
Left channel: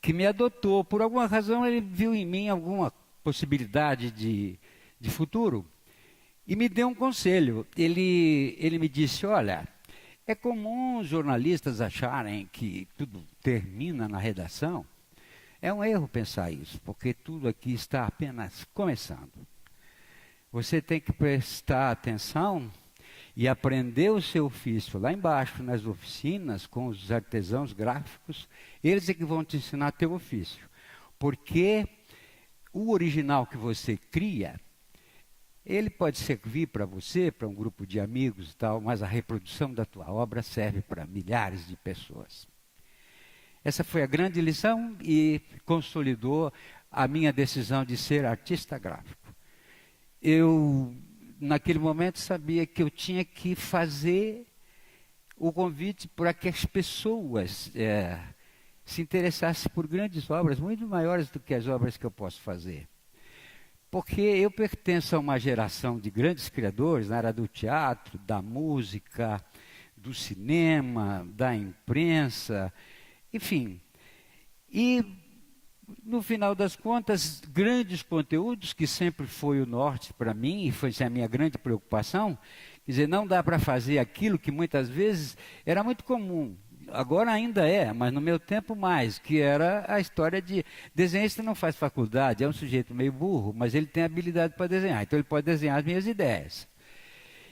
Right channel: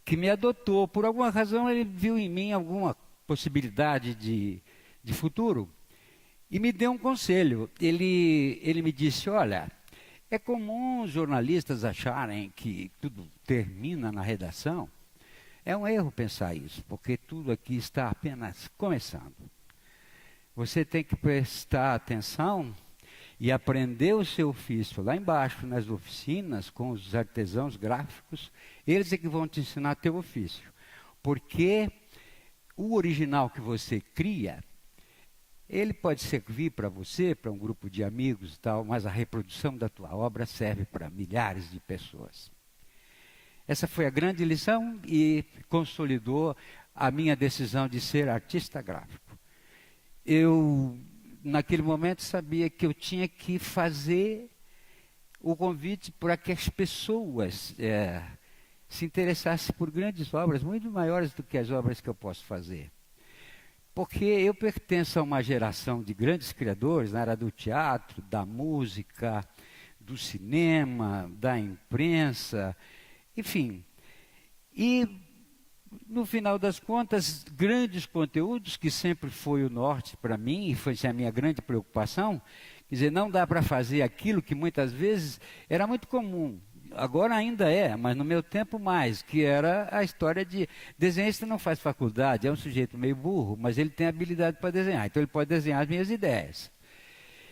que me adotou. Por alguma razão, ele viu em mim alguma possibilidade de futuro e me deu um conselho. Ele me disse: olha, é comum os jornalistas acharem que tudo termina na redação. É um erro pensar isso, porque tudo aqui está apenas começando. Você tem que prestar atenção e aprender o seu ofício lá embaixo, nas oficinas, com os artesãos gráficos. Eles é que vão te ensinar teu ofício. Porque o original que você cria, ele pode servir para você, para um grupo de amigos e tal, mas a reprodução da tua obra serve para milhares de pessoas. Essa foi a grande lição e consolidou a minha decisão de ser artista gráfico. Eu, naquele momento, sabia que eu tinha que fazer o convite para que as pessoas se interessassem por grandes obras, muito maiores do que as obras que eu posso fazer. Porque eu pertenço a uma geração de grandes criadores na área do teatro, da música, do cinema, da imprensa, enfim. E, no final das contas, grandes conteúdos, que sempre foi o norte para mim, e foi a minha grande preocupação. Quer dizer, não dá para fazer aquilo que muitas vezes era muito comum. Agora ainda é, mas no meu tempo mais, que era a história de desenhista não faz faculdade, é um sujeito meio burro, mas ele tem habilidade para desenhar, então ele pode desenhar as minhas ideias.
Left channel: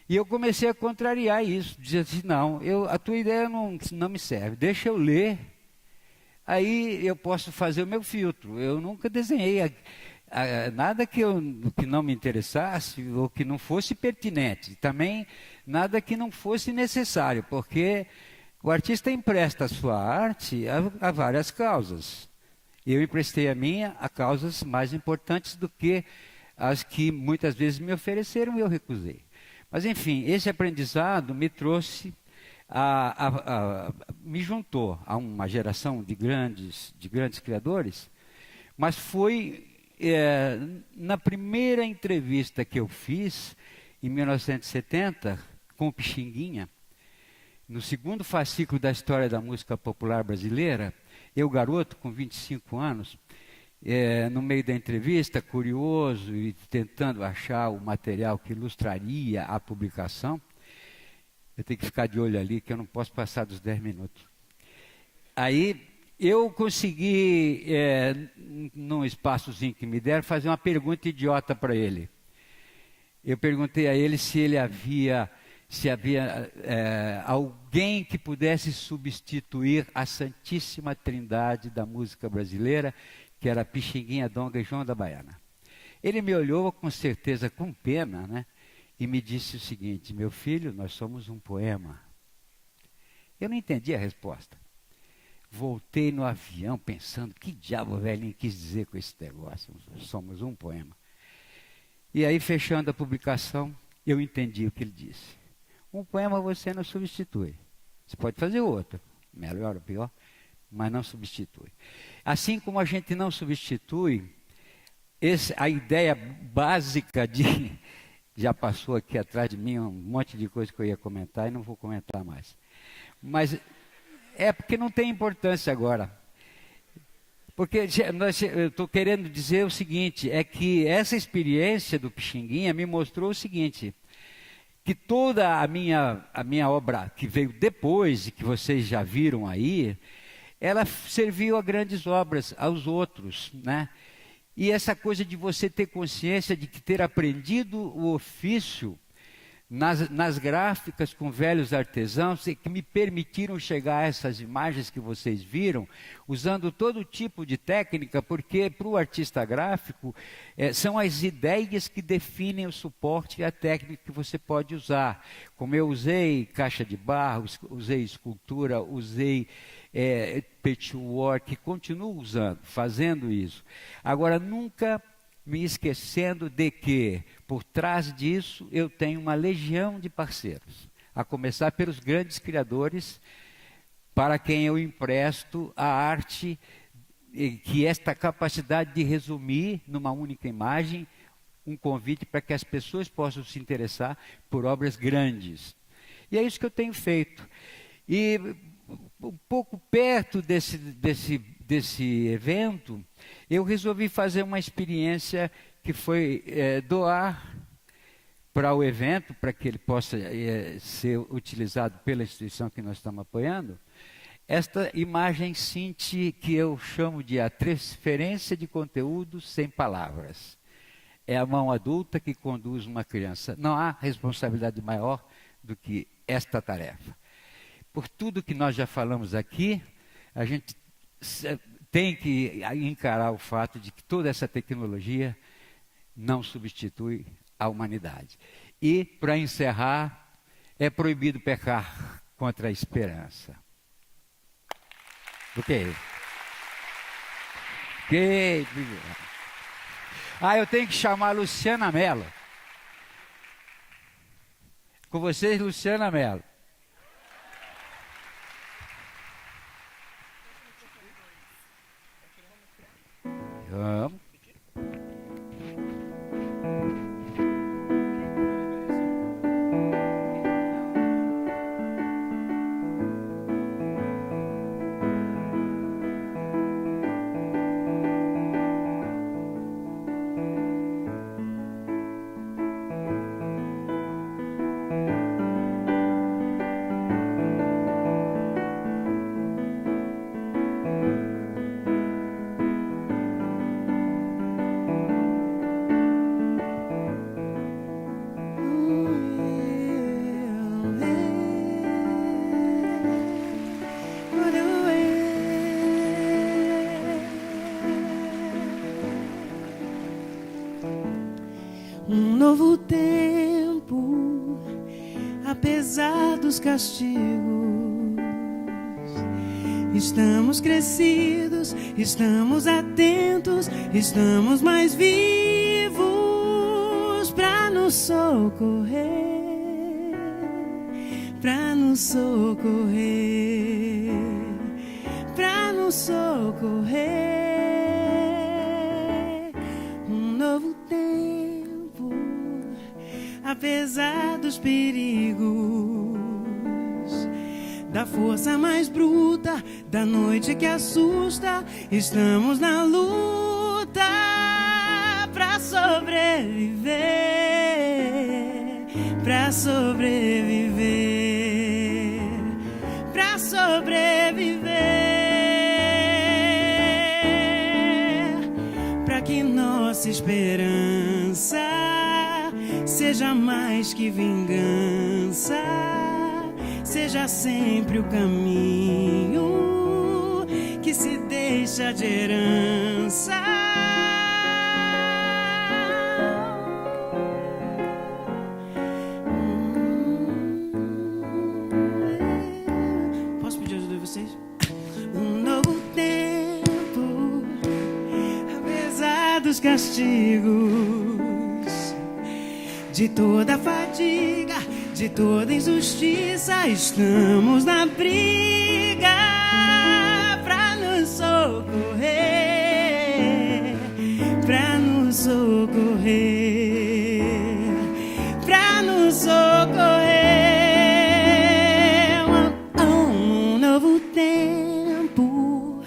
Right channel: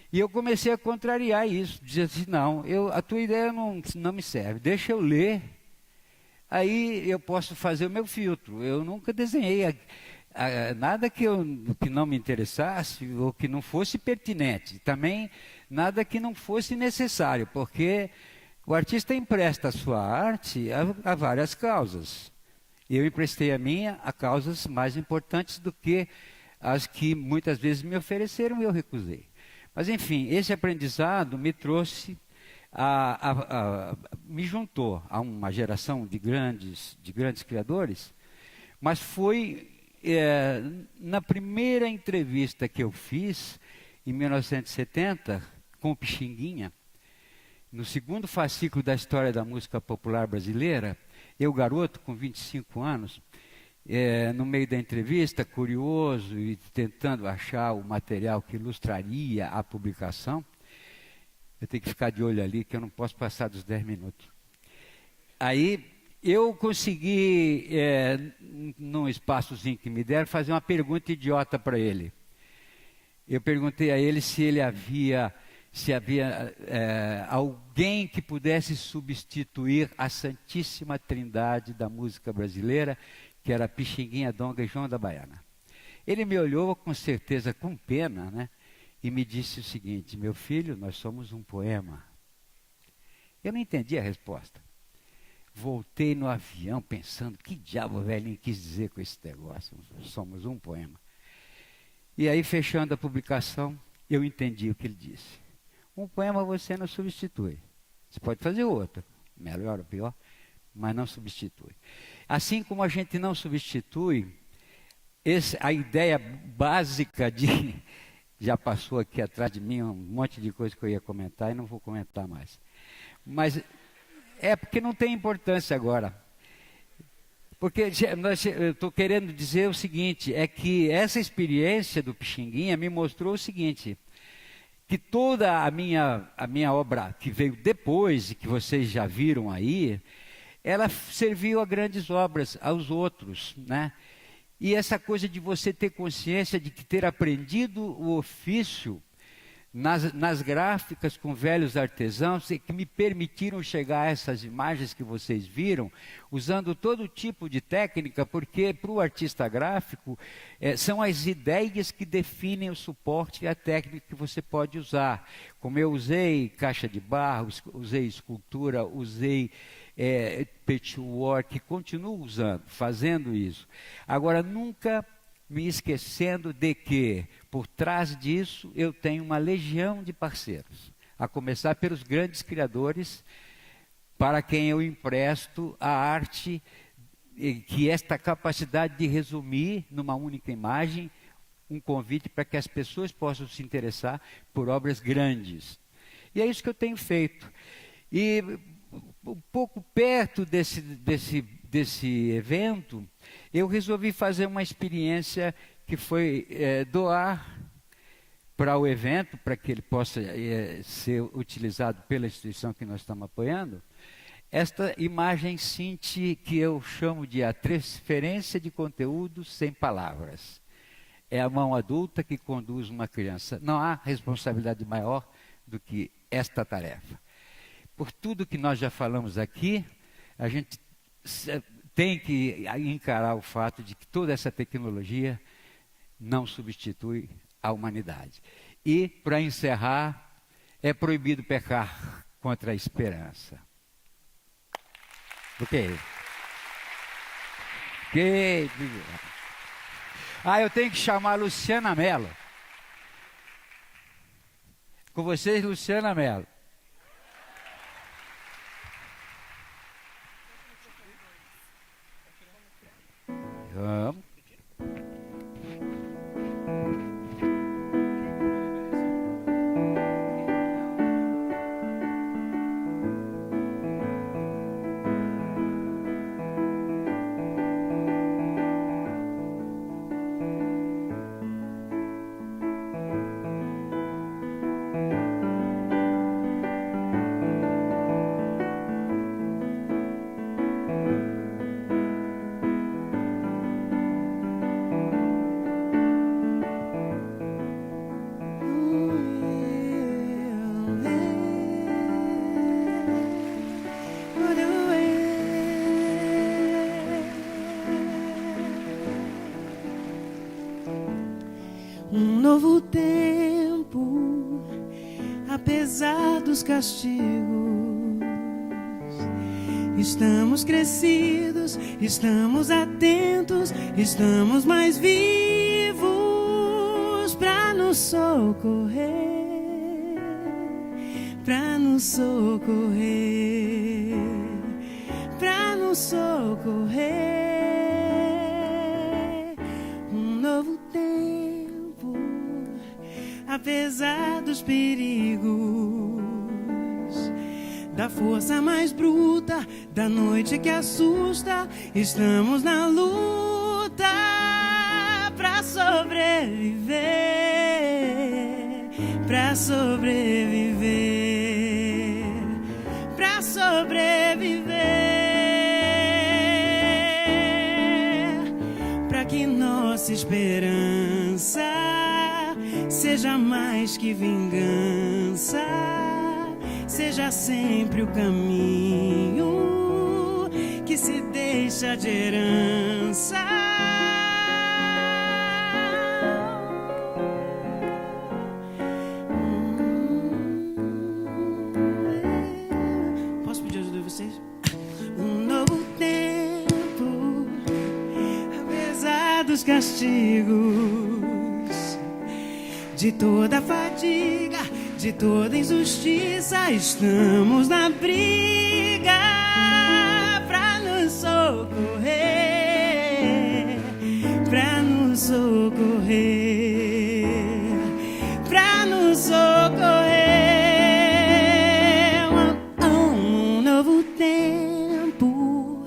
E eu comecei a contrariar isso, dizer assim, não, a tua ideia não me serve, deixa eu ler, aí eu posso fazer o meu filtro. Eu nunca desenhei nada que não me interessasse ou que não fosse pertinente, também nada que não fosse necessário, porque o artista empresta a sua arte a várias causas. Eu emprestei a minha a causas mais importantes do que as que muitas vezes me ofereceram e eu recusei. Mas, enfim, esse aprendizado me trouxe, me juntou a uma geração de grandes criadores, mas foi na primeira entrevista que eu fiz, em 1970, com o Pixinguinha, no segundo fascículo da história da música popular brasileira, eu, garoto, com 25 anos, no meio da entrevista, curioso e tentando achar o material que ilustraria a publicação. Eu tenho que ficar de olho ali, que eu não posso passar dos 10 minutos. Aí eu consegui, num espaçozinho que me deram, fazer uma pergunta idiota para ele. Eu perguntei a ele se havia alguém que pudesse substituir a Santíssima Trindade da música brasileira, que era Pixinguinha, Donga e João da Baiana. Ele me olhou com certeza com pena, né, e me disse o seguinte: meu filho, nós somos um poema. Eu não entendi a resposta. Voltei no avião pensando, que diabo o velhinho quis dizer com esse negócio? Somos um poema. E aí, fechando a publicação, eu entendi o que ele disse. Um poema você não substitui. Você pode fazer outro, melhor ou pior, mas não substitui. Assim como a gente não substitui a ideia básica de... Já passou aqui atrás de mim um monte de coisa que eu ia comentar e não vou comentar mais. Mas é porque não tem importância agora. Porque eu estou querendo dizer o seguinte, é que essa experiência do Pixinguinha me mostrou o seguinte, que toda a minha obra que veio depois, e que vocês já viram aí, ela serviu a grandes obras, aos outros, né? E essa coisa de você ter consciência de ter aprendido o ofício nas gráficas com velhos artesãos que me permitiram chegar a essas imagens que vocês viram, usando todo tipo de técnica, porque para o artista gráfico são as ideias que definem o suporte e a técnica que você pode usar. Como eu usei caixa de barro, usei escultura, usei patchwork, continuo usando, fazendo isso. Agora, nunca me esquecendo de que, por trás disso, eu tenho uma legião de parceiros, a começar pelos grandes criadores, para quem eu empresto a arte, que esta capacidade de resumir numa única imagem, um convite para que as pessoas possam se interessar por obras grandes. E é isso que eu tenho feito. E um pouco perto desse evento, eu resolvi fazer uma experiência que foi doar para o evento, para que ele possa ser utilizado pela instituição que nós estamos apoiando, esta imagem Cinti, que eu chamo de a transferência de conteúdo sem palavras. É a mão adulta que conduz uma criança. Não há responsabilidade maior do que esta tarefa. Por tudo que nós já falamos aqui, a gente tem que encarar o fato de que toda essa tecnologia não substitui a humanidade. E, para encerrar, é proibido pecar contra a esperança. Por quê? Eu tenho que chamar a Luciana Mello. Com vocês, Luciana Mello. Vamos. Um novo tempo, apesar dos castigos, estamos crescidos, estamos atentos, estamos mais vivos para nos socorrer, para nos socorrer, para nos socorrer. Um novo tempo, apesar dos perigos, da força mais bruta, da noite que assusta, estamos na luta pra sobreviver, pra sobreviver, pra sobreviver, pra que nossa esperança seja mais que vingança, seja sempre o caminho que se deixa de herança. Posso pedir ajuda de vocês? Um novo tempo, apesar dos castigos, de toda fadiga, de toda injustiça, estamos na briga pra nos socorrer, pra nos socorrer, pra nos socorrer. Um novo tempo,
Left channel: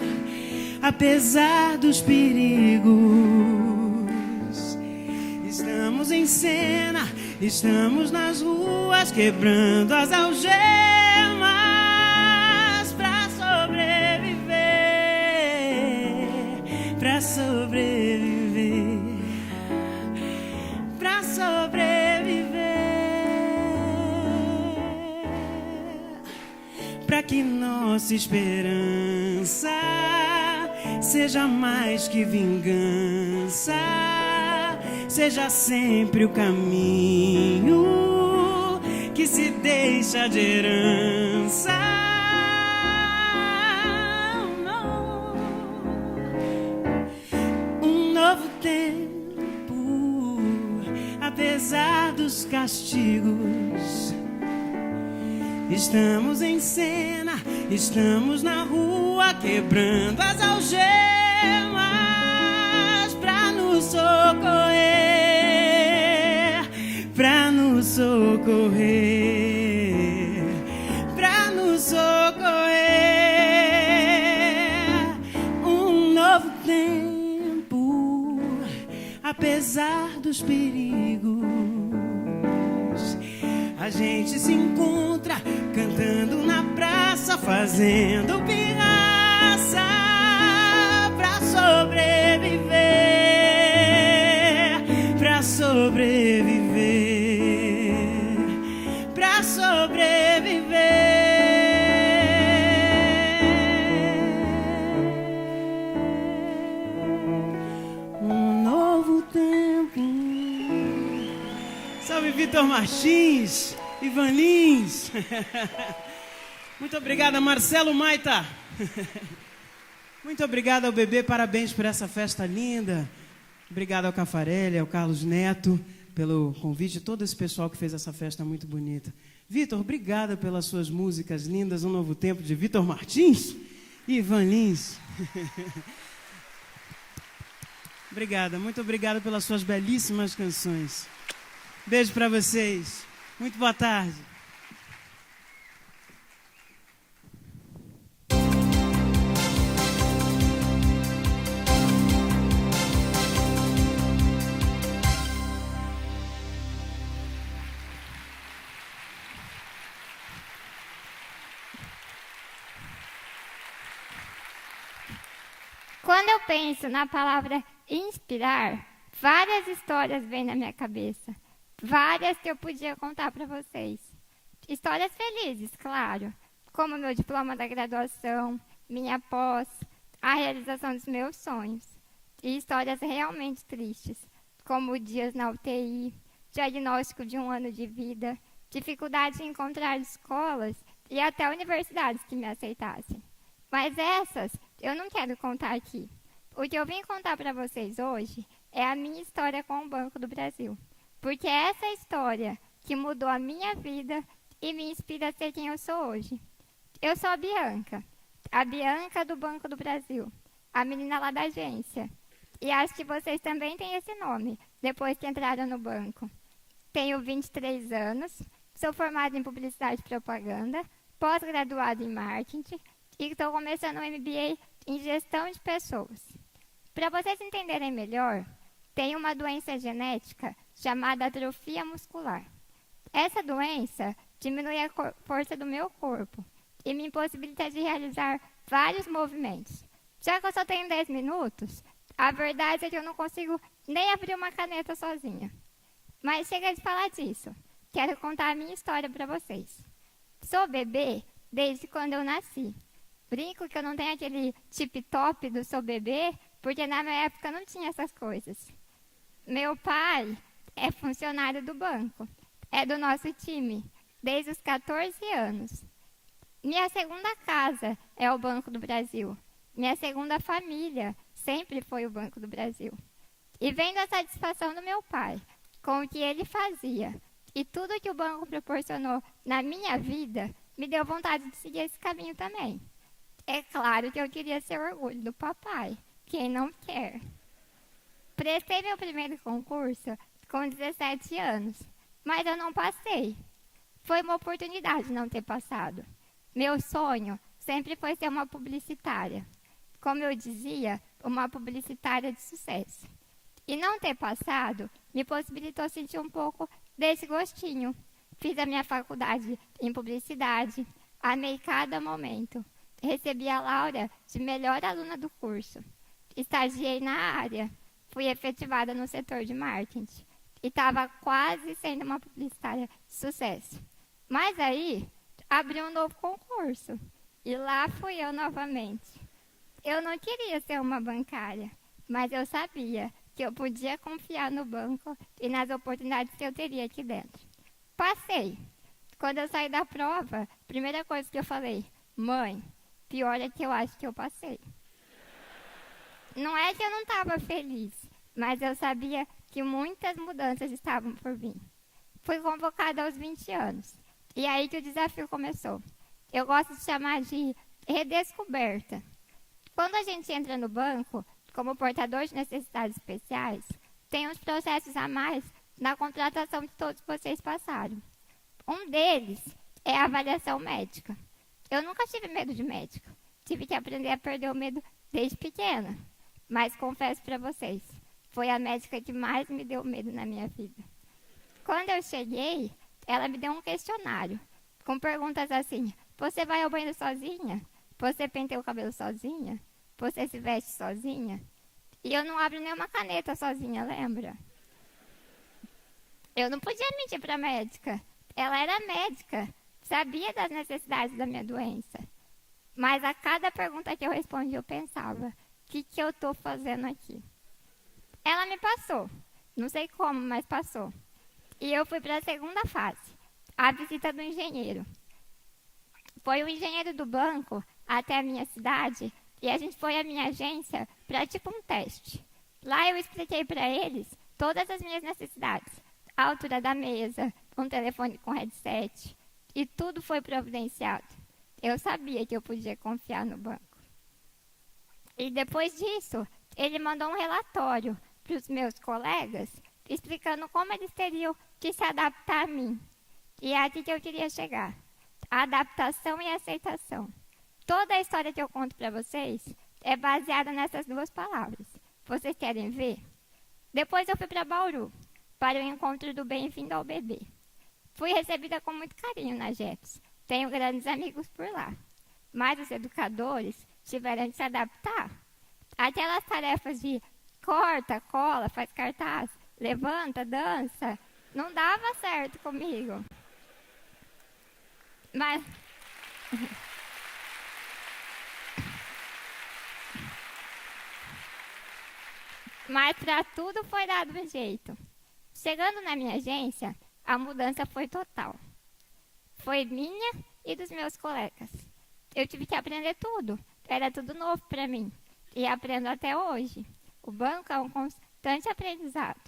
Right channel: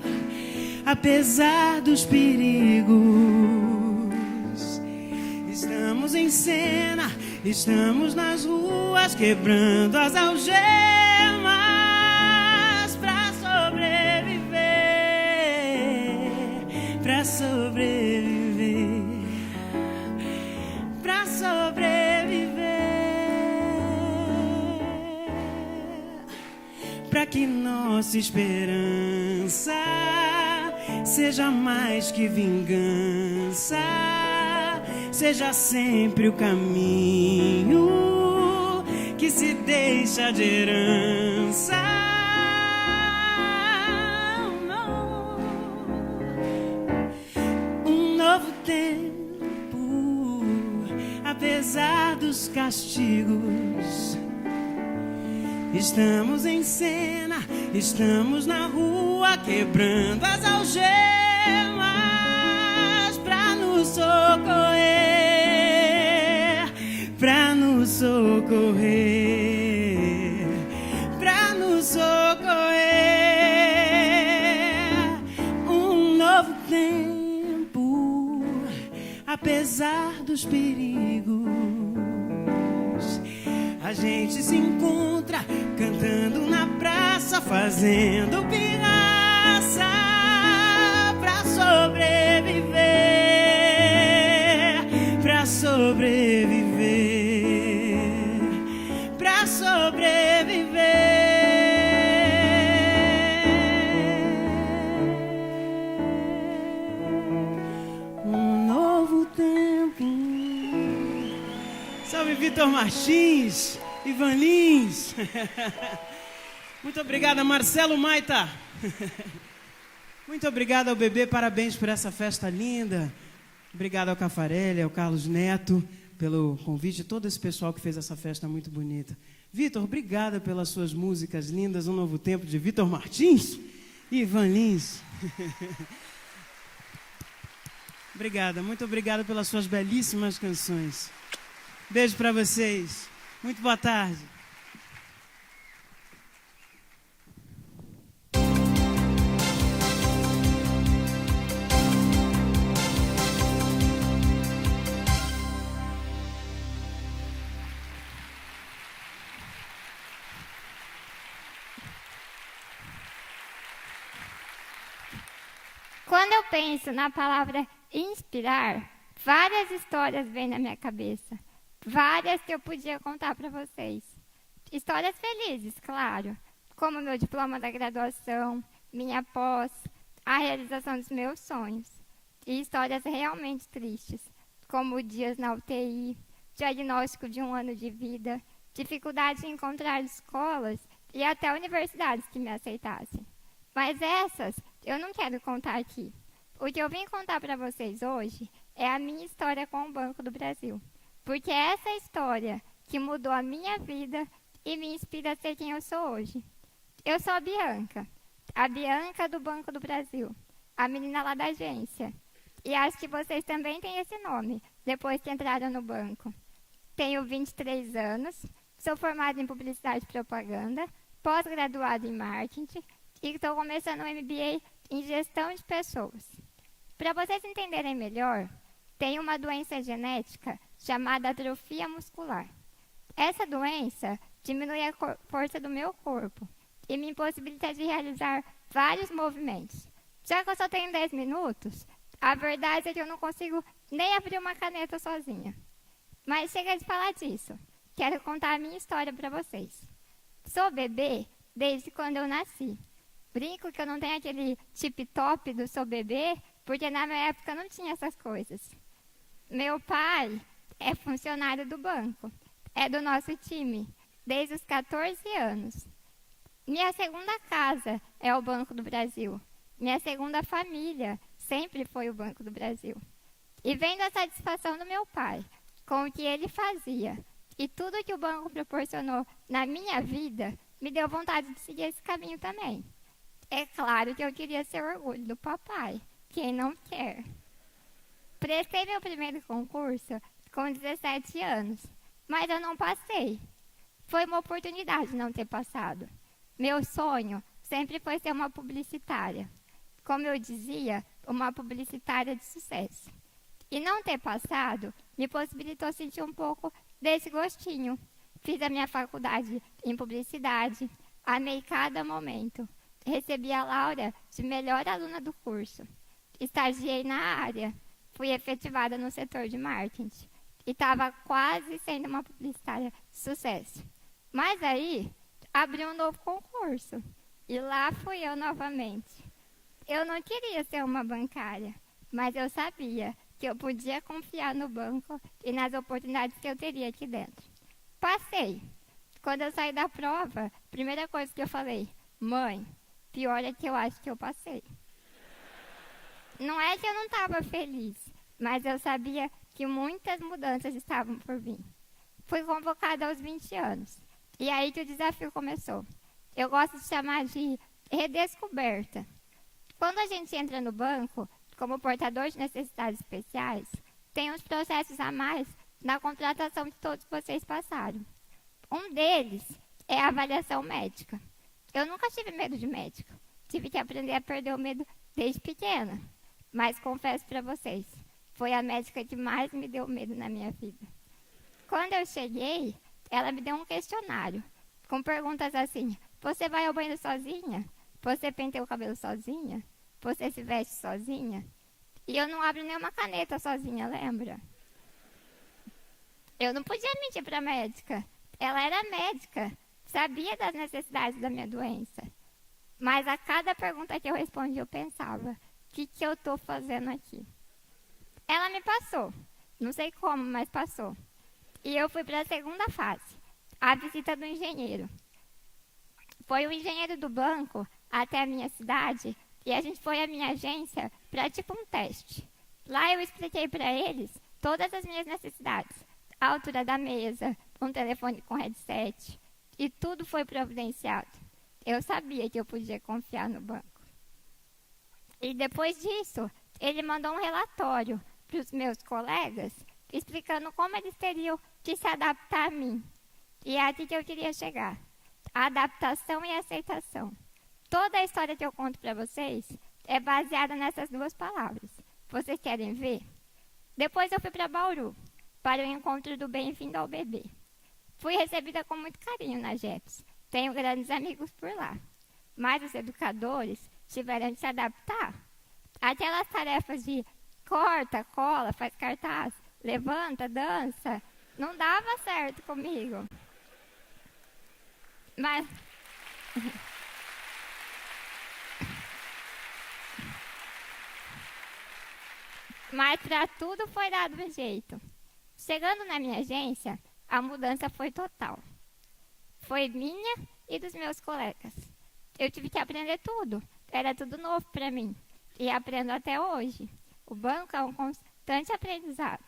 apesar dos perigos, estamos em cena, estamos nas ruas, quebrando as algemas pra sobreviver, pra sobreviver, pra sobreviver, esperança seja mais que vingança, seja sempre o caminho que se deixa de herança. Um novo tempo, apesar dos castigos. Estamos em cena, estamos na rua, quebrando as algemas pra nos socorrer, pra nos socorrer, pra nos socorrer. Um novo tempo, apesar dos perigos. A gente se encontra cantando na praça, fazendo pirraça pra sobreviver, pra sobreviver, pra sobreviver. Um novo tempo. Salve Vitor Martins, Ivan Lins. Muito obrigado a Marcelo Maita. Muito obrigado ao Bebê, parabéns por essa festa linda. Obrigado ao Cafarelli, ao Carlos Neto, pelo convite, todo esse pessoal que fez essa festa muito bonita. Vitor, obrigada pelas suas músicas lindas, Um Novo Tempo, de Vitor Martins e Ivan Lins. Obrigada, muito obrigado pelas suas belíssimas canções. Beijo pra vocês. Muito boa tarde. Quando eu penso na palavra inspirar, várias histórias vêm na minha cabeça. Várias que eu podia contar para vocês. Histórias felizes, claro, como meu diploma da graduação, minha pós, a realização dos meus sonhos. E histórias realmente tristes, como dias na UTI, diagnóstico de 1 ano de vida, dificuldade em encontrar escolas e até universidades que me aceitassem. Mas essas eu não quero contar aqui. O que eu vim contar para vocês hoje é a minha história com o Banco do Brasil. Porque é essa história que mudou a minha vida e me inspira a ser quem eu sou hoje. Eu sou a Bianca do Banco do Brasil, a menina lá da agência. E acho que vocês também têm esse nome, depois que entraram no banco. Tenho 23 anos, sou formada em Publicidade e Propaganda, pós-graduada em Marketing e estou começando um MBA em Gestão de Pessoas. Para vocês entenderem melhor, tenho uma doença genética chamada atrofia muscular. Essa doença diminui a força do meu corpo e me impossibilita de realizar vários movimentos. Já que eu só tenho 10 minutos, a verdade é que eu não consigo nem abrir uma caneta sozinha. Mas chega de falar disso. Quero contar a minha história para vocês. Sou bebê desde quando eu nasci. Brinco que eu não tenho aquele tip-top do sou bebê, porque na minha época não tinha essas coisas. Meu pai é funcionário do banco. É do nosso time, desde os 14 anos. Minha segunda casa é o Banco do Brasil. Minha segunda família sempre foi o Banco do Brasil. E vendo a satisfação do meu pai com o que ele fazia e tudo que o banco proporcionou na minha vida, me deu vontade de seguir esse caminho também. É claro que eu queria ser orgulho do papai. Quem não quer? Prestei meu primeiro concurso com 17 anos, mas eu não passei. Foi uma oportunidade não ter passado. Meu sonho sempre foi ser uma publicitária. Como eu dizia, uma publicitária de sucesso. E não ter passado me possibilitou sentir um pouco desse gostinho. Fiz a minha faculdade em publicidade, amei cada momento. Recebi a laurea de melhor aluna do curso. Estagiei na área, fui efetivada no setor de marketing e estava quase sendo uma publicitária de sucesso. Mas aí, abri um novo concurso E lá fui eu novamente. Eu não queria ser uma bancária, mas eu sabia que eu podia confiar no banco e nas oportunidades que eu teria aqui dentro. Passei. Quando eu saí da prova, primeira coisa que eu falei: mãe, pior é que eu acho que eu passei. Não é que eu não estava feliz, mas eu sabia que muitas mudanças estavam por vir. Fui convocada aos 20 anos. E aí que o desafio começou. Eu gosto de chamar de redescoberta. Quando a gente entra no banco, como portador de necessidades especiais, tem uns processos a mais na contratação que todos vocês passaram. Um deles é a avaliação médica. Eu nunca tive medo de médico. Tive que aprender a perder o medo desde pequena. Mas confesso para vocês, foi a médica que mais me deu medo na minha vida. Quando eu cheguei, ela me deu um questionário, com perguntas assim: você vai ao banheiro sozinha? Você penteia o cabelo sozinha? Você se veste sozinha? E eu não abro nenhuma caneta sozinha, lembra? Eu não podia mentir para a médica. Ela era médica, sabia das necessidades da minha doença. Mas a cada pergunta que eu respondi, eu pensava: o que eu estou fazendo aqui? Ela me passou. Não sei como, mas passou. E eu fui para a segunda fase, a visita do engenheiro. Foi o engenheiro do banco até a minha cidade e a gente foi à minha agência para tipo um teste. Lá eu expliquei para eles todas as minhas necessidades. A altura da mesa, um telefone com headset. E tudo foi providenciado. Eu sabia que eu podia confiar no banco. E depois disso, ele mandou um relatório para os meus colegas, explicando como eles teriam que se adaptar a mim. E é aqui que eu queria chegar. Adaptação e aceitação. Toda a história que eu conto para vocês é baseada nessas duas palavras. Vocês querem ver? Depois eu fui para Bauru, para o encontro do Bem-vindo ao Bebê. Fui recebida com muito carinho na JETS. Tenho grandes amigos por lá. Mas os educadores tiveram de se adaptar. Aquelas tarefas de corta, cola, faz cartaz, levanta, dança, não dava certo comigo. Mas para tudo foi dado um jeito. Chegando na minha agência, a mudança foi total. Foi minha e dos meus colegas. Eu tive que aprender tudo. Era tudo novo para mim. E aprendo até hoje. O banco é um constante aprendizado.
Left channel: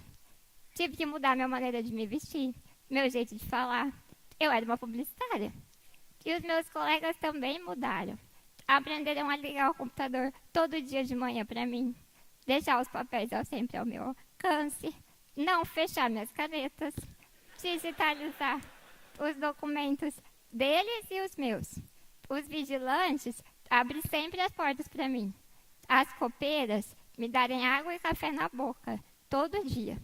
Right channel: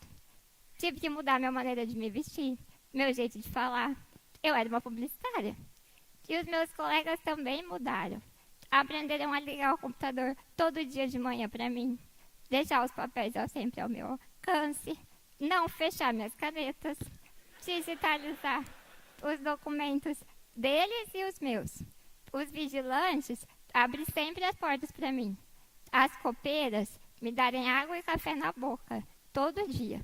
Tive que mudar minha maneira de me vestir, meu jeito de falar. Eu era uma publicitária. E os meus colegas também mudaram. Aprenderam a ligar o computador todo dia de manhã para mim. Deixar os papéis sempre ao meu alcance. Não fechar minhas canetas. Digitalizar os documentos deles e os meus. Os vigilantes abrem sempre as portas para mim. As copeiras me darem água e café na boca, todo dia.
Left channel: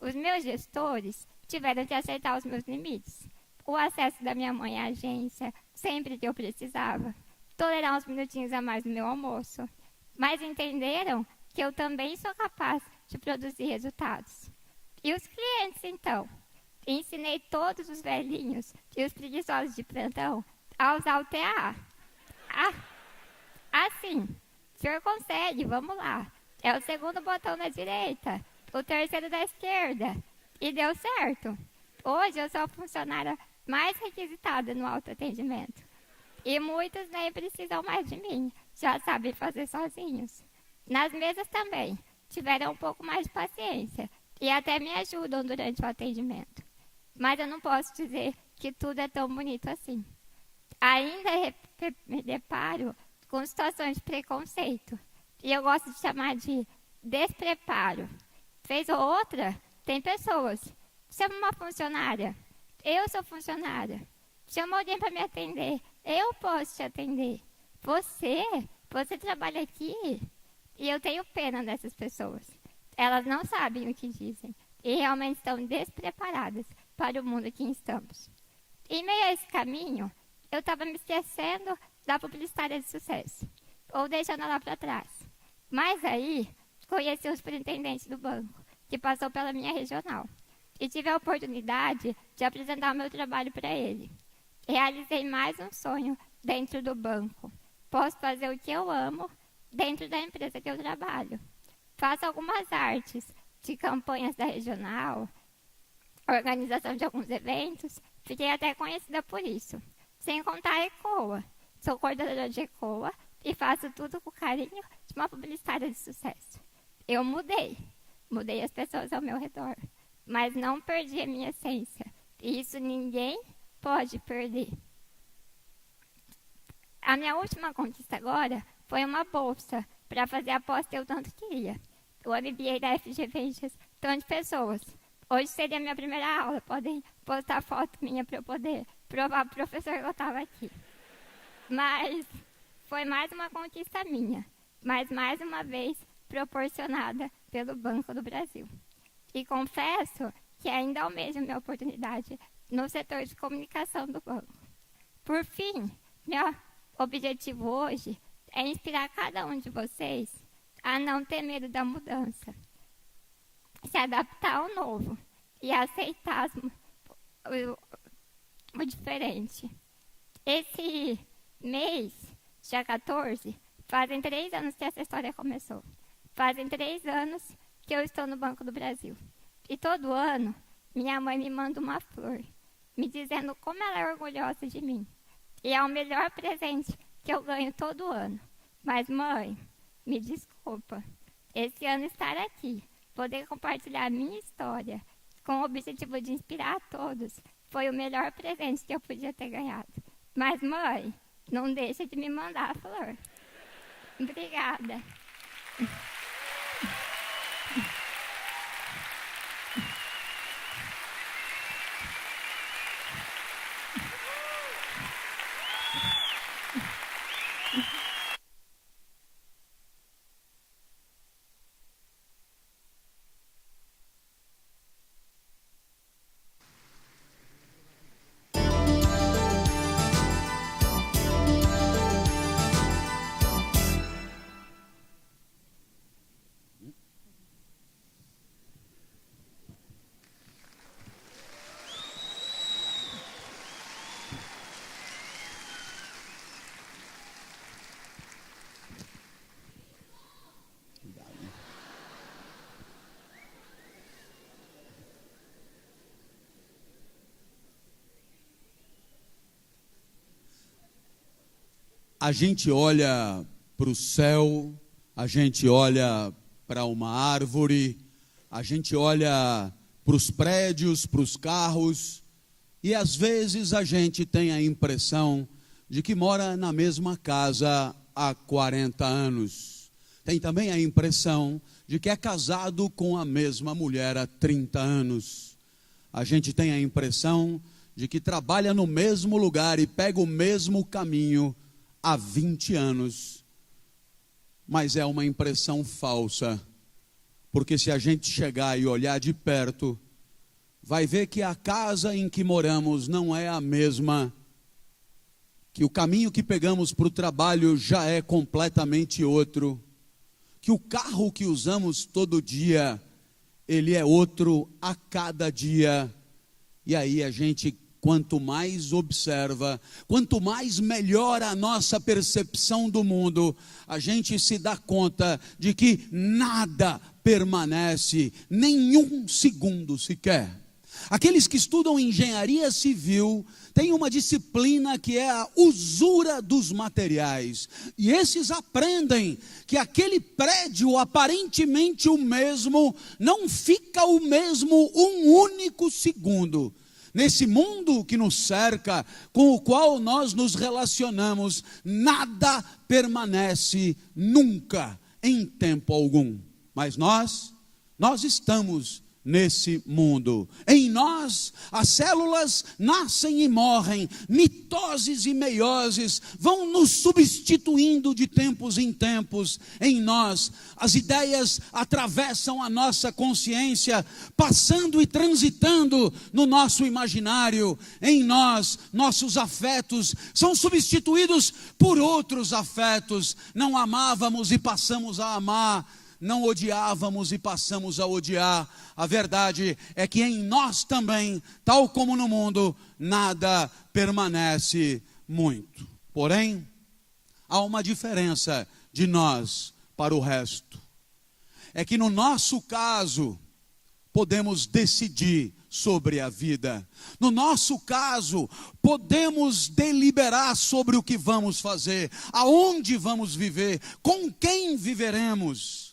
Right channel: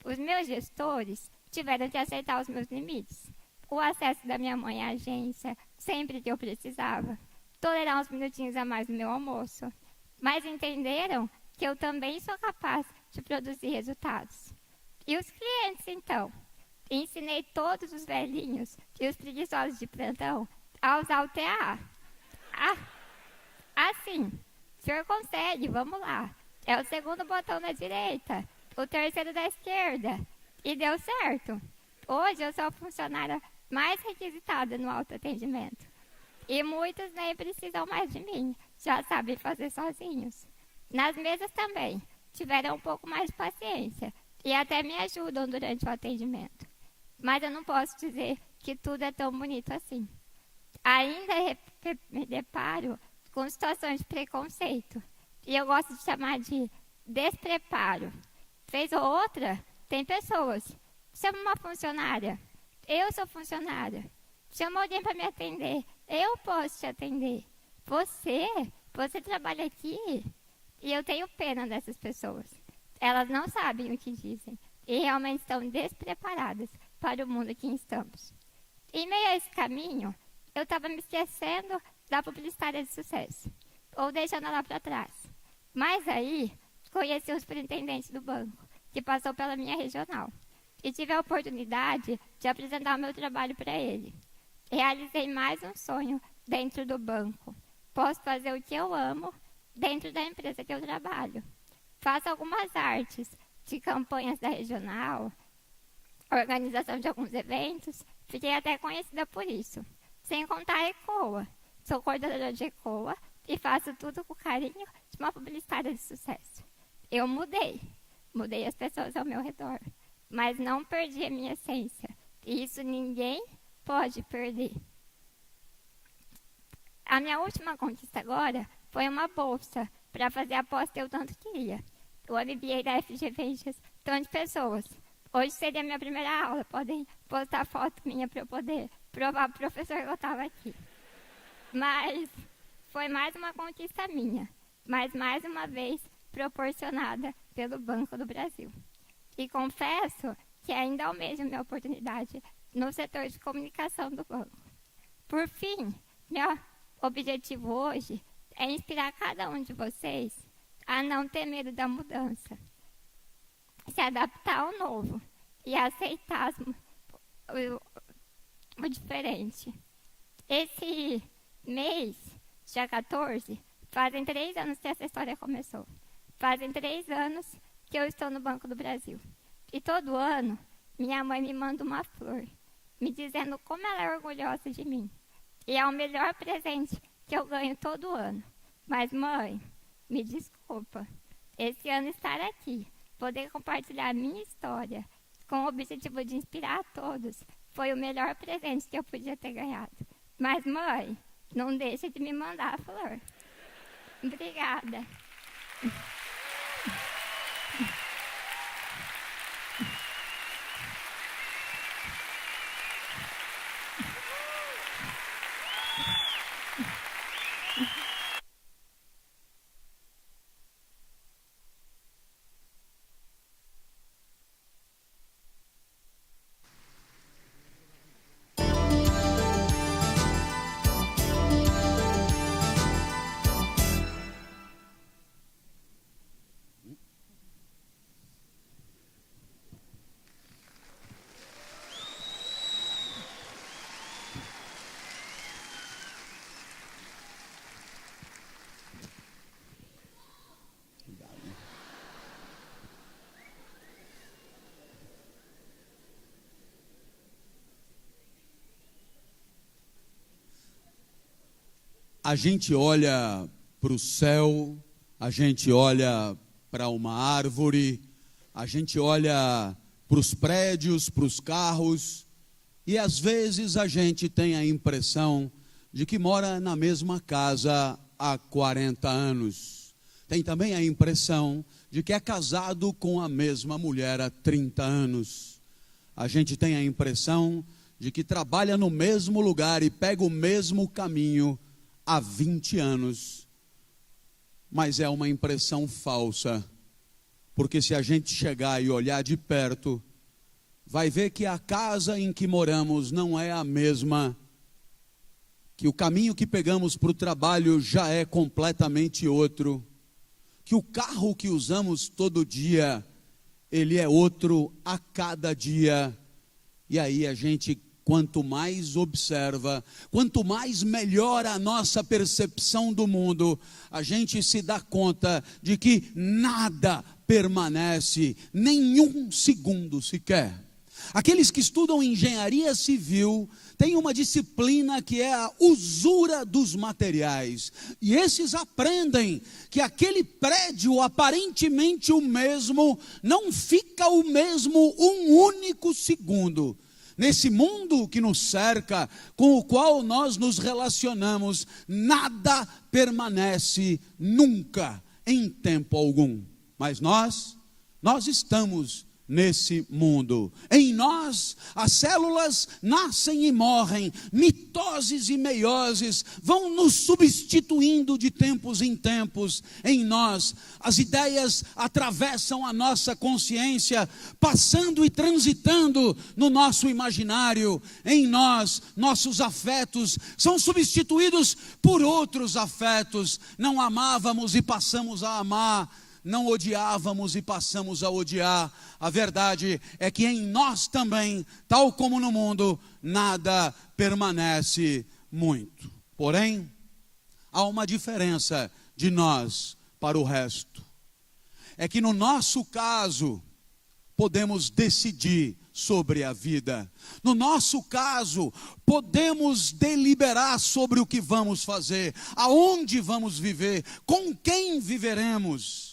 Os meus gestores tiveram que aceitar os meus limites. O acesso da minha mãe à agência, sempre que eu precisava. Tolerar uns minutinhos a mais no meu almoço. Mas entenderam que eu também sou capaz de produzir resultados. E os clientes, então? Ensinei todos os velhinhos e os preguiçosos de plantão a usar o TA. Assim, o senhor consegue, vamos lá. É o segundo botão da direita, o terceiro da esquerda. E deu certo. Hoje eu sou a funcionária mais requisitada no autoatendimento. E muitos nem precisam mais de mim, já sabem fazer sozinhos. Nas mesas também, tiveram um pouco mais de paciência e até me ajudam durante o atendimento. Mas eu não posso dizer que tudo é tão bonito assim. Ainda me deparo com situações de preconceito. E eu gosto de chamar de despreparo. Vez ou outra, tem pessoas. Chama uma funcionária. Eu sou funcionária. Chama alguém para me atender. Eu posso te atender. Você trabalha aqui? E eu tenho pena dessas pessoas. Elas não sabem o que dizem. E realmente estão despreparadas para o mundo que estamos. Em meio a esse caminho, eu estava me esquecendo da publicitária de sucesso, ou deixando ela para trás. Mas aí, conheci o superintendente do banco, que passou pela minha regional, e tive a oportunidade de apresentar o meu trabalho para ele. Realizei mais um sonho dentro do banco. Posso fazer o que eu amo dentro da empresa que eu trabalho. Faço algumas artes de campanhas da regional, organização de alguns eventos, fiquei até conhecida por isso. Sem contar a ECOA. Sou coordenadora de ECOA e faço tudo com carinho de uma publicitária de sucesso. Eu mudei as pessoas ao meu redor, mas não perdi a minha essência. E isso ninguém pode perder. A minha última conquista agora foi uma bolsa para fazer a pós que eu tanto queria. O MBA da FG Ventures, tanto pessoas. Hoje seria a minha primeira aula, podem postar foto minha para eu poder provar para o professor que eu estava aqui. Mas foi mais uma conquista minha, mas mais uma vez proporcionada pelo Banco do Brasil. E confesso que ainda almejo minha oportunidade no setor de comunicação do banco. Por fim, meu objetivo hoje é inspirar cada um de vocês a não ter medo da mudança, se adaptar ao novo e aceitar o diferente. Esse mês, dia 14, fazem 3 anos que essa história começou. Fazem 3 anos que eu estou no Banco do Brasil. E todo ano, minha mãe me manda uma flor, me dizendo como ela é orgulhosa de mim. E é o melhor presente que eu ganho todo ano. Mas, mãe, me desculpa. Esse ano estar aqui, poder compartilhar a minha história, com o objetivo de inspirar a todos, foi o melhor presente que eu podia ter ganhado. Mas, mãe, não deixe de me mandar a flor. Obrigada. A gente olha para o céu, a gente olha para uma árvore, a gente olha para os prédios, para os carros, e às vezes a gente tem a impressão de que mora na mesma casa há 40 anos. Tem também a impressão de que é casado com a mesma mulher há 30 anos. A gente tem a impressão de que trabalha no mesmo lugar e pega o mesmo caminho há 20 anos. Mas é uma impressão falsa, porque se a gente chegar e olhar de perto, vai ver que a casa em que moramos não é a mesma, que o caminho que pegamos para o trabalho já é completamente outro, que o carro que usamos todo dia, ele é outro a cada dia. E aí a gente, quanto mais observa, quanto mais melhora a nossa percepção do mundo, a gente se dá conta de que nada permanece nenhum segundo sequer. Aqueles que estudam engenharia civil têm uma disciplina que é a usura dos materiais. E esses aprendem que aquele prédio aparentemente o mesmo não fica o mesmo um único segundo. Nesse mundo que nos cerca, com o qual nós nos relacionamos, nada permanece nunca, em tempo algum. Mas nós estamos nesse mundo. Em nós, as células nascem e morrem, mitoses e meioses vão nos substituindo de tempos em tempos. Em nós, as ideias atravessam a nossa consciência, passando e transitando no nosso imaginário. Em nós, nossos afetos são substituídos por outros afetos. Não amávamos e passamos a amar. Não odiávamos e passamos a odiar. A verdade é que em nós também, tal como no mundo, nada permanece muito. Porém, há uma diferença de nós para o resto. É que no nosso caso, podemos decidir sobre a vida. No nosso caso, podemos deliberar sobre o que vamos fazer, aonde vamos viver, com quem viveremos.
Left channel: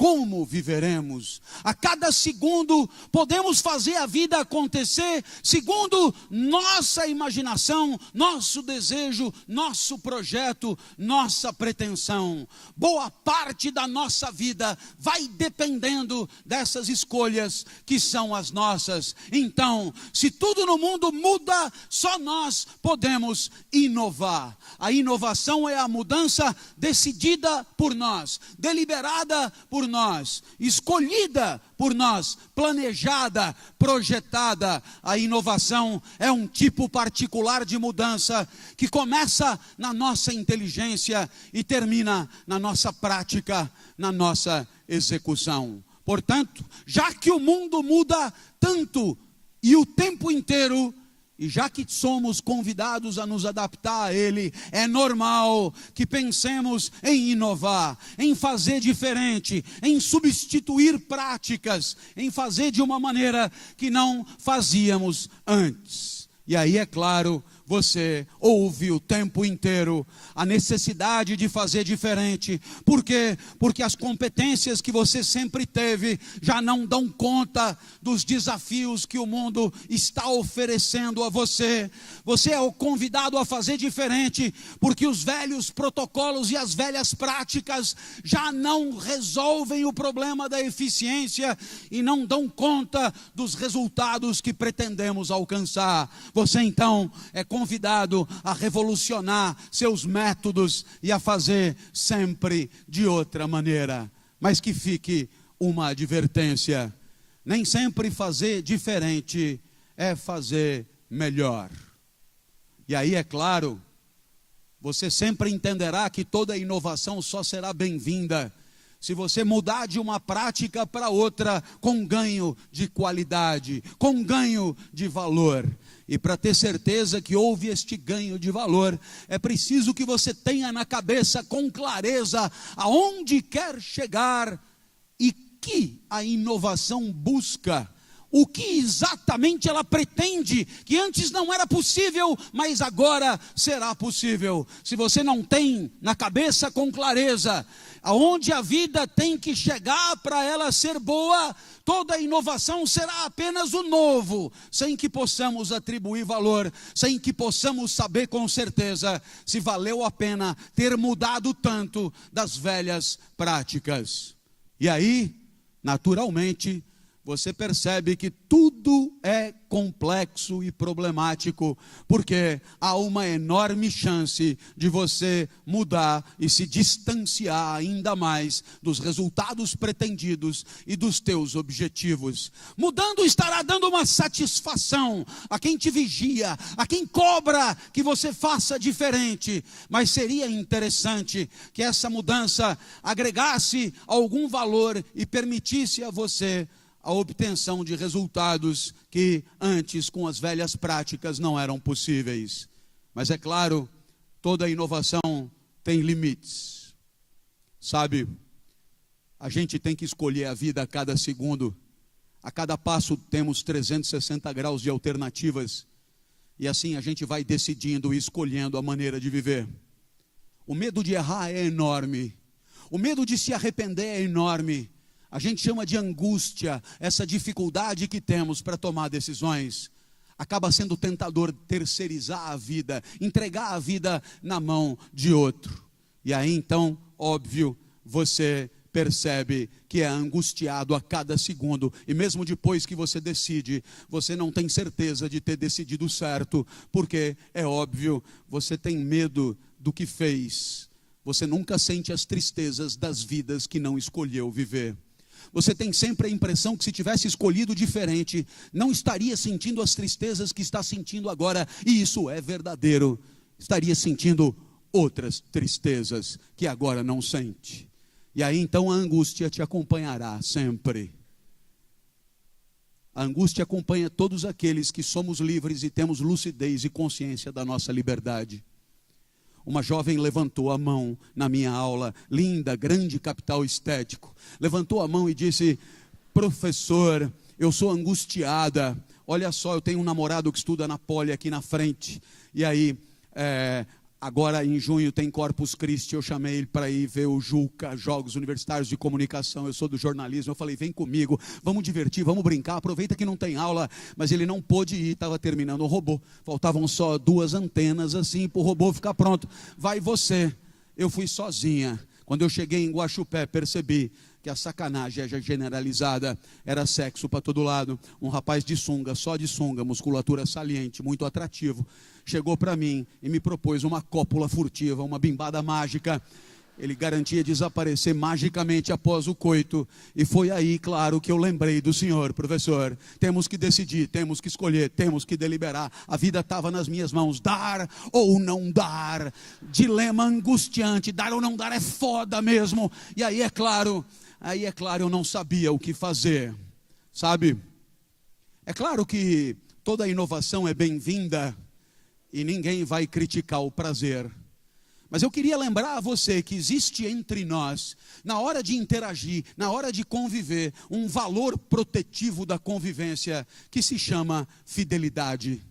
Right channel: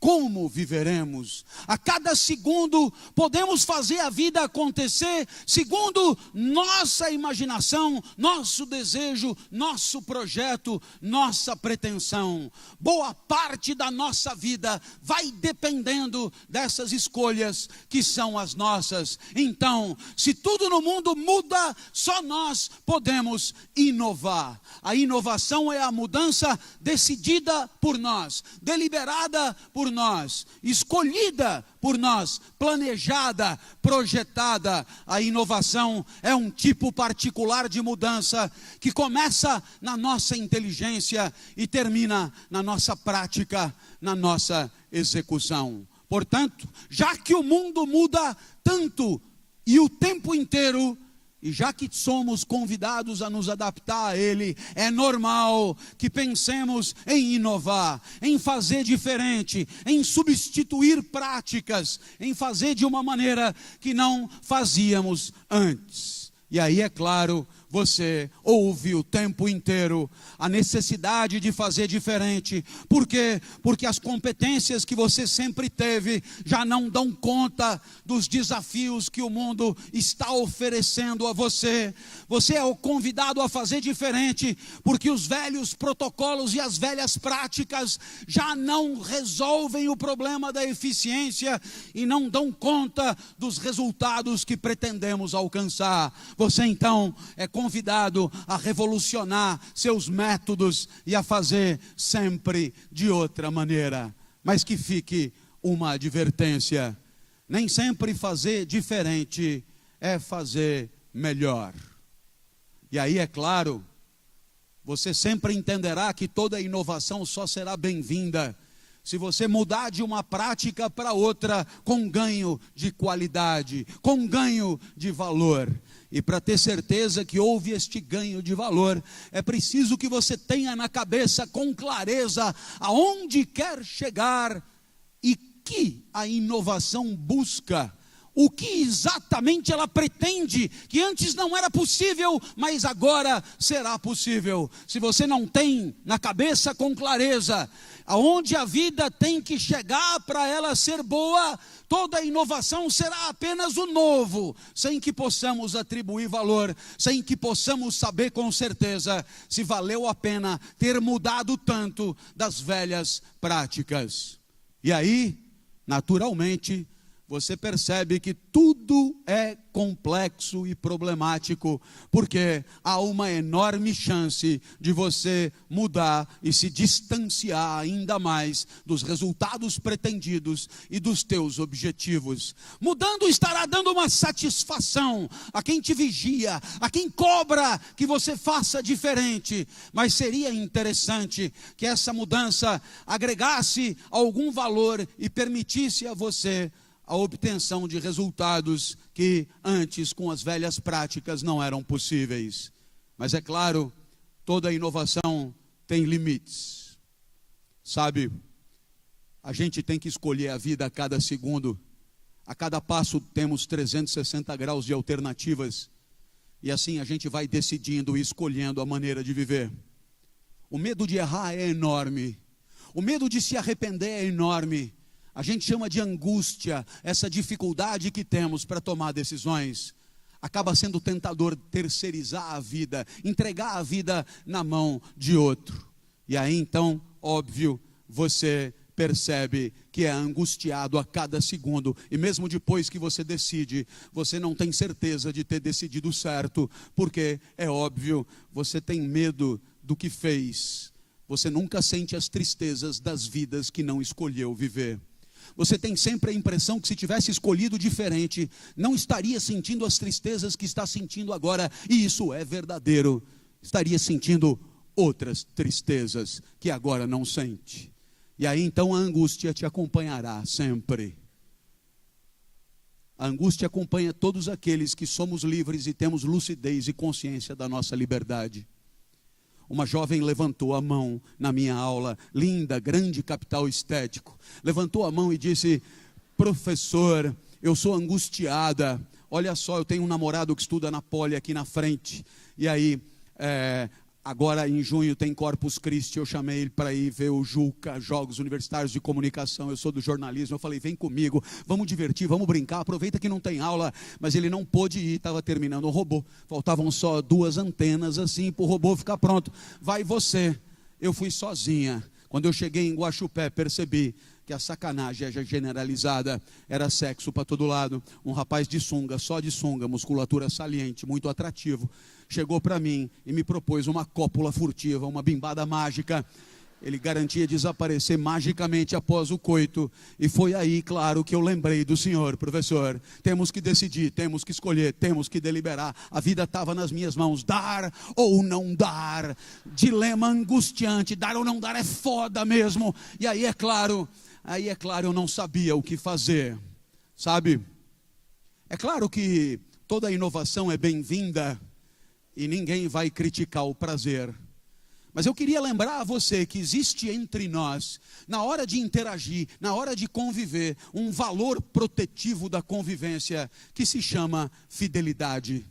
Como viveremos? A cada segundo podemos fazer a vida acontecer segundo nossa imaginação, nosso desejo, nosso projeto, nossa pretensão. Boa parte da nossa vida vai dependendo dessas escolhas que são as nossas. Então, se tudo no mundo muda, só nós podemos inovar. A inovação é a mudança decidida por nós, deliberada por nós, escolhida por nós, planejada, projetada. A inovação é um tipo particular de mudança que começa na nossa inteligência e termina na nossa prática, na nossa execução. Portanto, já que o mundo muda tanto e o tempo inteiro, e já que somos convidados a nos adaptar a ele, é normal que pensemos em inovar, em fazer diferente, em substituir práticas, em fazer de uma maneira que não fazíamos antes. E aí, é claro, você ouve o tempo inteiro a necessidade de fazer diferente. Por quê? Porque as competências que você sempre teve já não dão conta dos desafios que o mundo está oferecendo a você. Você é o convidado a fazer diferente, porque os velhos protocolos e as velhas práticas já não resolvem o problema da eficiência e não dão conta dos resultados que pretendemos alcançar. Você então é convidado a revolucionar seus métodos e a fazer sempre de outra maneira. Mas que fique uma advertência: nem sempre fazer diferente é fazer melhor. E aí, é claro, você sempre entenderá que toda inovação só será bem-vinda se você mudar de uma prática para outra com ganho de qualidade, com ganho de valor. E para ter certeza que houve este ganho de valor, é preciso que você tenha na cabeça com clareza aonde quer chegar e que a inovação busca. O que exatamente ela pretende, que antes não era possível, mas agora será possível. Se você não tem na cabeça com clareza aonde a vida tem que chegar para ela ser boa, toda inovação será apenas o novo, sem que possamos atribuir valor, sem que possamos saber com certeza se valeu a pena ter mudado tanto das velhas práticas. E aí, naturalmente, você percebe que tudo é complexo e problemático, porque há uma enorme chance de você mudar e se distanciar ainda mais dos resultados pretendidos e dos teus objetivos. Mudando estará dando uma satisfação a quem te vigia, a quem cobra que você faça diferente. Mas seria interessante que essa mudança agregasse algum valor e permitisse a você a obtenção de resultados que antes, com as velhas práticas, não eram possíveis. Mas é claro, toda inovação tem limites. Sabe, a gente tem que escolher a vida a cada segundo. A cada passo temos 360 graus de alternativas. E assim a gente vai decidindo e escolhendo a maneira de viver. O medo de errar é enorme. O medo de se arrepender é enorme. A gente chama de angústia, essa dificuldade que temos para tomar decisões. Acaba sendo tentador terceirizar a vida, entregar a vida na mão de outro. E aí então, óbvio, você percebe que é angustiado a cada segundo. E mesmo depois que você decide, você não tem certeza de ter decidido certo, porque é óbvio, você tem medo do que fez. Você nunca sente as tristezas das vidas que não escolheu viver. Você tem sempre a impressão que se tivesse escolhido diferente, não estaria sentindo as tristezas que está sentindo agora. E isso é verdadeiro. Estaria sentindo outras tristezas que agora não sente. E aí então a angústia te acompanhará sempre. A angústia acompanha todos aqueles que somos livres e temos lucidez e consciência da nossa liberdade. uma jovem levantou a mão na minha aula, linda, grande capital estético. Levantou a mão e disse: professor, eu sou angustiada. Olha só, eu tenho um namorado que estuda na Poli aqui na frente. E aí, agora em junho tem Corpus Christi, eu chamei ele para ir ver o JUCA, Jogos Universitários de Comunicação, eu sou do jornalismo, eu falei, vem comigo, vamos divertir, vamos brincar, aproveita que não tem aula, mas ele não pôde ir, estava terminando o robô, faltavam só 2 antenas assim para o robô ficar pronto, vai você. Eu fui sozinha. Quando eu cheguei em Guaxupé, percebi que a sacanagem generalizada era sexo para todo lado. Um rapaz de sunga, só de sunga, musculatura saliente, muito atrativo, chegou para mim e me propôs uma cópula furtiva, uma bimbada mágica. Ele garantia desaparecer magicamente após o coito. E foi aí, claro, que eu lembrei do senhor, professor. Temos que decidir, temos que escolher, temos que deliberar. A vida estava nas minhas mãos, dar ou não dar. Dilema angustiante, dar ou não dar é foda mesmo. E aí é claro, eu não sabia o que fazer, sabe? É claro que toda inovação é bem-vinda e ninguém vai criticar o prazer. Mas eu queria lembrar a você que existe entre nós, na hora de interagir, na hora de conviver, um valor protetivo da convivência que se chama fidelidade.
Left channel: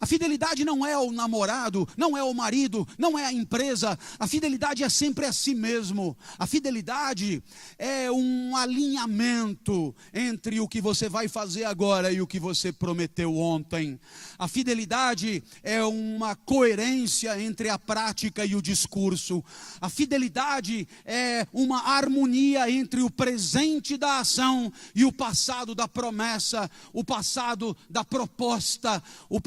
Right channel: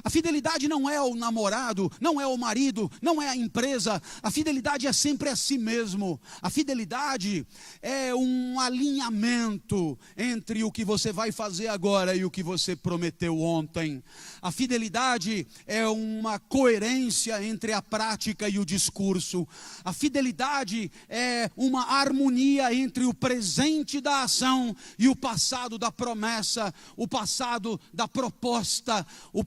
A fidelidade não é o namorado, não é o marido, não é a empresa. A fidelidade é sempre a si mesmo. A fidelidade é um alinhamento entre o que você vai fazer agora e o que você prometeu ontem. A fidelidade é uma coerência entre a prática e o discurso. A fidelidade é uma harmonia entre o presente da ação e o passado da promessa, o passado da proposta, o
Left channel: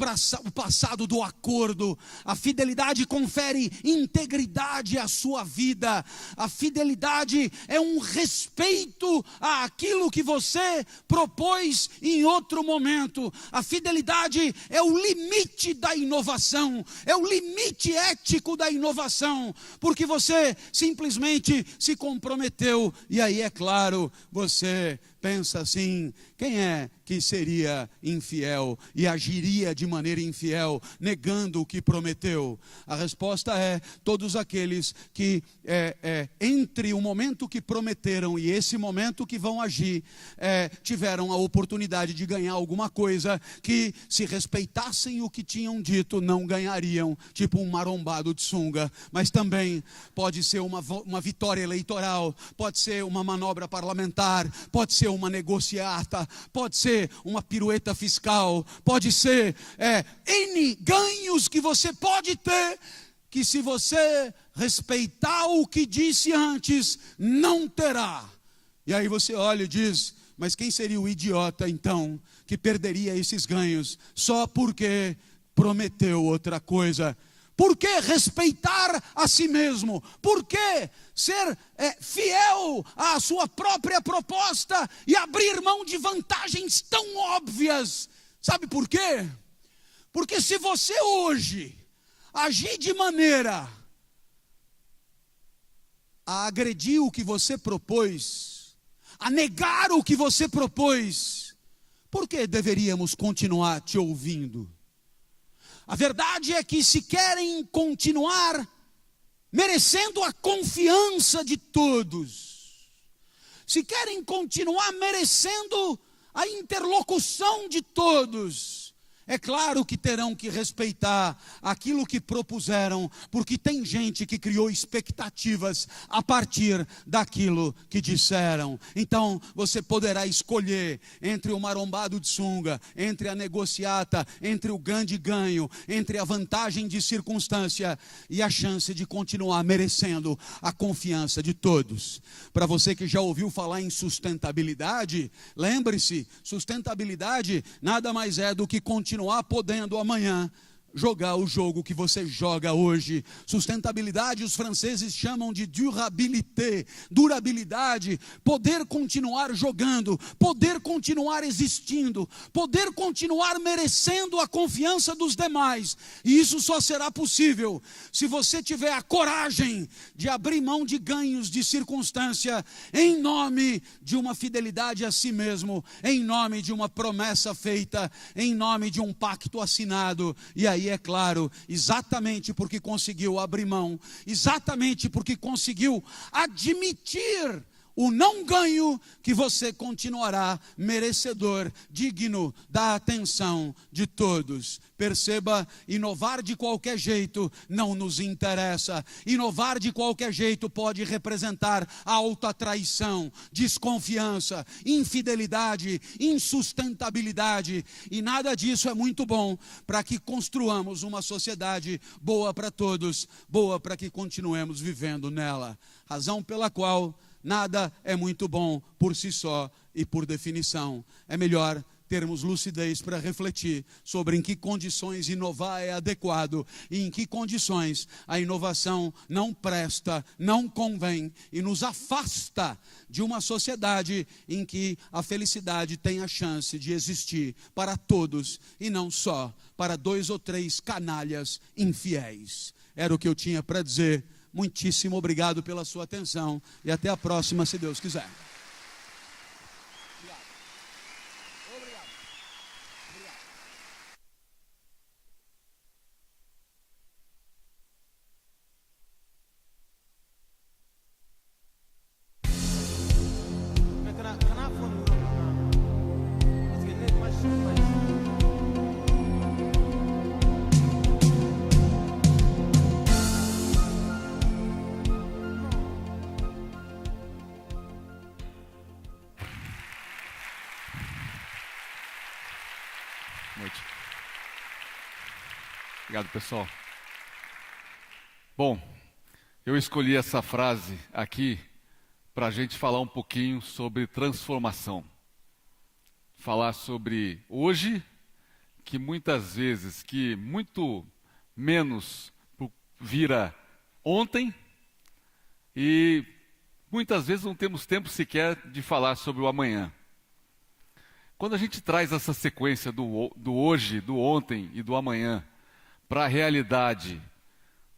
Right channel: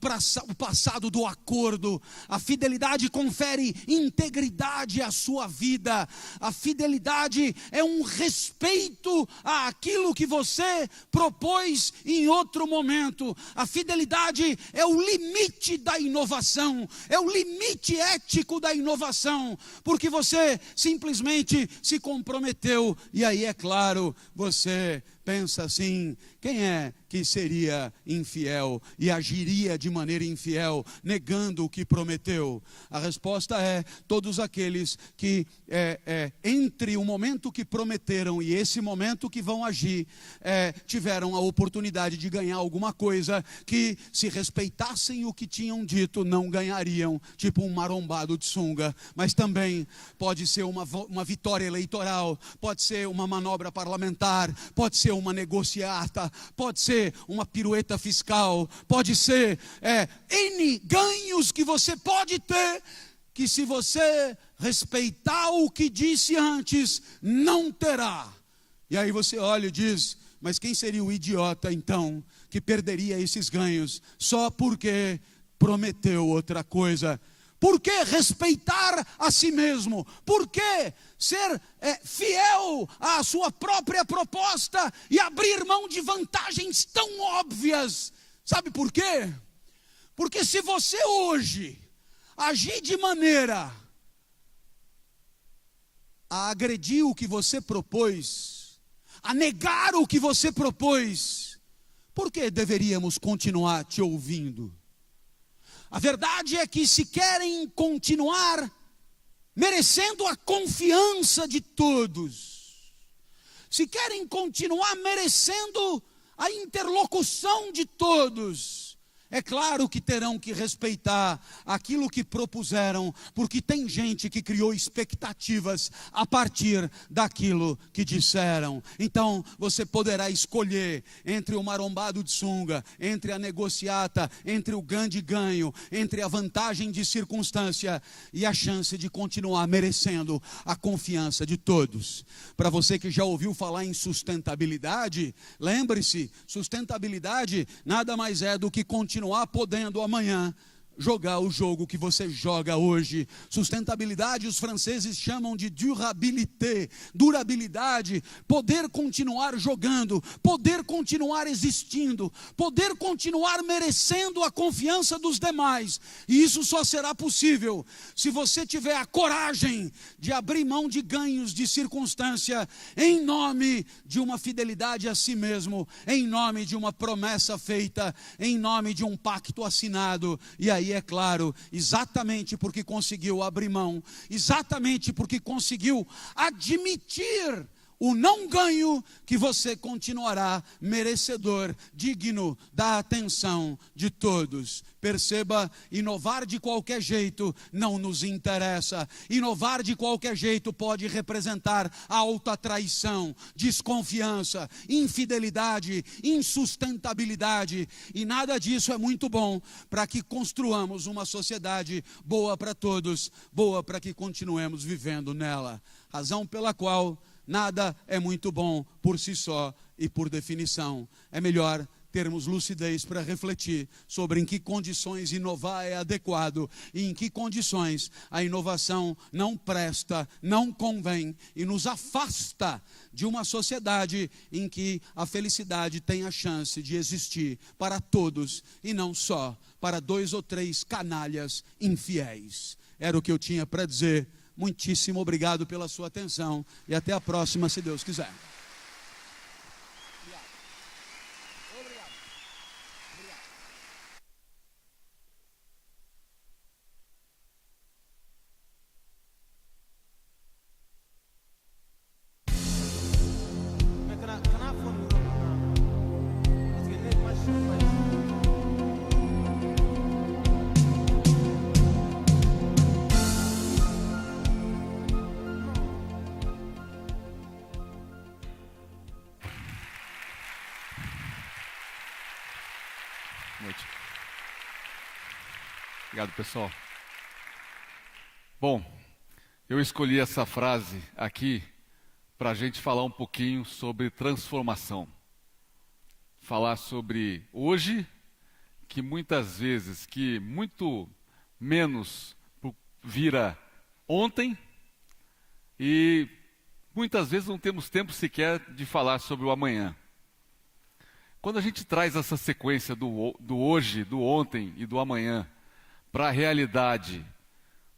passado do acordo. A fidelidade confere integridade à sua vida. A fidelidade é um respeito àquilo que você propôs em outro momento. A fidelidade é o limite da inovação, é o limite ético da inovação, porque você simplesmente se comprometeu. E aí, é claro, você pensa assim: quem é que seria infiel e agiria de maneira infiel, negando o que prometeu? A resposta é: todos aqueles que entre o momento que prometeram e esse momento que vão agir, tiveram a oportunidade de ganhar alguma coisa que, se respeitassem o que tinham dito, não ganhariam, tipo um marombado de sunga. Mas também pode ser uma vitória eleitoral, pode ser uma manobra parlamentar, pode ser uma negociata, pode ser uma pirueta fiscal, pode ser N ganhos que você pode ter, que se você respeitar o que disse antes, não terá. E aí você olha e diz: mas quem seria o idiota então que perderia esses ganhos só porque prometeu outra coisa? Por que respeitar a si mesmo? Por que ser fiel à sua própria proposta e abrir mão de vantagens tão óbvias? Sabe por quê? Porque se você hoje agir de maneira a agredir o que você propôs, a negar o que você propôs, por que deveríamos continuar te ouvindo? A verdade é que, se querem continuar merecendo a confiança de todos, se querem continuar merecendo a interlocução de todos, é claro que terão que respeitar aquilo que propuseram, porque tem gente que criou expectativas a partir daquilo que disseram. Então, você poderá escolher entre o marombado de sunga, entre a negociata, entre o grande ganho, entre a vantagem de circunstância e a chance de continuar merecendo a confiança de todos. Para você que já ouviu falar em sustentabilidade, lembre-se, sustentabilidade nada mais é do que continuar podendo amanhã jogar o jogo que você joga hoje. Sustentabilidade os franceses chamam de durabilité. Durabilidade, poder continuar jogando, poder continuar existindo, poder continuar merecendo a confiança dos demais. E isso só será possível se você tiver a coragem de abrir mão de ganhos de circunstância em nome de uma fidelidade a si mesmo, em nome de uma promessa feita, em nome de um pacto assinado. E aí aí é claro, exatamente porque conseguiu abrir mão, exatamente porque conseguiu admitir o não ganho, que você continuará merecedor, digno da atenção de todos. Perceba, inovar de qualquer jeito não nos interessa. Inovar de qualquer jeito pode representar autotraição, desconfiança, infidelidade, insustentabilidade. E nada disso é muito bom para que construamos uma sociedade boa para todos, boa para que continuemos vivendo nela. Razão pela qual nada é muito bom por si só e por definição. É melhor termos lucidez para refletir sobre em que condições inovar é adequado e em que condições a inovação não presta, não convém e nos afasta de uma sociedade em que a felicidade tem a chance de existir para todos e não só para 2 ou 3 canalhas infiéis. Era o que eu tinha para dizer. Muitíssimo obrigado pela sua atenção e até a próxima, se Deus quiser. Obrigado, pessoal. Bom, eu escolhi essa frase aqui para a gente falar um pouquinho sobre transformação. Falar sobre hoje, que muitas vezes, que muito menos vira ontem, e muitas vezes não temos tempo sequer de falar sobre o amanhã. Quando a gente traz essa sequência do hoje, do ontem e do amanhã para a realidade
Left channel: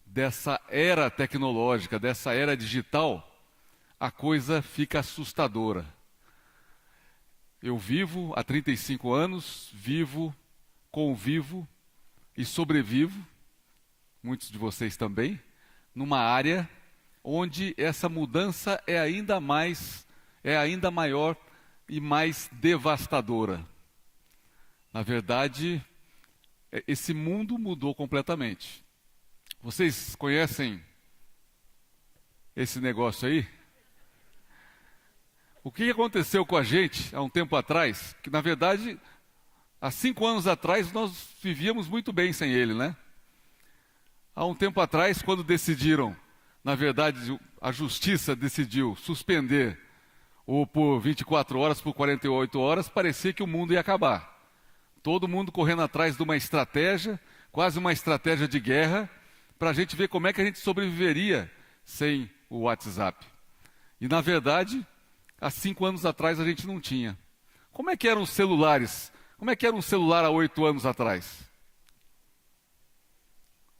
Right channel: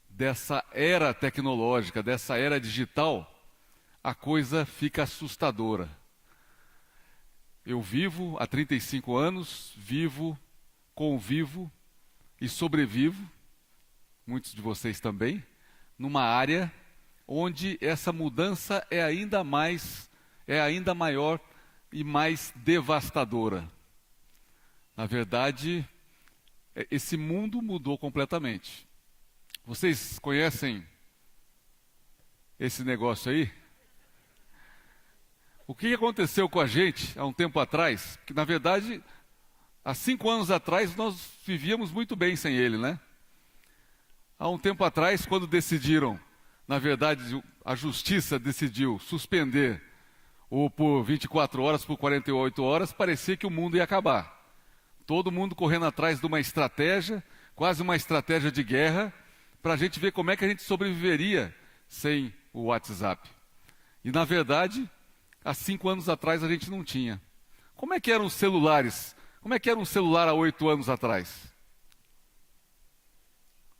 dessa era tecnológica, dessa era digital, a coisa fica assustadora. Eu vivo há 35 anos, convivo e sobrevivo, muitos de vocês também, numa área onde essa mudança é ainda maior e mais devastadora. Na verdade, esse mundo mudou completamente. Vocês conhecem esse negócio aí? O que aconteceu com a gente há um tempo atrás? Que na verdade, há 5 anos atrás, nós vivíamos muito bem sem ele, né? Há um tempo atrás, quando decidiram, na verdade, a justiça decidiu suspender ou por 24 horas, por 48 horas, parecia que o mundo ia acabar. Todo mundo correndo atrás de uma estratégia, quase uma estratégia de guerra, para a gente ver como é que a gente sobreviveria sem o WhatsApp. E, na verdade, há 5 anos atrás a gente não tinha. Como é que eram os celulares? Como é que era um celular há 8 anos atrás?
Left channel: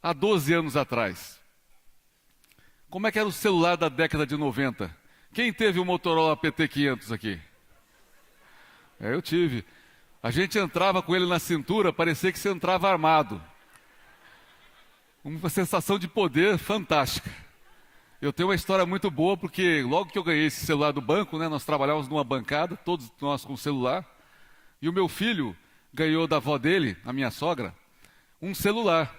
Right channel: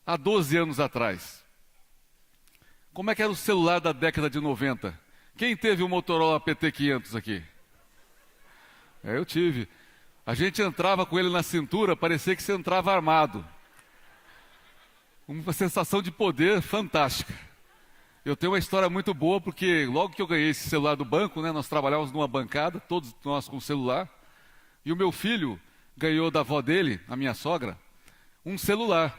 Há 12 anos atrás? Como é que era o celular da década de 90? Quem teve um Motorola PT500 aqui? Eu tive. A gente entrava com ele na cintura, parecia que você entrava armado. Uma sensação de poder fantástica. Eu tenho uma história muito boa, porque logo que eu ganhei esse celular do banco, né, nós trabalhávamos numa bancada, todos nós com celular, e o meu filho ganhou da avó dele, a minha sogra, um celular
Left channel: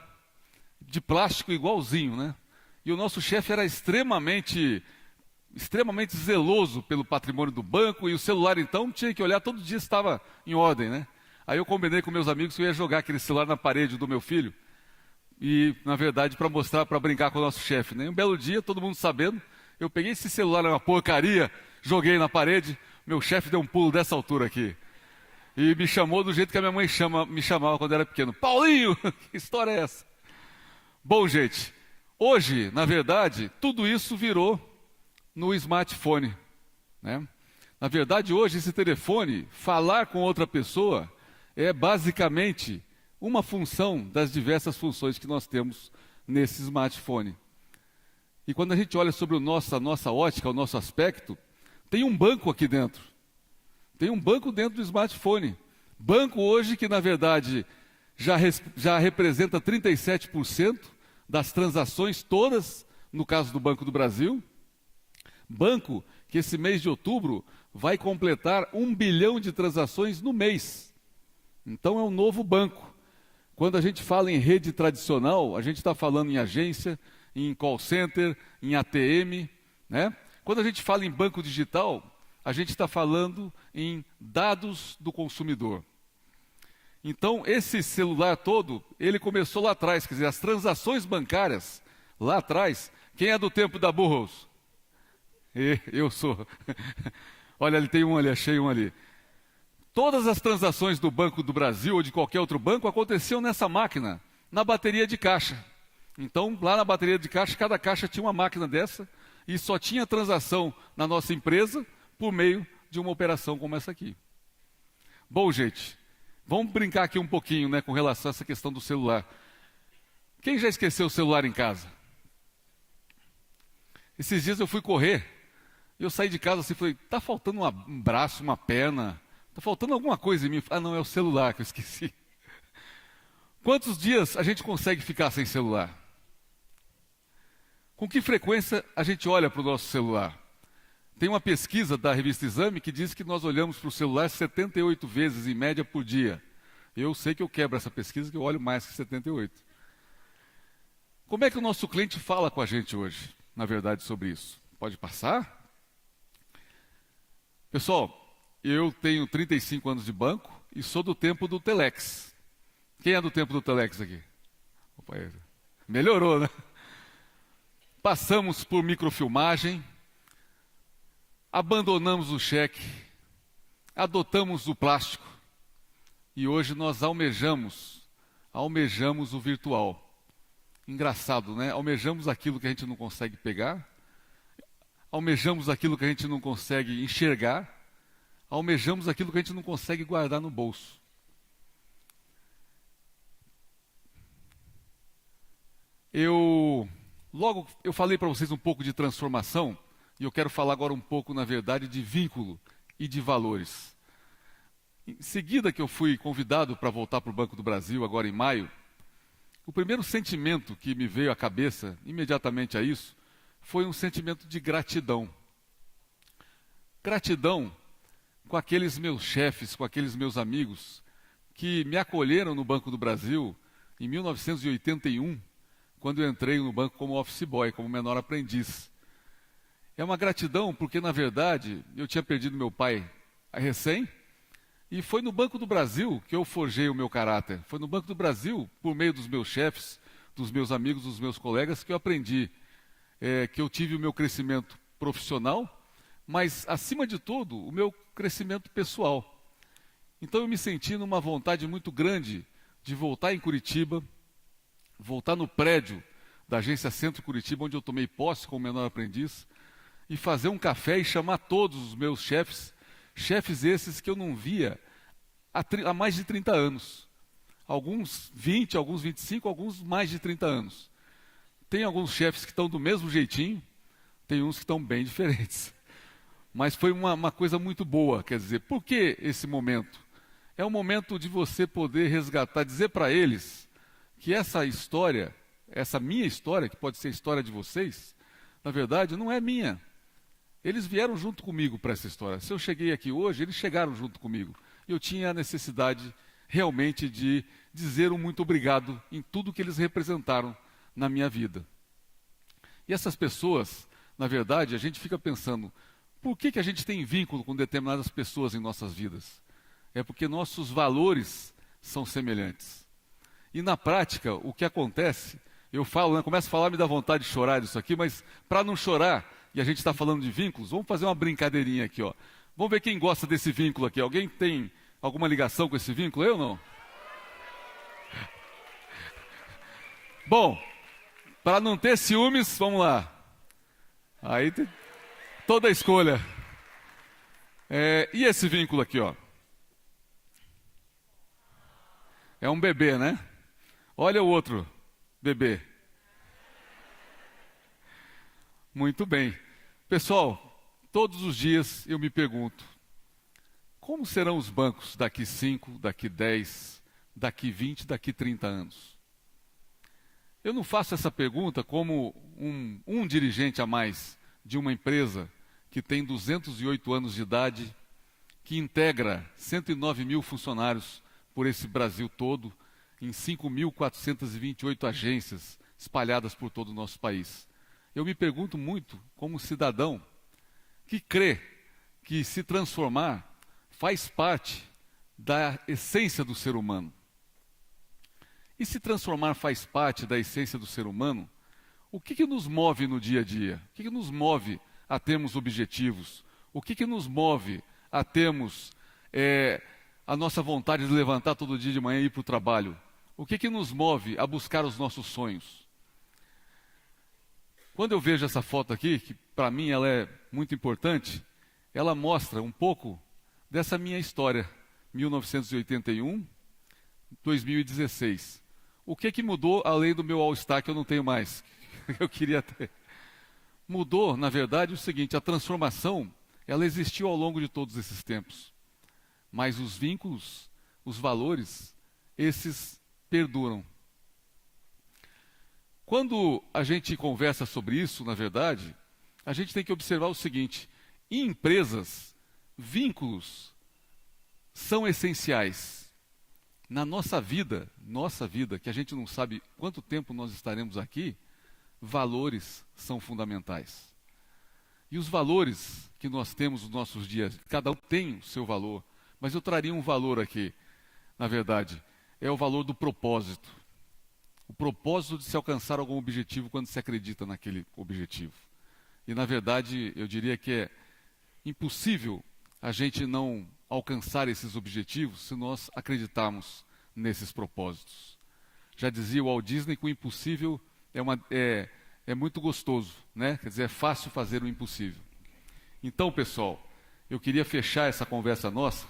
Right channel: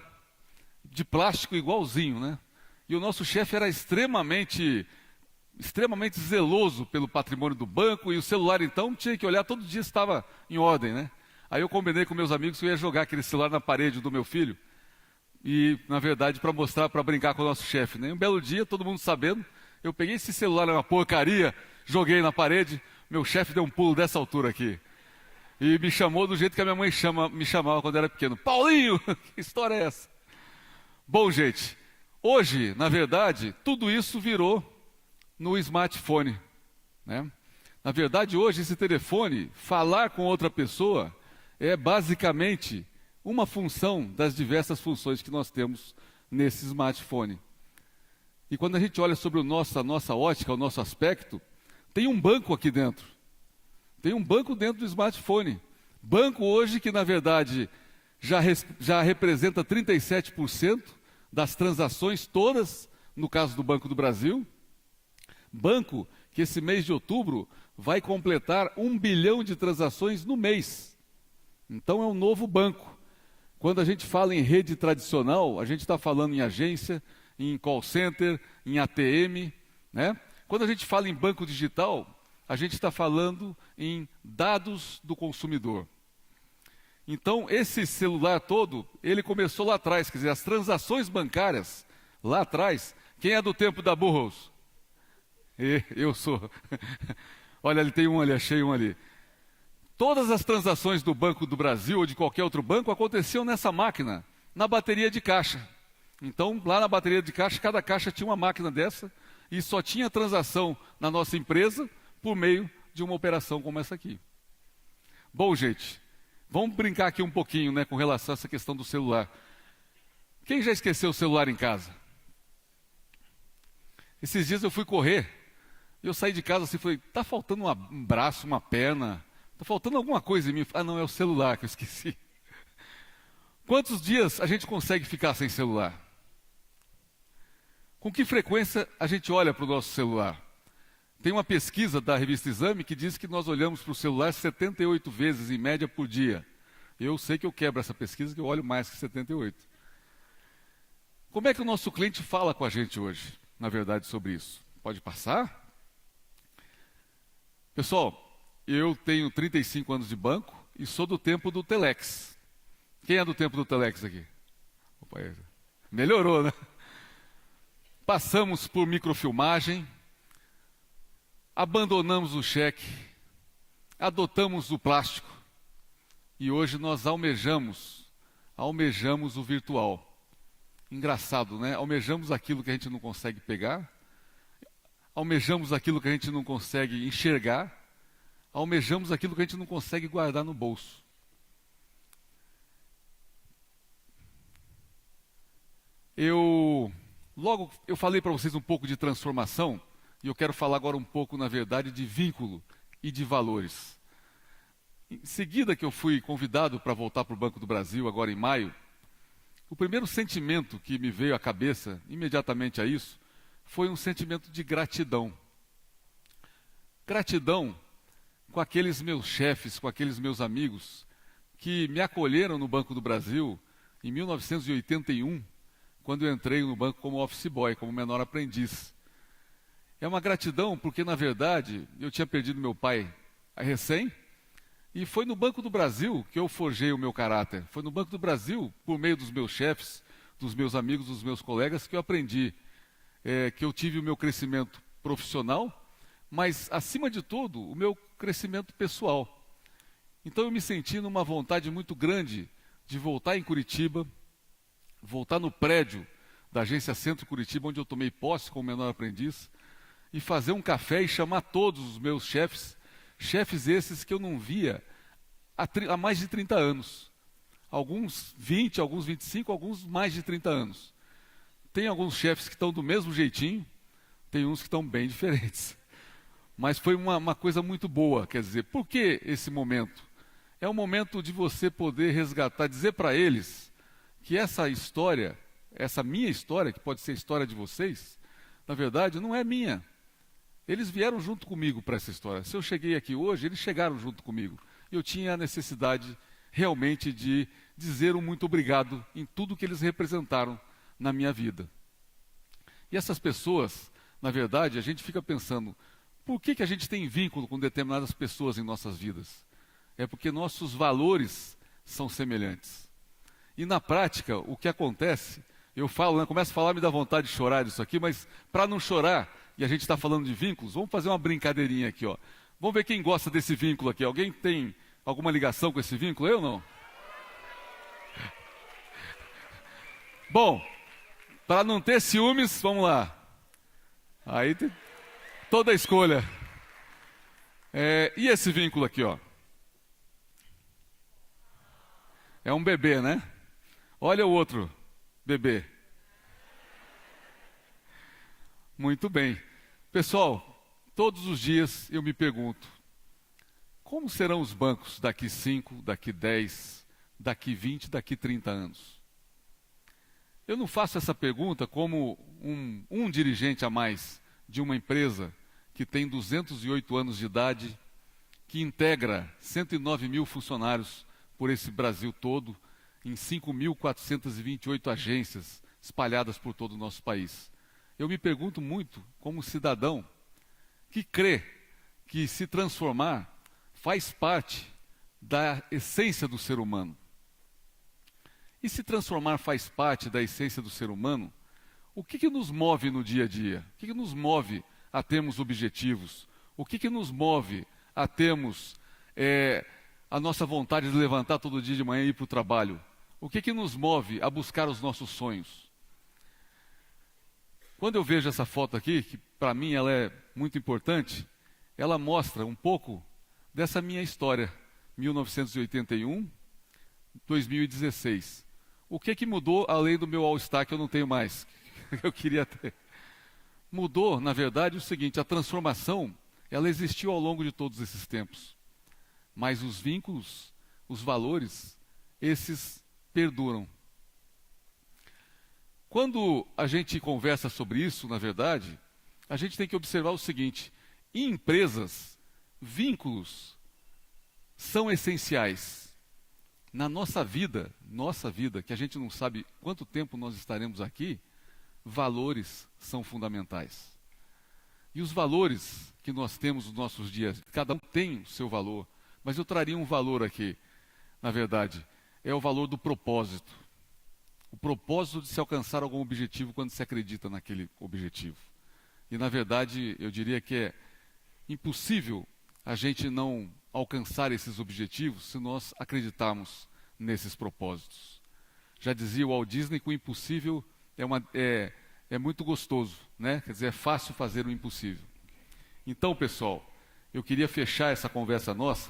de plástico igualzinho, né? E o nosso chefe era extremamente zeloso pelo patrimônio do banco, e o celular então tinha que olhar, todo dia estava em ordem, né? Aí eu combinei com meus amigos que eu ia jogar aquele celular na parede do meu filho, e na verdade para mostrar, para brincar com o nosso chefe, né? Um belo dia, todo mundo sabendo, eu peguei esse celular, era uma porcaria, joguei na parede, meu chefe deu um pulo dessa altura aqui, e me chamou do jeito que a minha mãe me chamava quando eu era pequeno. Paulinho, que história é essa? Bom, gente, hoje, na verdade, tudo isso virou no smartphone, né? Na verdade, hoje, esse telefone, falar com outra pessoa, é basicamente uma função das diversas funções que nós temos nesse smartphone. E quando a gente olha sobre a nossa ótica, o nosso aspecto, tem um banco aqui dentro. Tem um banco dentro do smartphone. Banco hoje que, na verdade, já representa 37% das transações todas, no caso do Banco do Brasil. Banco que esse mês de outubro vai completar 1 bilhão de transações no mês. Então é um novo banco. Quando a gente fala em rede tradicional, a gente está falando em agência, em call center, em ATM, né? Quando a gente fala em banco digital, a gente está falando em dados do consumidor. Então, esse celular todo, ele começou lá atrás, quer dizer, as transações bancárias, lá atrás, quem é do tempo da Burroughs? Eu sou. Olha, ele tem um ali, achei um ali. Todas as transações do Banco do Brasil ou de qualquer outro banco aconteciam nessa máquina, na bateria de caixa. Então, lá na bateria de caixa, cada caixa tinha uma máquina dessa e só tinha transação na nossa empresa por meio de uma operação como essa aqui. Bom, gente, vamos brincar aqui um pouquinho, né, com relação a essa questão do celular. Quem já esqueceu o celular em casa? Esses dias eu fui correr, eu saí de casa assim, falei, tá faltando um braço, uma perna, tá faltando alguma coisa em mim. Ah, não, é o celular que eu esqueci. Quantos dias a gente consegue ficar sem celular? Com que frequência a gente olha para o nosso celular? Tem uma pesquisa da revista Exame que diz que nós olhamos para o celular 78 vezes, em média, por dia. Eu sei que eu quebro essa pesquisa e eu olho mais que 78. Como é que o nosso cliente fala com a gente hoje, na verdade, sobre isso? Pode passar? Pessoal, eu tenho 35 anos de banco e sou do tempo do Telex. Quem é do tempo do Telex aqui? Melhorou, né? Passamos por microfilmagem, abandonamos o cheque, adotamos o plástico e hoje nós almejamos o virtual. Engraçado, né? Almejamos aquilo que a gente não consegue pegar, almejamos aquilo que a gente não consegue enxergar, almejamos aquilo que a gente não consegue guardar no bolso. Eu falei para vocês um pouco de transformação e eu quero falar agora um pouco, na verdade, de vínculo e de valores. Em seguida que eu fui convidado para voltar para o Banco do Brasil, agora em maio, o primeiro sentimento que me veio à cabeça, imediatamente a isso, foi um sentimento de gratidão. Gratidão com aqueles meus chefes, com aqueles meus amigos, que me acolheram no Banco do Brasil em 1981, quando eu entrei no banco como office boy, como menor aprendiz. É uma gratidão porque, na verdade, eu tinha perdido meu pai recém, e foi no Banco do Brasil que eu forjei o meu caráter. Foi no Banco do Brasil, por meio dos meus chefes, dos meus amigos, dos meus colegas, que eu aprendi, que eu tive o meu crescimento profissional, mas, acima de tudo, o meu crescimento pessoal. Então eu me senti numa vontade muito grande de voltar em Curitiba, voltar no prédio da Agência Centro Curitiba, onde eu tomei posse como menor aprendiz, e fazer um café e chamar todos os meus chefes, chefes esses que eu não via há mais de 30 anos. Alguns 20, alguns 25, alguns mais de 30 anos. Tem alguns chefes que estão do mesmo jeitinho, tem uns que estão bem diferentes. Mas foi uma coisa muito boa, quer dizer, por que esse momento? É um momento de você poder resgatar, dizer para eles que essa história, essa minha história, que pode ser a história de vocês, na verdade não é minha. Eles vieram junto comigo para essa história. Se eu cheguei aqui hoje, eles chegaram junto comigo. Eu tinha a necessidade realmente de dizer um muito obrigado em tudo que eles representaram na minha vida. E essas pessoas, na verdade, a gente fica pensando, por que a gente tem vínculo com determinadas pessoas em nossas vidas? É porque nossos valores são semelhantes. E na prática, o que acontece, eu falo, começo a falar, me dá vontade de chorar disso aqui, mas para não chorar, e a gente está falando de vínculos, vamos fazer uma brincadeirinha aqui, ó. Vamos ver quem gosta desse vínculo aqui. Alguém tem alguma ligação com esse vínculo? Eu não? Bom, para não ter ciúmes, vamos lá. Aí tem toda a escolha. E esse vínculo aqui, ó? É um bebê, né? Olha o outro bebê. Muito bem. Pessoal, todos os dias eu me pergunto, como serão os bancos daqui 5, daqui 10, daqui 20, daqui 30 anos? Eu não faço essa pergunta como um dirigente a mais de uma empresa que tem 208 anos de idade, que integra 109 mil funcionários por esse Brasil todo, em 5.428 agências espalhadas por todo o nosso país. Eu me pergunto muito, como cidadão, que crê que se transformar faz parte da essência do ser humano. E se transformar faz parte da essência do ser humano, o que nos move no dia a dia? O que nos move a termos objetivos? O que nos move a termos a nossa vontade de levantar todo dia de manhã e ir para o trabalho? O que nos move a buscar os nossos sonhos? Quando eu vejo essa foto aqui, que para mim ela é muito importante, ela mostra um pouco dessa minha história, 1981, 2016. O que mudou além do meu All-Star que eu não tenho mais? Eu queria ter. Mudou, na verdade, o seguinte: a transformação, ela existiu ao longo de todos esses tempos. Mas os vínculos, os valores, esses perduram. Quando a gente conversa sobre isso, na verdade, a gente tem que observar o seguinte: em empresas, vínculos são essenciais. Na nossa vida, que a gente não sabe quanto tempo nós estaremos aqui, valores são fundamentais. E os valores que nós temos nos nossos dias, cada um tem o seu valor, mas eu traria um valor aqui, na verdade, é o valor do propósito. O propósito de se alcançar algum objetivo quando se acredita naquele objetivo. E, na verdade, eu diria que é impossível a gente não alcançar esses objetivos se nós acreditarmos nesses propósitos. Já dizia o Walt Disney que o impossível é muito gostoso, né? Quer dizer, é fácil fazer o impossível. Então, pessoal, eu queria fechar essa conversa nossa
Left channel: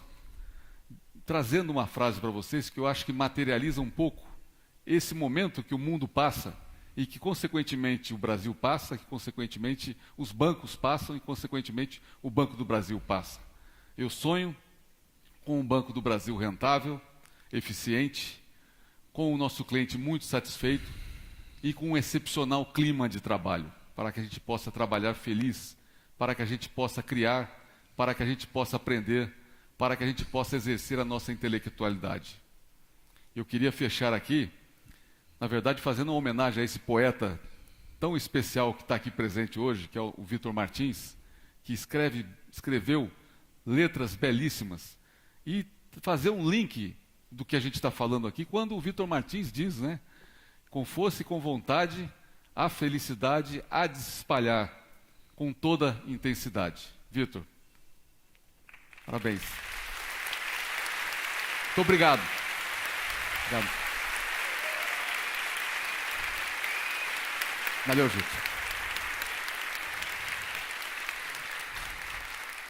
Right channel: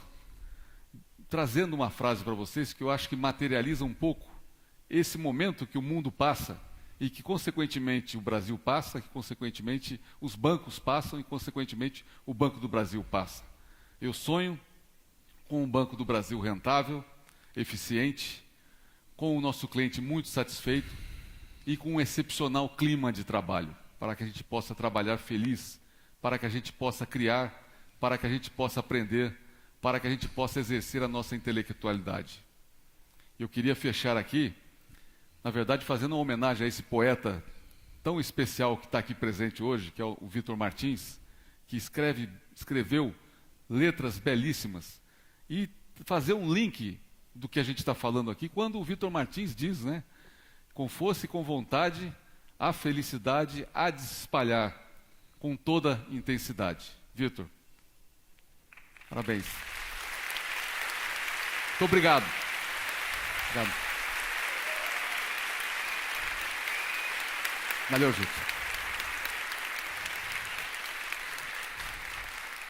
trazendo uma frase para vocês que eu acho que materializa um pouco esse momento que o mundo passa e que, consequentemente, o Brasil passa, que, consequentemente, os bancos passam e, consequentemente, o Banco do Brasil passa. Eu sonho com um Banco do Brasil rentável, eficiente, com o nosso cliente muito satisfeito e com um excepcional clima de trabalho, para que a gente possa trabalhar feliz, para que a gente possa criar, para que a gente possa aprender, para que a gente possa exercer a nossa intelectualidade. Eu queria fechar aqui, na verdade, fazendo uma homenagem a esse poeta tão especial que está aqui presente hoje, que é o Victor Martins, que escreveu letras belíssimas, e fazer um link do que a gente está falando aqui, quando o Victor Martins diz, né, com força e com vontade, a felicidade há de se espalhar com toda intensidade. Victor, parabéns. Muito obrigado. Valeu, gente.